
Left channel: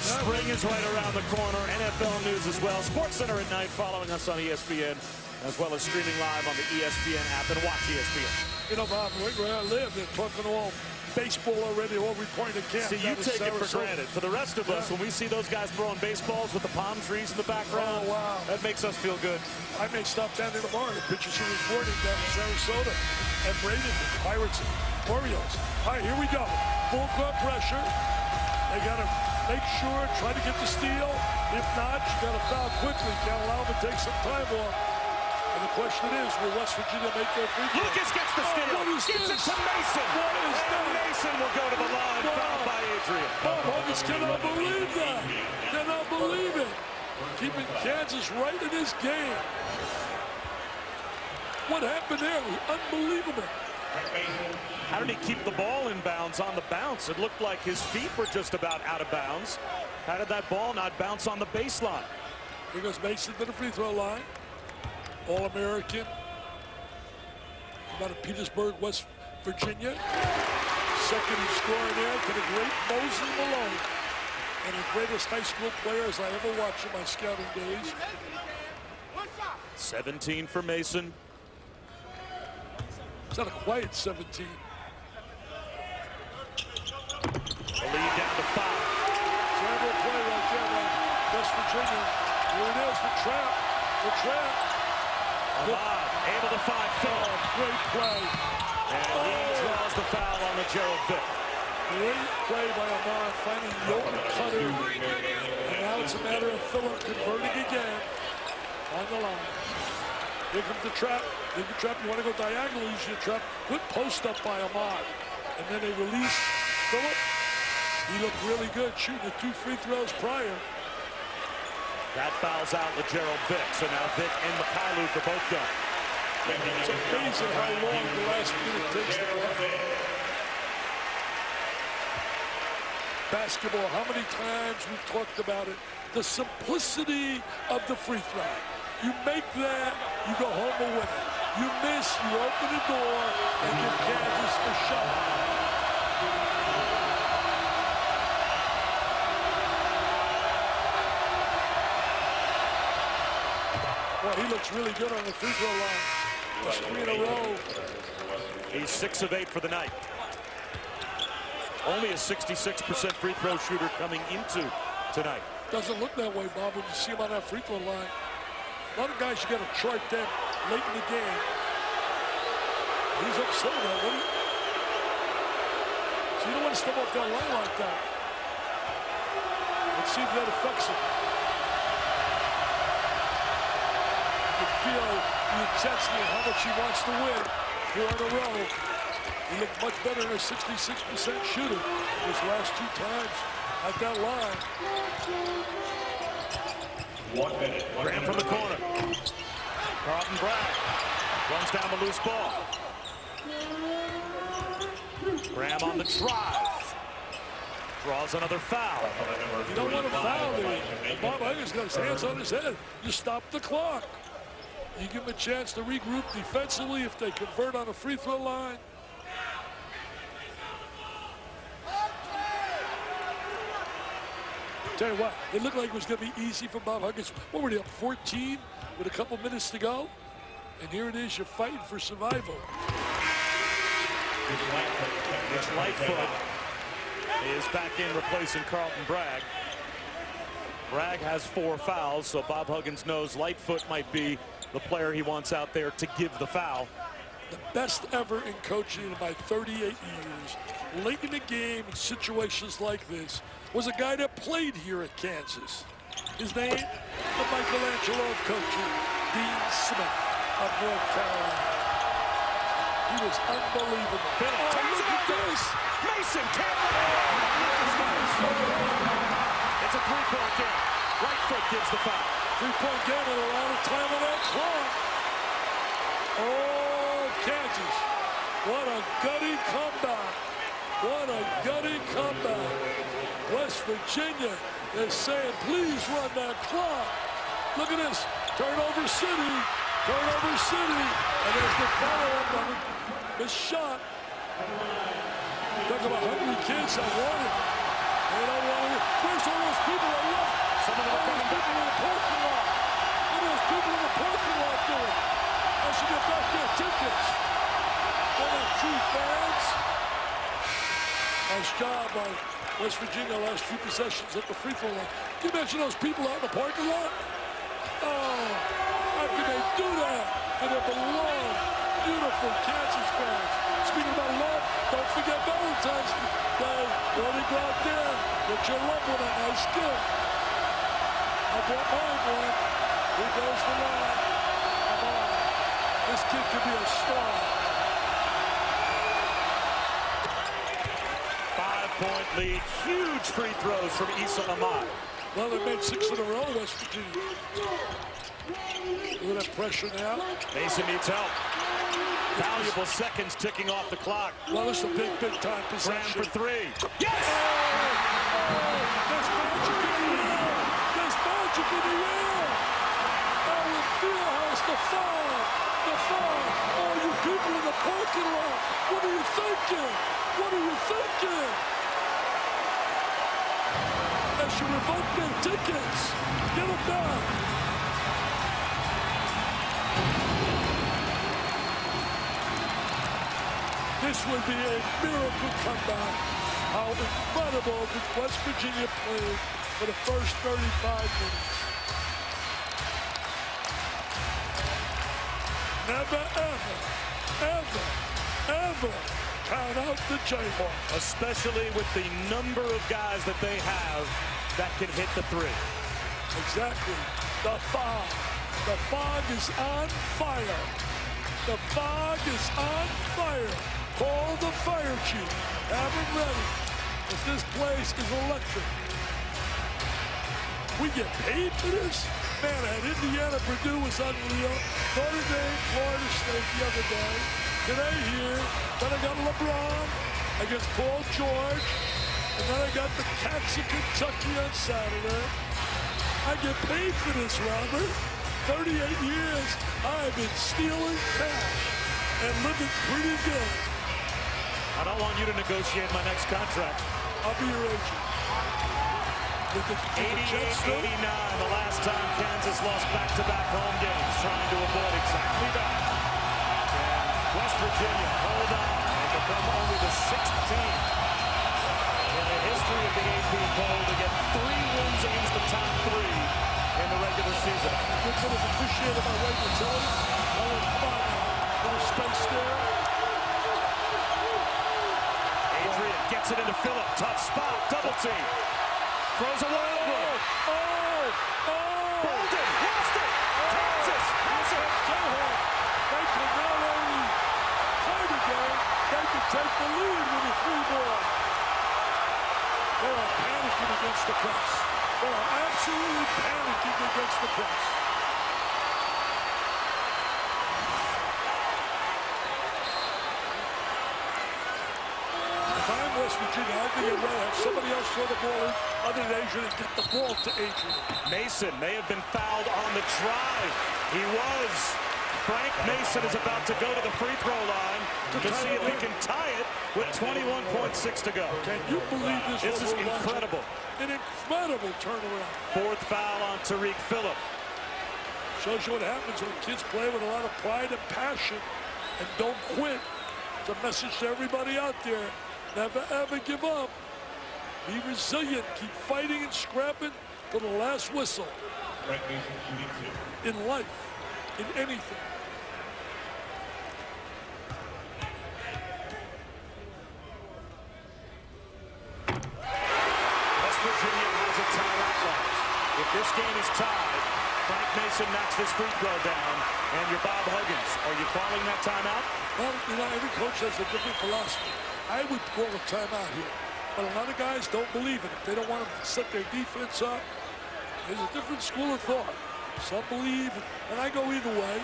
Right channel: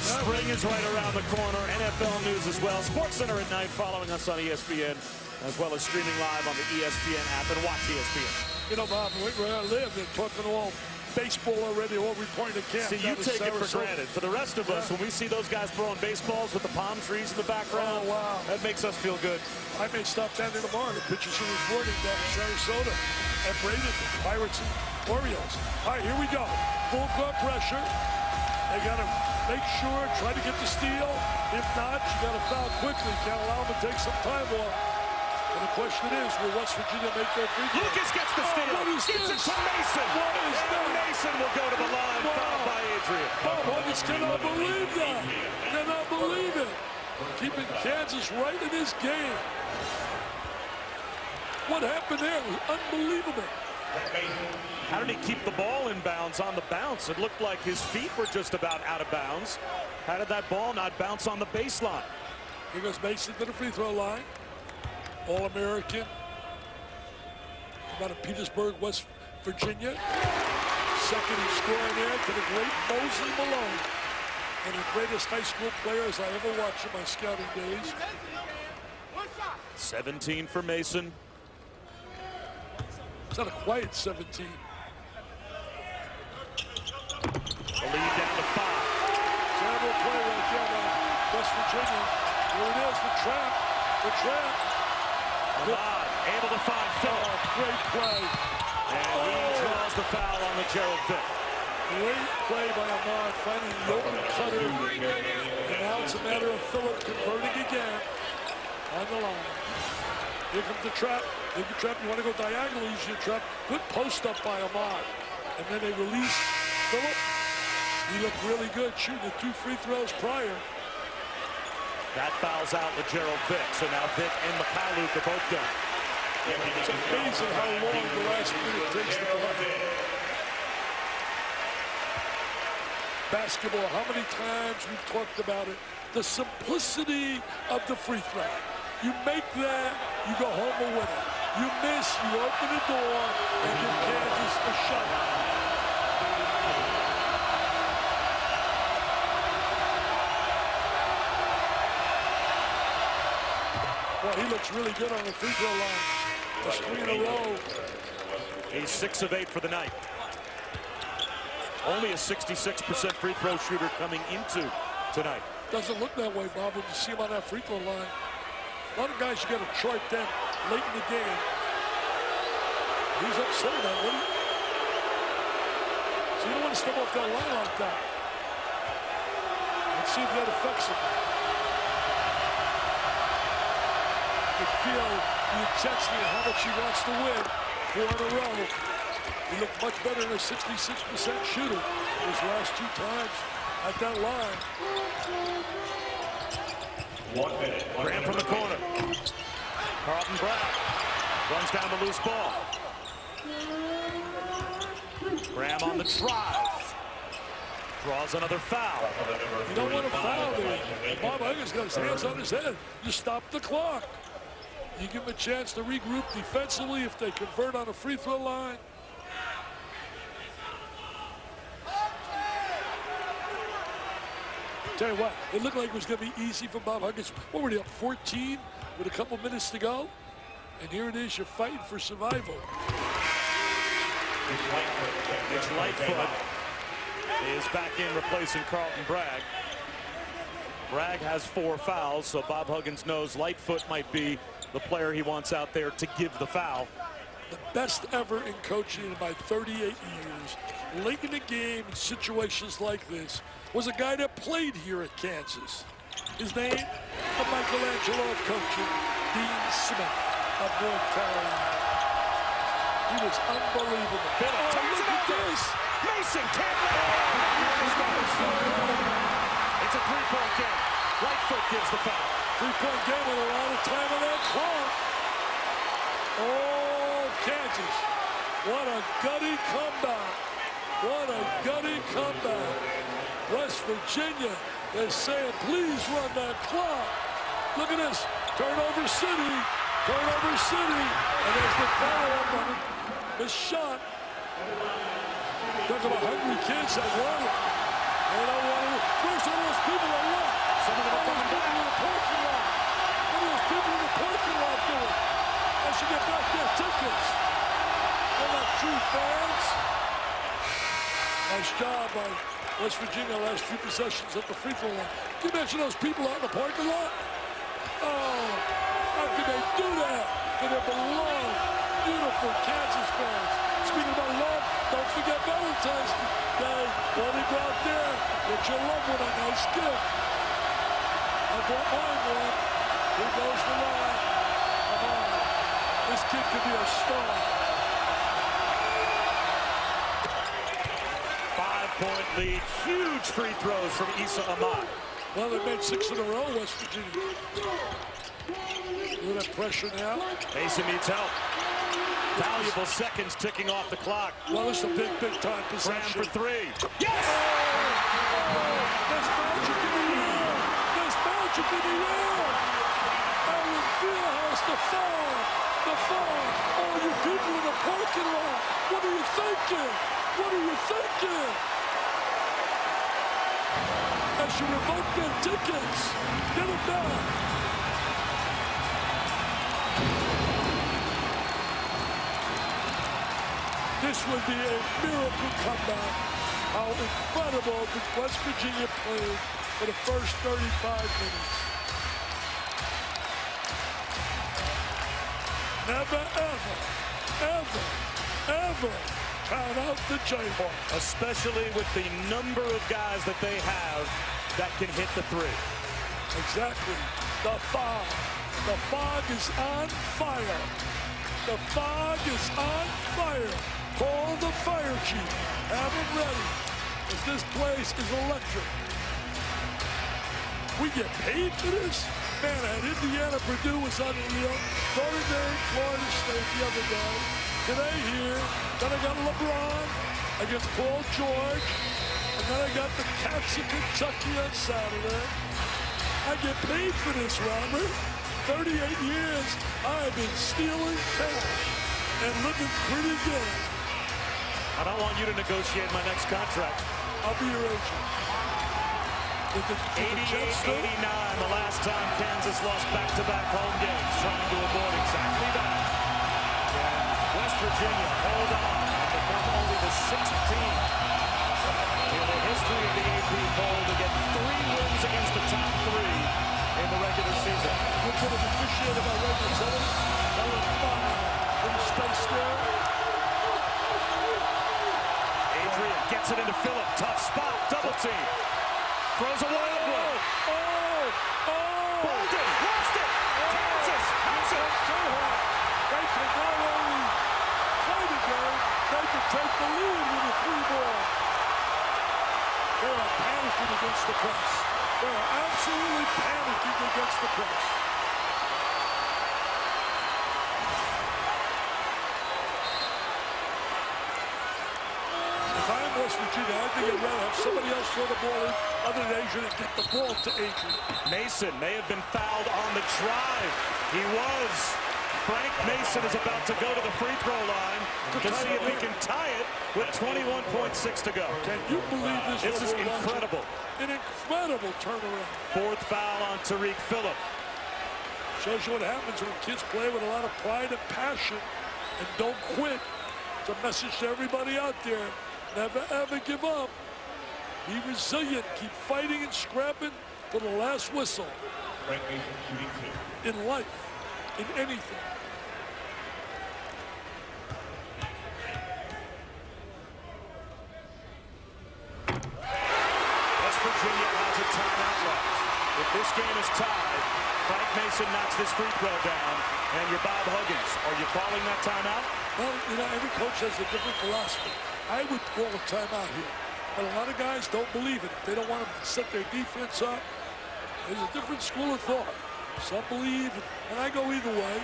Spring is right around the corner. NFL news as well. Sports Center at Night following us on ESPN, as well as streaming live on the ESPN app, and watch ESPN. You know, Bob, where I live, they're talking all baseball already, all reporting to camp. See, you take it for granted. For the rest of us, when we see those guys throwing baseballs with the palm trees in the background, oh, wow, that makes us feel good. I may stop down there tomorrow. The pitchers are reporting down in Sarasota and Bradenton, Pirates and Orioles. All right, here we go. Full court pressure. They got to make sure, try to get the steal. If not, you got to foul quickly. Can't allow them to take some time off. And the question is, will West Virginia make their free throw? Lucas gets the steal. What is Gets this? it to Mason. What is and that? Mason will go to the line, Wow. fouled by Adrian. Bob Huggins cannot believe that. Cannot believe it. Keeping Kansas right in this game. What happened there? It was unbelievable. How did he keep the ball in bounds on the bounce? It looked like his feet were just about out of bounds. How did that ball not bounce on the baseline? Here goes Mason to the free throw line. All-American. Come out of Petersburg, West Virginia. Second in scoring there to the great Moses Malone. One of the greatest high school players I ever watched in my scouting days. 17 for Mason. It's not a quiet 17. The lead down to 5. Terrible play right there by West Virginia. Here it is, the trap. The trap. Ahmad able to find Phillip. Oh, great play. And he draws the foul on the Gerald Vick. Great play by Ahmad, finding the open cutter. And now it's a matter of Phillip converting again on the line. Here comes the trap. Look at the trap. You want to go diagonal, use your trap. Good post up by Ahmad. And then they release Phillip. He looked really good shooting the 2 free throws prior. That fouls out LeGerald Vick. So now Vick and Mykhailiuk are both done. It's amazing how long the last minute takes to play. Basketball, how many times we've talked about it. The simplicity of the free throw. You make that, you go home a winner. You miss, you open the door and give Kansas a shot. Well, he looks really good on the free throw line. That's 3 in a row. He's 6 of 8 for the night. Only a 66% free throw shooter coming into tonight. Doesn't look that way, Bob, when you see him on that free throw line. A lot of guys you got to chart them late in the game. He's upset about it. So you don't want to step off that line like that. Let's see if that affects him. You can feel the intensity and how much he wants to win. 4 in a row. He looked much better than a 66% shooter his last 2 times at that line. 1 minute. Graham from the corner. Carlton Bragg runs down the loose ball. Graham on the drive. Draws another foul. You don't want to foul there. And Bob Huggins got his hands on his head. You stop the clock. You give him a chance to regroup defensively if they convert on a free throw line. Tell you what, it looked like it was going to be easy for Bob Huggins. What were they up, 14 with a couple minutes to go? And here it is, you're fighting for survival. Mitch Lightfoot is back in replacing Carlton Bragg. Bragg has 4 fouls, so Bob Huggins knows Lightfoot might be the player he wants out there to give the foul. The best ever in coaching in my 38 years. Late in the game in situations like this was a guy that played here at Kansas. His name, the Michelangelo of coaching, Dean Smith of North Carolina. He was unbelievable. Phillip turns look it at over. this. Mason can't let it out, but Lucas goes. It's a 3-point game. Lightfoot gives the foul. 3-point game with a lot of time on that clock. Oh, Kansas. What a gutty comeback. What a gutty comeback. West Virginia is saying, please run that clock. Look at this. Turnover City. Turnover City. And there's the follow-up on it. This shot. Talk about hungry kids that want it. They don't want it. Where's all those people that left? Some of them are coming back. In the parking lot. What are those people in the parking lot doing? I should get back their tickets. They're not true fans. Nice job by West Virginia last few possessions at the free throw line. Can you imagine those people out in the parking lot? Oh, how could they do that to their beloved, beautiful Kansas fans? Speaking about love, don't forget Valentine's Day. Why don't you go out there, get your loved one a nice gift. I bought mine one. Here goes the line. Come on. This kid could be a star. 5-point lead. Huge free throws from Issa Ahmad. Well, they made 6 in a row, West Virginia. Look at that pressure now. Mason needs help. Valuable seconds ticking off the clock. Well, it's a big, big-time possession. Graham for 3. Yes! Oh, there's magic in the air. There's magic in the air. Allen Fieldhouse, the foul. The foul. All you people in the parking lot, what are you thinking? What are you thinking? As you revoke their tickets, get them back. This would be a miracle comeback. How incredible the West Virginia played for the first 35 minutes. never, ever count out the Jayhawks. Especially with the number of guys that they have that can hit the three. Exactly. The fog. The fog is on fire. The fog is on fire. Call the fire chief. Have them ready. If this place is electric. We get paid for this? Man, at Indiana, Purdue was unreal. Notre Dame, Florida State the other day. Today here, then I got LeBron against Paul George. And then I got the Cats of Kentucky on Saturday. I get paid for this, Robert. 38 years, I've been stealing cash and living pretty good. I don't want you to negotiate my next contract. I'll be your agent. With the 88-89, the last time Kansas lost back-to-back home games, trying to avoid exactly that. Can West Virginia hold on and become only the 6th team in the history of the AP poll to get 3 wins against the top 3 in the regular season? You could have appreciated my regular Tillman. Tell him, come on now. Little space there. Adrian gets it into Phillip. Tough spot. Double team. Throws a wild one. Bolden lost it. Kansas has it. Jayhawks. They can not only play the game, they can take the lead with a 3-ball. They are panicking against the press. They are absolutely panicking against the press. If I'm West Virginia, I think I'd rather have somebody else throw the ball in other than Adrian and get the ball to Adrian. Mason may have been fouled on the drive. He was. Frank Mason is about to go to the free throw line to see if he can tie it with 21.6 to go. Can you believe this? This is incredible. An incredible turnaround. 4th foul on Tariq Phillip. Shows you what happens when kids play with a lot of pride and passion and don't quit. It's a message to everybody out there. Never, ever give up. Be resilient. Keep fighting and scrapping to the last whistle. Frank Mason shooting 2. In life, in anything. West Virginia has a timeout left. If this game is tied, Frank Mason knocks this free throw down, and you're Bob Huggins. Are you calling that timeout? Well, you know, every coach has a different philosophy. I would call a timeout here, but a lot of guys don't believe in it. They don't want to set their defense up. There's a different school of thought. Some believe, and I go either way.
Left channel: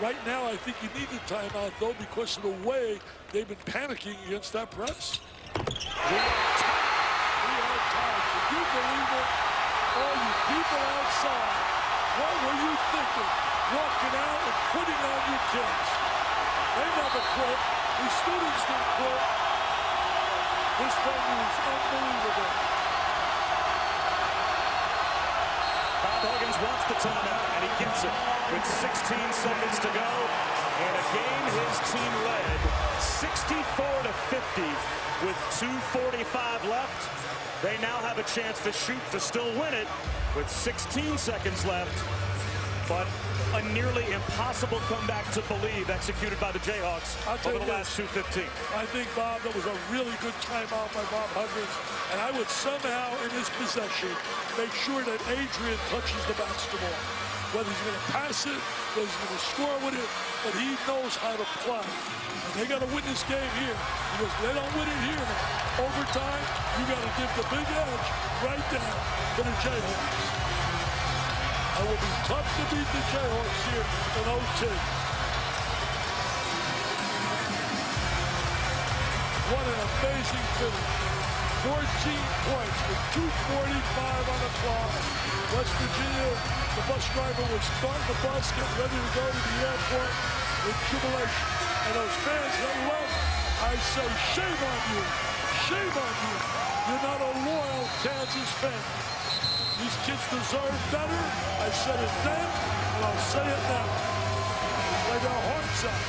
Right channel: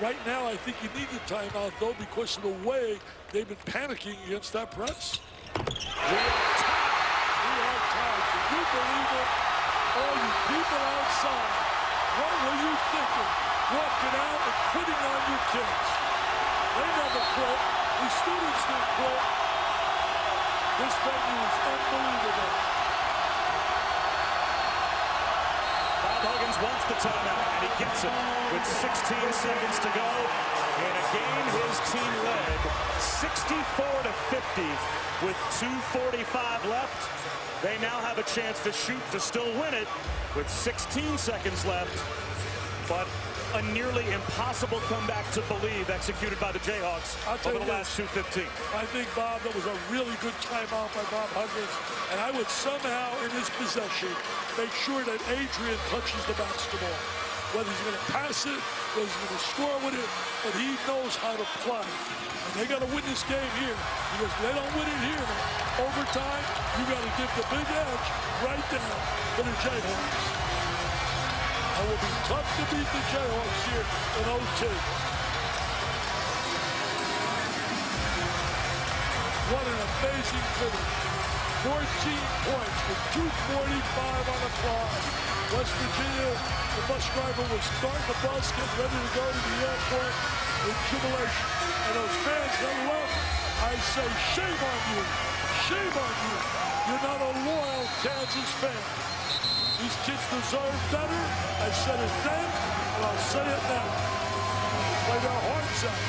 Right now, I think you need the timeout, though, because of the way they've been panicking against that press. We are tied. Can you believe it? All you people outside, what were you thinking? Walking out and quitting on your kids. They never quit. These students didn't quit. This venue is unbelievable. Bob Huggins wants the timeout, and he gets it with 16 seconds to go. In a game his team led 64-50 with 2:45 left. They now have a chance to shoot to still win it with 16 seconds left. But a nearly impossible comeback to believe executed by the Jayhawks over the last 2:15. I think, Bob, that was a really good timeout by Bob Huggins. And I would somehow, in his possession, make sure that Adrian touches the basketball. Whether he's going to pass it, whether he's going to score with it, but he knows how to play. And they got to win this game here. Because if they don't win it here, overtime, you got to give the big edge right there to the Jayhawks. It will be tough to beat the Jayhawks here in OT. What an amazing finish. 14 points with 2:45 on the clock. West Virginia, the bus driver was starting the bus, getting ready to go to the airport with jubilation. And those fans that left, I say, shame on you. Shame on you. You're not a loyal Kansas fan. These kids deserve better. I said it then, and I'll say it now. Play their hearts out.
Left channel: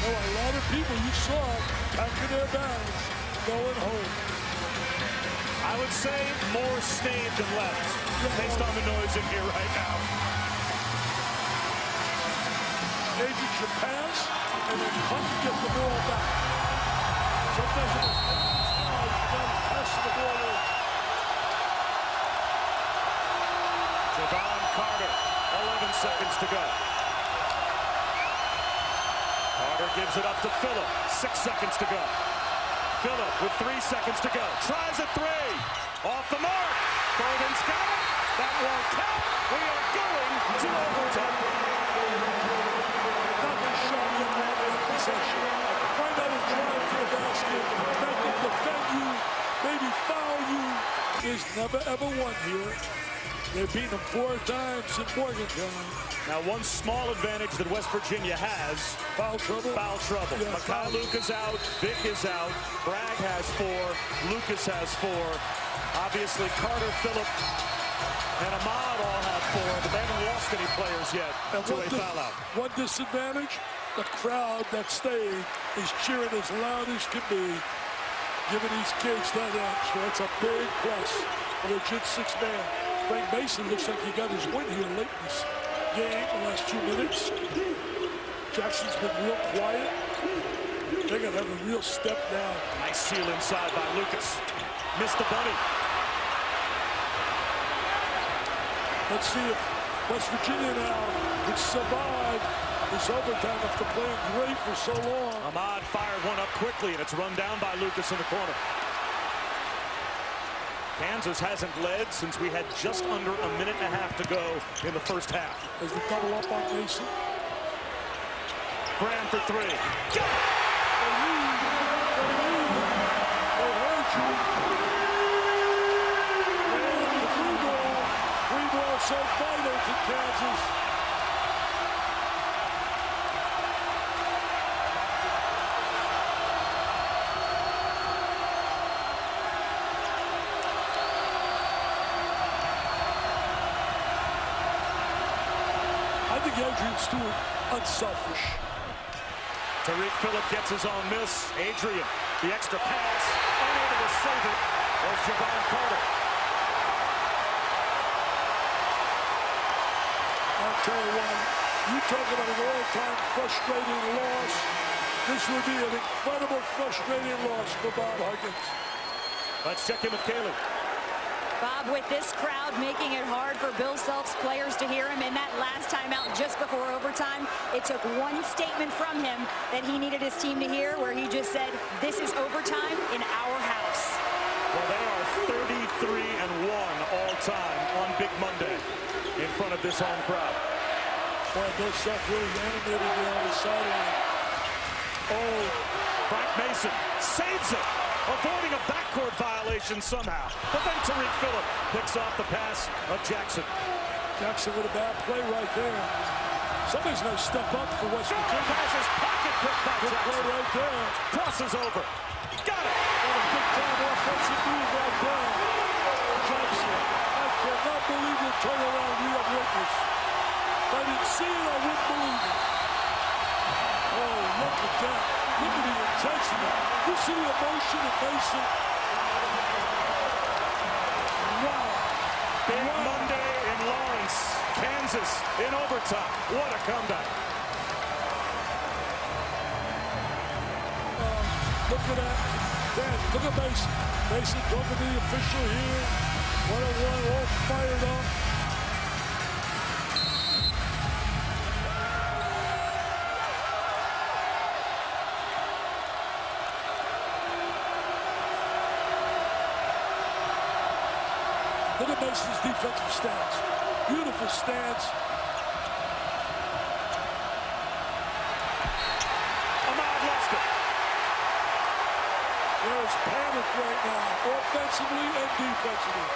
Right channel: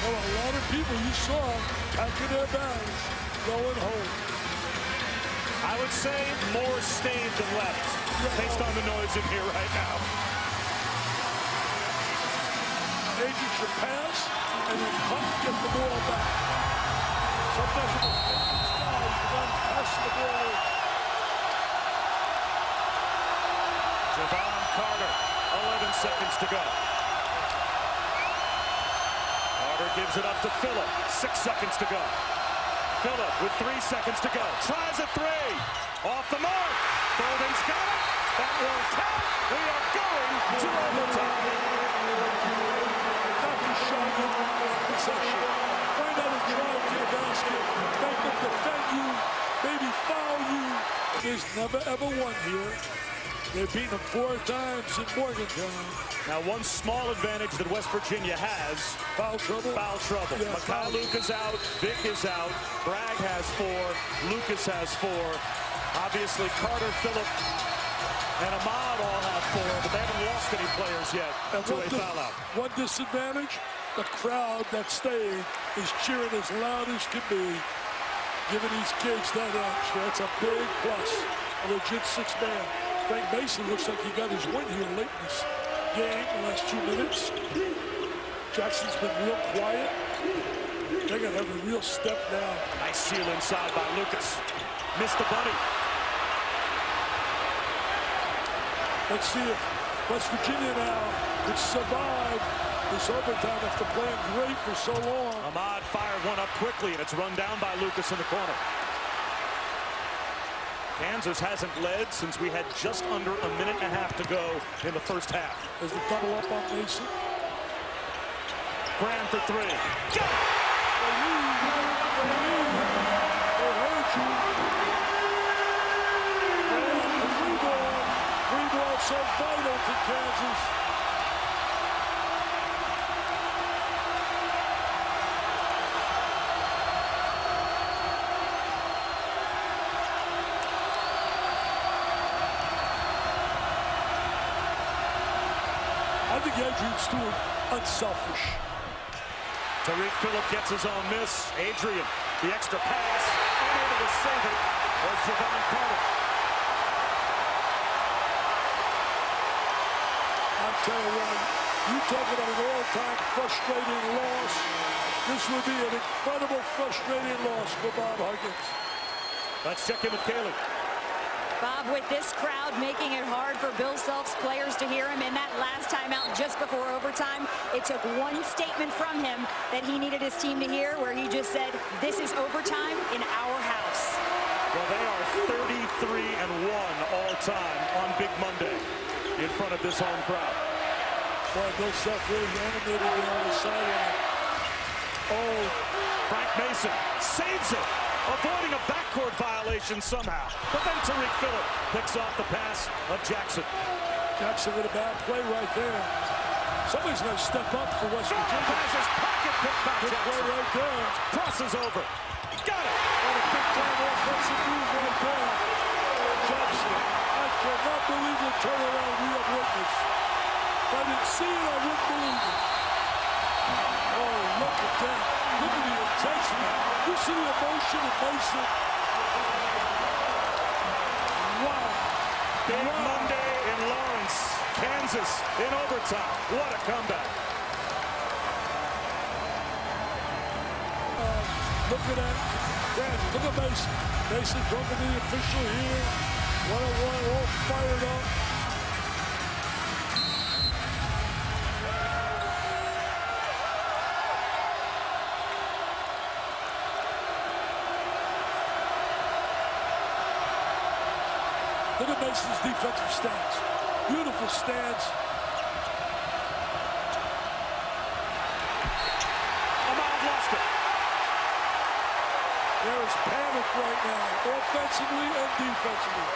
There were a lot of people you saw packing their bags, going home. I would say more stayed than left, based on the noise in here right now. Adrian should pass and then cut and get the ball back. Sometimes the most dangerous guy is the guy who's passing the ball in. Javon Carter, 11 seconds to go. Carter gives it up to Phillip, 6 seconds to go. Phillip with 3 seconds to go. Tries a three. Off the mark. Bolden's got it. That won't count. We are going to overtime. Not the shot you want in that possession. Find out a drive to the basket. Make them defend you. Maybe foul you. There's never ever one here. They've beaten them 4 times in Morgantown. Now, one small advantage that West Virginia has. Foul trouble? Foul trouble. Yeah, Makai Luka's out. Vic is out. Bragg has 4. Lucas has 4. Obviously, Carter, Phillip, and Ahmad all have 4, but they haven't lost any players yet to a foul out. One disadvantage, the crowd that stayed is cheering as loud as can be, giving these kids that edge. That's a big plus. A legit 6-man. Frank Mason looks like he got his win here late in this game, the last 2 minutes. Jackson's been real quiet. They're going to have a real step down. Nice seal inside by Lucas. Missed the bunny. Let's see if West Virginia now could survive this overtime after playing great for so long. Ahmad fired one up quickly, and it's run down by Lucas in the corner. Kansas hasn't led since we had just under a minute and a half to go in the first half. As they double up on Mason. Graham for 3. Got it! They lead. They lead. They heard you. Graham, the 3 ball. 3 ball so vital to Kansas. I think Adrian Stewart unselfish. Tariq Phillip gets his own miss. Adrian, the extra pass, unable to save it, was Javon Carter. I'll tell you what, you talk about an all-time frustrating loss. This would be an incredible frustrating loss for Bob Huggins. Let's check in with Kaylee. Bob, with this crowd making it hard for Bill Self's players to hear him in that last timeout just before overtime, it took one statement from him that he needed his team to hear, where he just said, "This is overtime in our house." Well, they are 33-1 all time on Big Monday in front of this home crowd. Boy, Bill Self really animated there on the sideline. Oh, Frank Mason saves it, avoiding a backcourt violation somehow. But then Tariq Phillip picks off the pass of Jackson. Jackson with a bad play right there. Somebody's going to step up for West Virginia. Has his pocket picked by Good Jackson. play right there. Crosses over. Got it. What a big-time offensive move right there. Jackson, I cannot believe the turnaround we have witnessed. If I didn't see it, I wouldn't believe it. Oh, look at that. Look at the intensity. You see the emotion in Mason? Wow. Big Monday in Lawrence, Kansas in overtime. What a comeback. Look at that. Dan, look at Mason. Mason talking to the official here. One-on-one, all fired up. Look at Mason's defensive stance. Beautiful stance. Ahmad lost it. There is panic right now, offensively and defensively.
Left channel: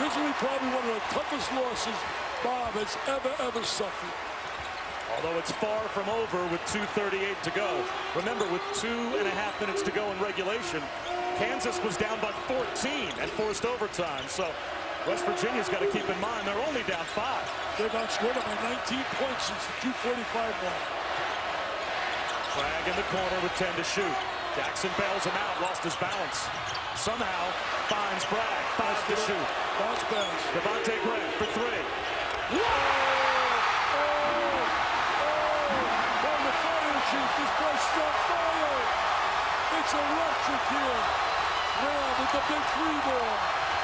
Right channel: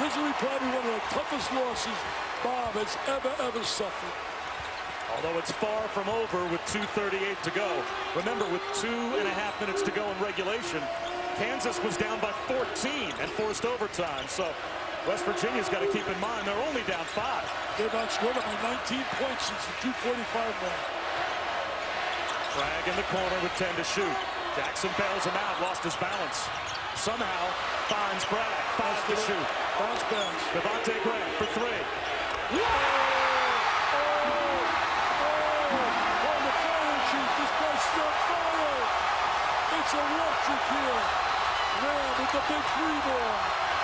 This will be probably one of the toughest losses Bob has ever suffered. Although it's far from over with 2:38 to go. Remember, with 2.5 minutes to go in regulation, Kansas was down by 14 and forced overtime. So West Virginia's got to keep in mind they're only down 5. They've outscored them by 19 points since the 2:45 mark. Bragg in the corner with 10 to shoot. Jackson bails him out, lost his balance. Somehow finds Bragg, 5 to shoot. Bounce pass. Devontae Graham for 3. Oh, Chief. This place is on fire. It's electric here. Graham with the big three ball.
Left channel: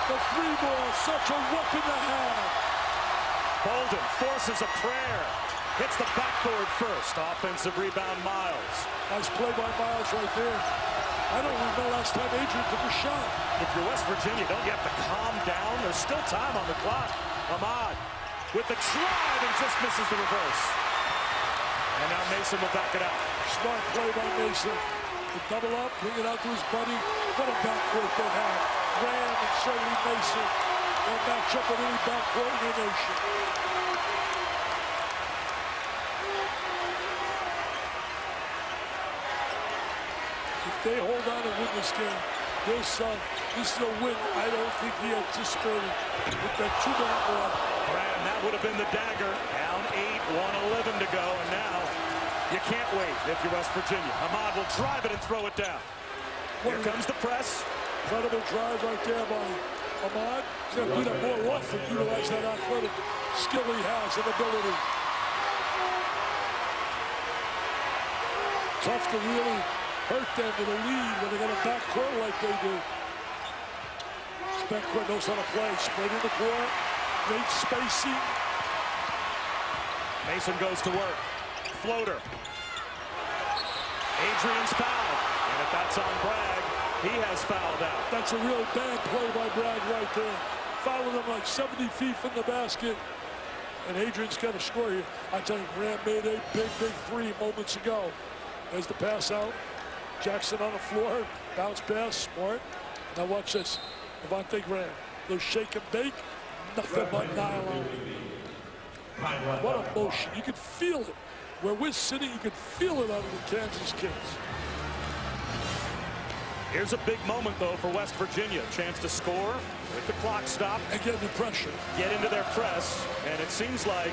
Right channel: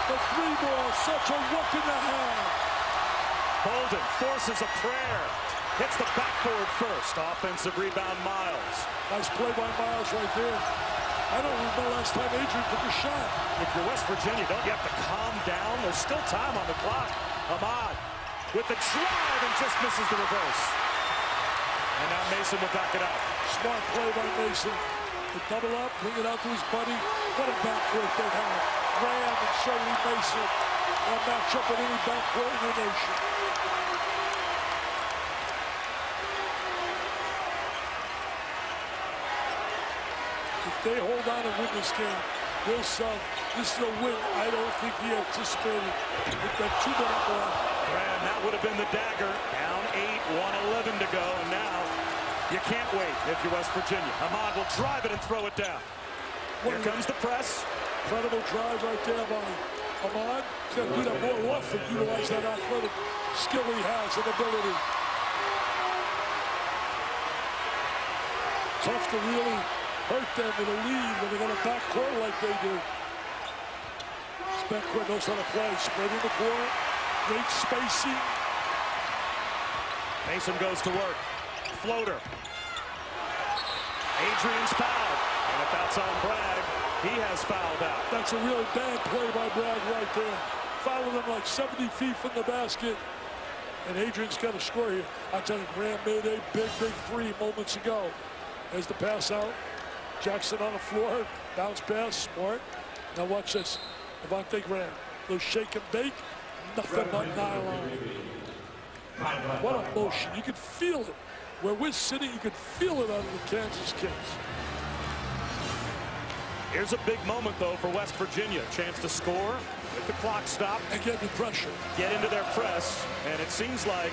The three ball, such a weapon to have. Bolden forces a prayer. Hits the backboard first. Offensive rebound, Miles. Nice play by Miles right there. I don't remember the last time Adrian took a shot. If you're West Virginia, don't you have to calm down? There's still time on the clock. Ahmad with the drive and just misses the reverse. And now Mason will back it out. Smart play by Mason. The double up, bring it out to his buddy. What a backcourt they have. Graham and Shirley Mason. They'll match up with any backcourt in the nation. If they hold on and win this game, Bill Self, this is a win I don't think he anticipated with that 2-minute run. Graham, that would have been the dagger. Down 8, 1:11 to go, and now you can't wait if you're West Virginia. Ahmad will drive it and throw it down. Here comes the press. Incredible drive right there by Ahmad. He's got to do that more often, utilize that athletic skill he has and ability. Tough to really hurt them with a lead when they got a backcourt like they do. This backcourt knows how to play. Spreading the court, great spacing. Mason goes to work. Floater. Adrian's fouled. And if that's on Bragg, he has fouled out. That's a really bad play by Bragg right there. Fouling him like 70 feet from the basket. And Adrian's got to score here. I tell you, Graham made a big three moments ago. There's the pass out. Jackson on the floor. Bounce pass. Smart. Now watch this. Devontae Graham. Little shake and bake. Nothing but nylon. What a motion. You can feel it. Where we're sitting, you can feel it out of the Kansas kids. Here's a big moment, though, for West Virginia. Chance to score with the clock stopped. And get the pressure. Get into their press. And it seems like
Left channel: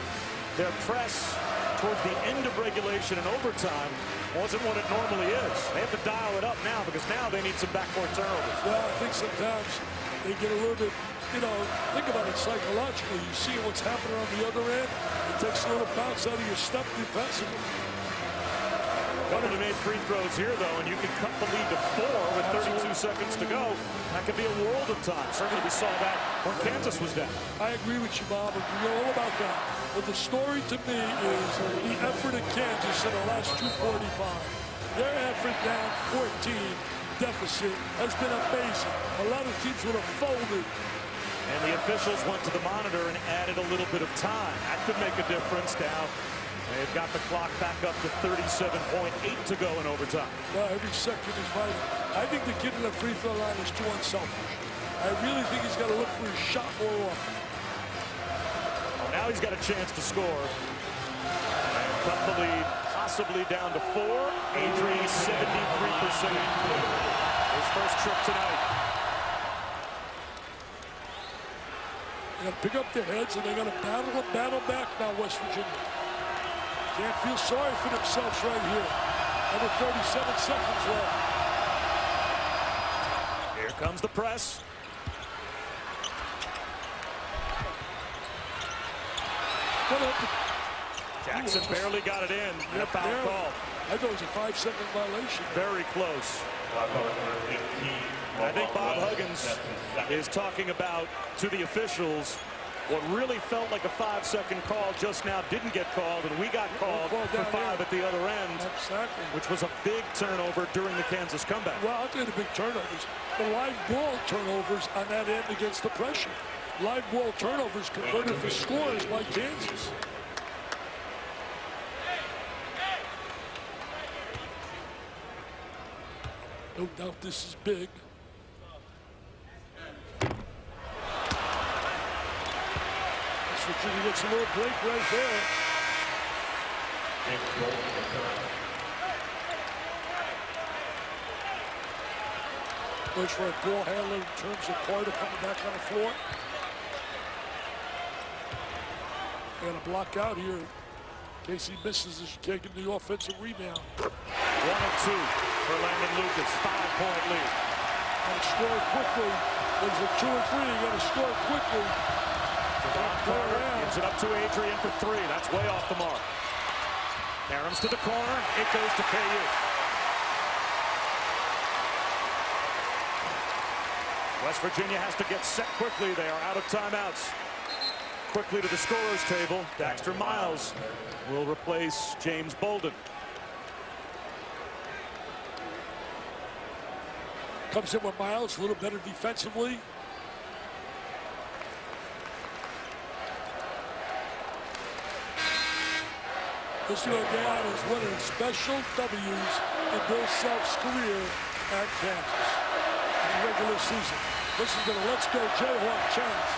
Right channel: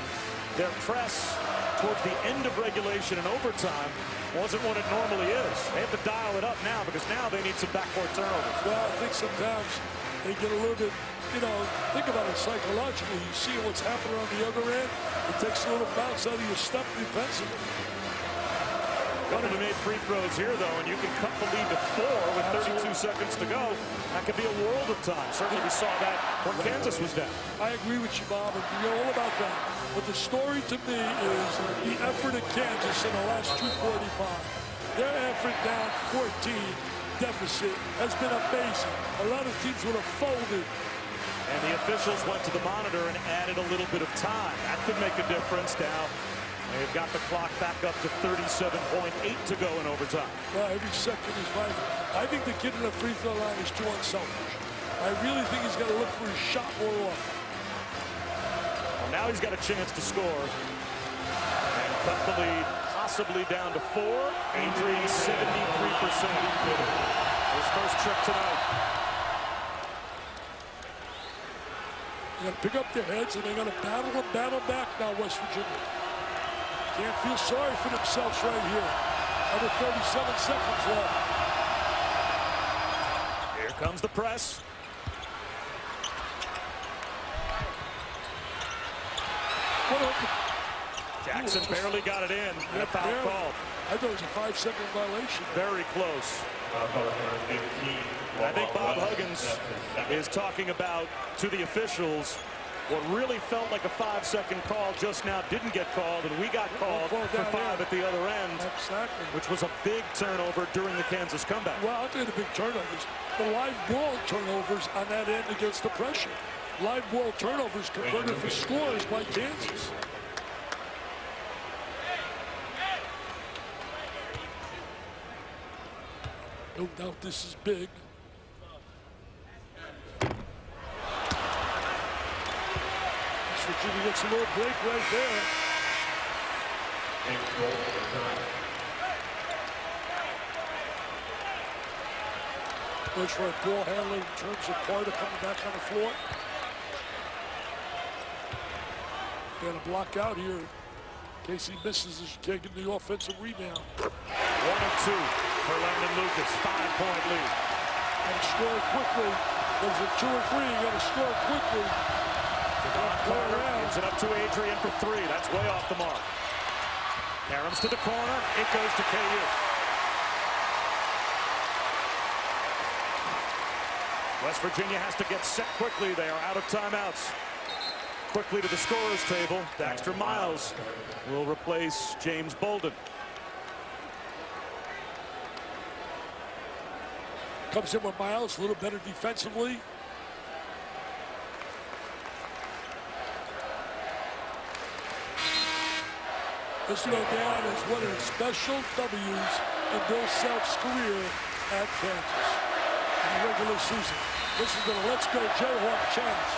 their press towards the end of regulation and overtime wasn't what it normally is. They have to dial it up now because now they need some backcourt turnovers. Well, I think sometimes they get a little bit, you know, think about it psychologically. You see what's happening on the other end. It takes a little bounce out of your step defensively. Couple of made free throws here, though, and you can cut the lead to 4 with 32 seconds to go. That could be a world of time. Certainly we saw that when Kansas was down. I agree with you, Bob, and we know all about that. But the story to me is the effort of Kansas in the last 2:45. Their effort down 14 deficit has been amazing. A lot of teams would have folded. And the officials went to the monitor and added a little bit of time. That could make a difference. Now they've got the clock back up to 37.8 to go in overtime. Well, every second is vital. I think the kid in the free throw line is too unselfish. I really think he's got to look for his shot more often. Well, now he's got a chance to score. And cut the lead possibly down to 4. Adrian 73%. His first trip tonight. They got to pick up their heads, and they got to battle back now, West Virginia. Can't feel sorry for themselves right here. Under 37 seconds left. Here comes the press. Jackson barely got it in, and a foul called. I thought it was a 5-second violation. Very close. And I think Bob Huggins is talking about, to the officials, what really felt like a 5-second call just now didn't get called, and we got called for 5 at the other end. Exactly. Which was a big turnover during the Kansas comeback. Well, I'll tell you the big turnovers. The live ball turnovers on that end against the pressure. Live ball turnovers converted for scores by Kansas. No doubt this is big. West Virginia gets a little break right there. Goes for a ball handler in terms of Carter coming back on the floor. They got a block out here in case he misses as taking the offensive rebound. 1 of 2 for Landon Lucas, 5-point lead. Got to score quickly. Was it 2 or 3? You got to score quickly. Devon Carter gives it up to Adrian for 3. That's way off the mark. Karams to the corner. It goes to KU. West Virginia has to get set quickly. They are out of timeouts. Quickly to the scorer's table. Daxter Miles will replace James Bolden. Comes in with Miles, a little better defensively. This will go down as one of the special W's in Bill Self's career at Kansas in the regular season. This is the Let's Go Jayhawk chance.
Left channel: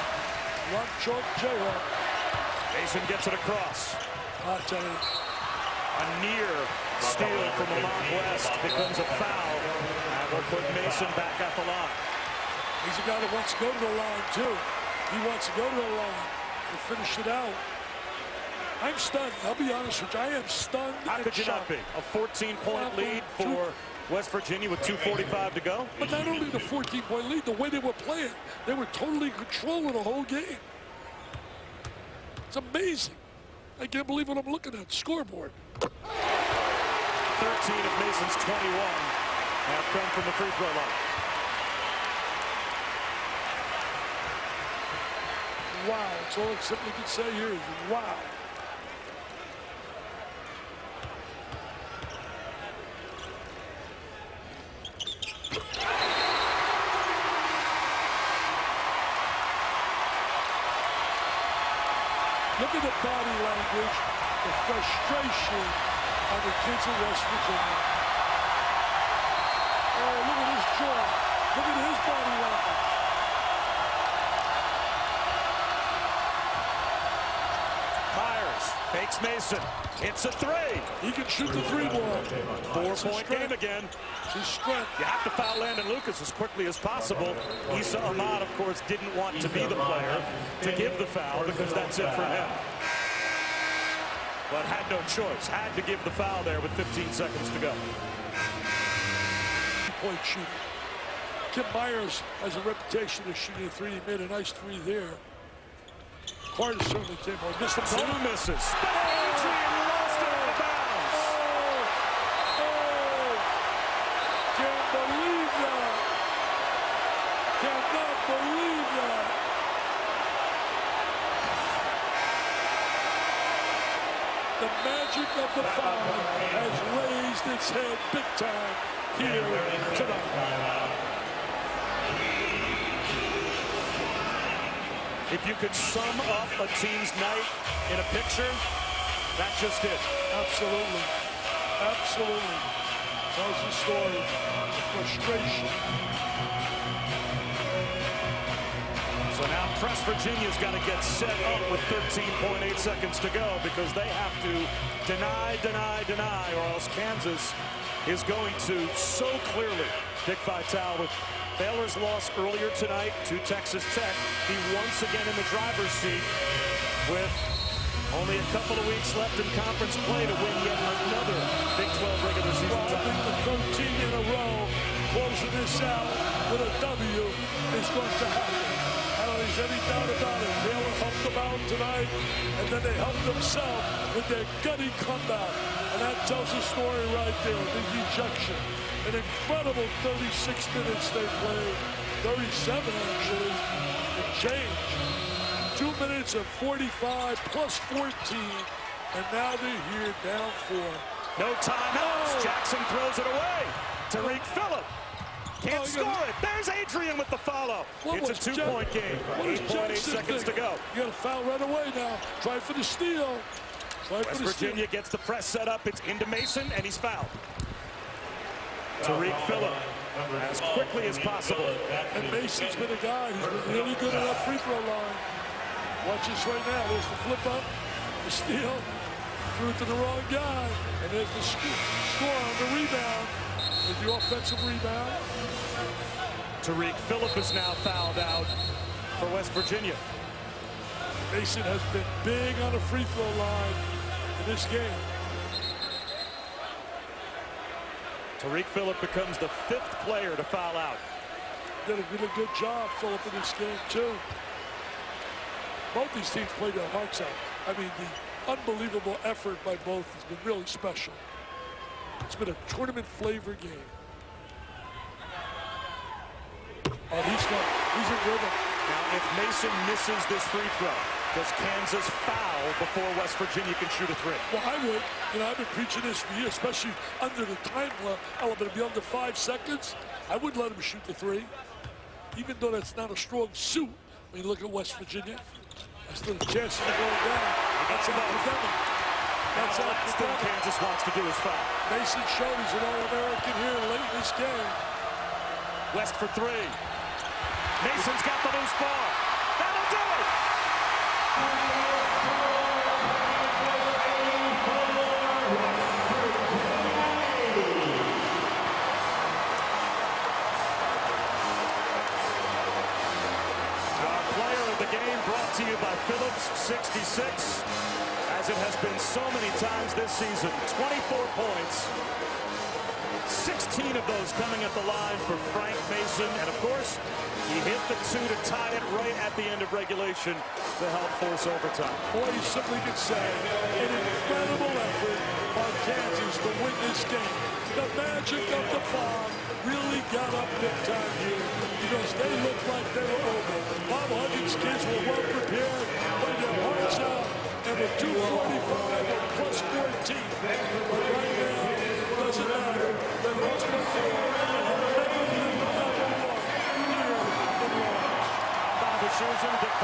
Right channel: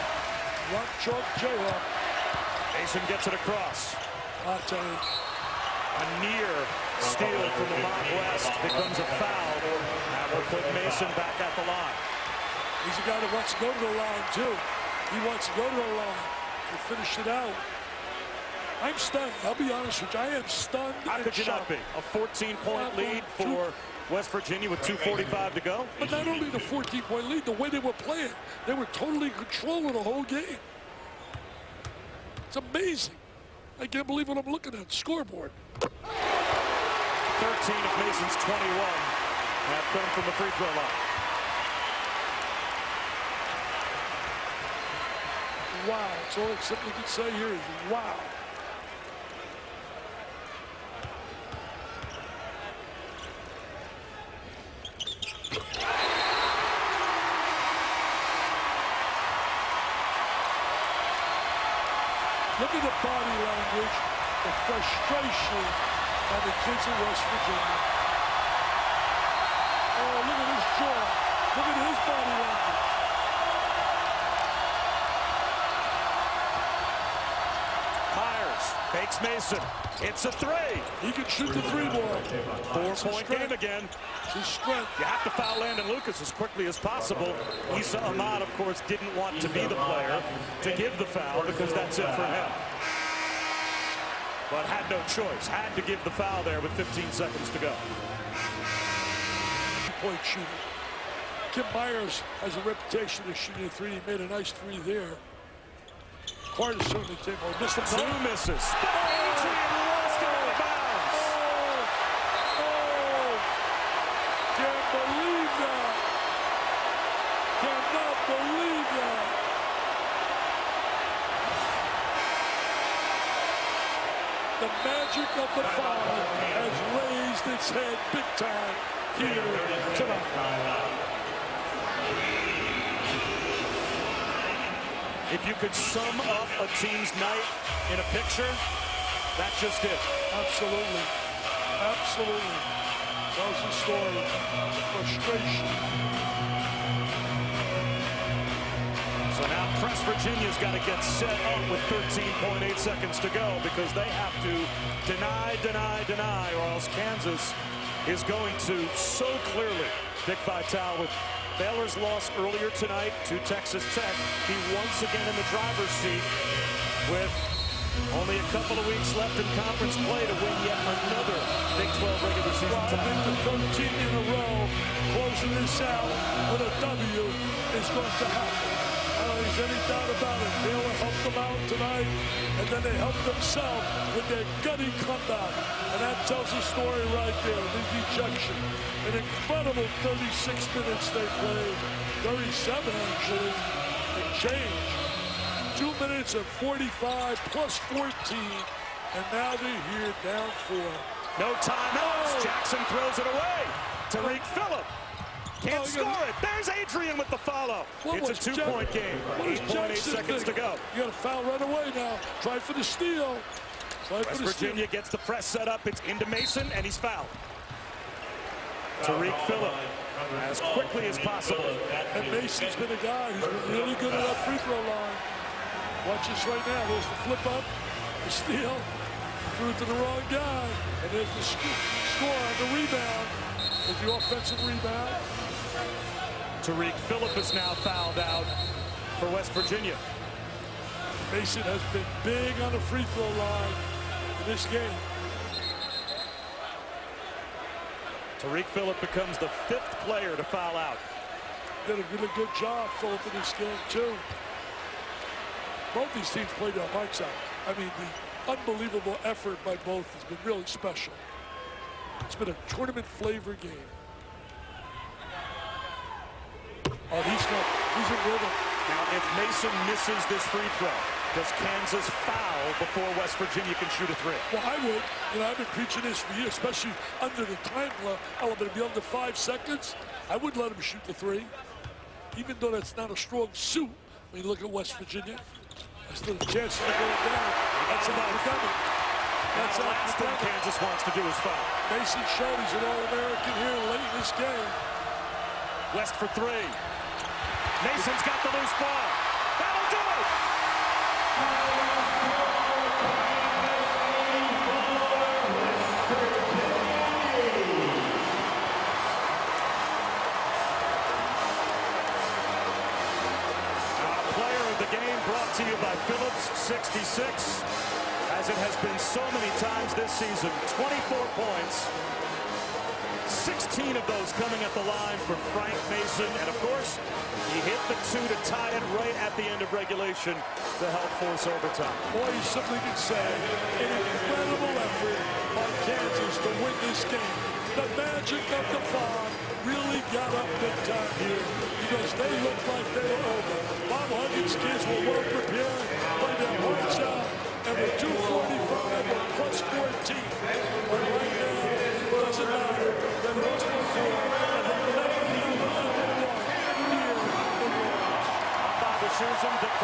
Run chalk Jayhawk. Mason gets it across. I'll tell you. A near steal from Lamont West becomes a foul. And will put Mason back at the line. He's a guy that wants to go to the line, too. He wants to go to the line and finish it out. I'm stunned. I'll be honest with you. I am stunned. How could you not be? A 14-point lead for West Virginia with 2:45 to go. But not only the 14-point lead, the way they were playing, they were totally in control of the whole game. It's amazing. I can't believe what I'm looking at. Scoreboard. 13 of Mason's 21 have come from the free throw line. Wow. That's all I simply can say here is wow. Look at the body language, the frustration on the kids in West Virginia. Oh, look at his jaw. Look at his body language. Myers fakes Mason. It's a three. He can shoot the three ball. 4-point game again. It's his strength. You have to foul Landon Lucas as quickly as possible. Issa Ahmad, of course, didn't want to be the player to give the foul because that's it for him. But had no choice. Had to give the foul there with 15 seconds to go. Point shooter. Kim Myers has a reputation of shooting a three. He made a nice three there. Carter certainly came on. Missed him. Two misses. Adrian lost it out of bounds. Oh! Can't believe that. Cannot believe that. The magic of the five has raised its head big time here tonight. If you could sum up a team's night in a picture, that's just it. Absolutely. Absolutely. Tells the story. The frustration. So now Press Virginia's got to get set up with 13.8 seconds to go because they have to deny, or else Kansas is going to so clearly. Dick Vitale with Baylor's loss earlier tonight to Texas Tech. Be once again in the driver's seat with only a couple of weeks left in conference play to win yet another Big 12 regular season title. I think the 13 in a row, closing this out with a W, is going to happen. I don't think there's any doubt about it. Baylor helped them out tonight, and then they helped themselves with their gutty comeback. And that tells the story right there, the ejection. An incredible 36 minutes they played, 37 actually, and change. 2 minutes and 45 plus 14, and now they're here down 4. No timeouts. Jackson throws it away. Tariq Phillip can't score it. There's Adrian with the follow. It's a 2-point game. 8.8 seconds to go. You got a foul right away now. Try for the steal. West Virginia gets the press set up. It's into Mason, and he's fouled. Tariq Phillip as quickly as possible. And Mason's been a guy who's been really good at that free throw line. Watch this right now. There's the flip up, the steal, threw it to the wrong guy, and there's the score on the rebound. There's the offensive rebound. Tariq Phillip is now fouled out for West Virginia. Mason has been big on the free throw line in this game. Tariq Phillip becomes the 5th player to foul out. Did a really good job, Phillip, in this game, too. Both these teams played their hearts out. I mean, unbelievable effort by both has been really special. It's been a tournament flavor game. Oh, he's in rhythm. Now, if Mason misses this free throw, does Kansas foul before West Virginia can shoot a three? Well, I would. You know, I've been preaching this for years, especially under the time element, be under 5 seconds. I would let him shoot the three, even though that's not a strong suit. When you look at West Virginia, I still have chances of going down. That's academic. Now, the last thing Kansas wants to do is foul. Mason showed he's an All-American here late in this game. West for three. Mason's got the loose ball. That'll do it. Our player of the game brought to you by Phillips 66. As it has been so many times this season, 24 points. 16 of those coming at the line for Frank Mason. And, of course, he hit the two to tie it right at the end of regulation to help force overtime. Boy, you simply could say an incredible effort by Kansas to win this game. The magic of the fog really got up big time here because they looked like they were over. Bob Huggins' kids were well prepared, played their hearts out, and with 245 or plus 14. But right now, doesn't matter. They lost by 4 and have never, ever, ever won here in Lawrence. I'm Bob Wischusen.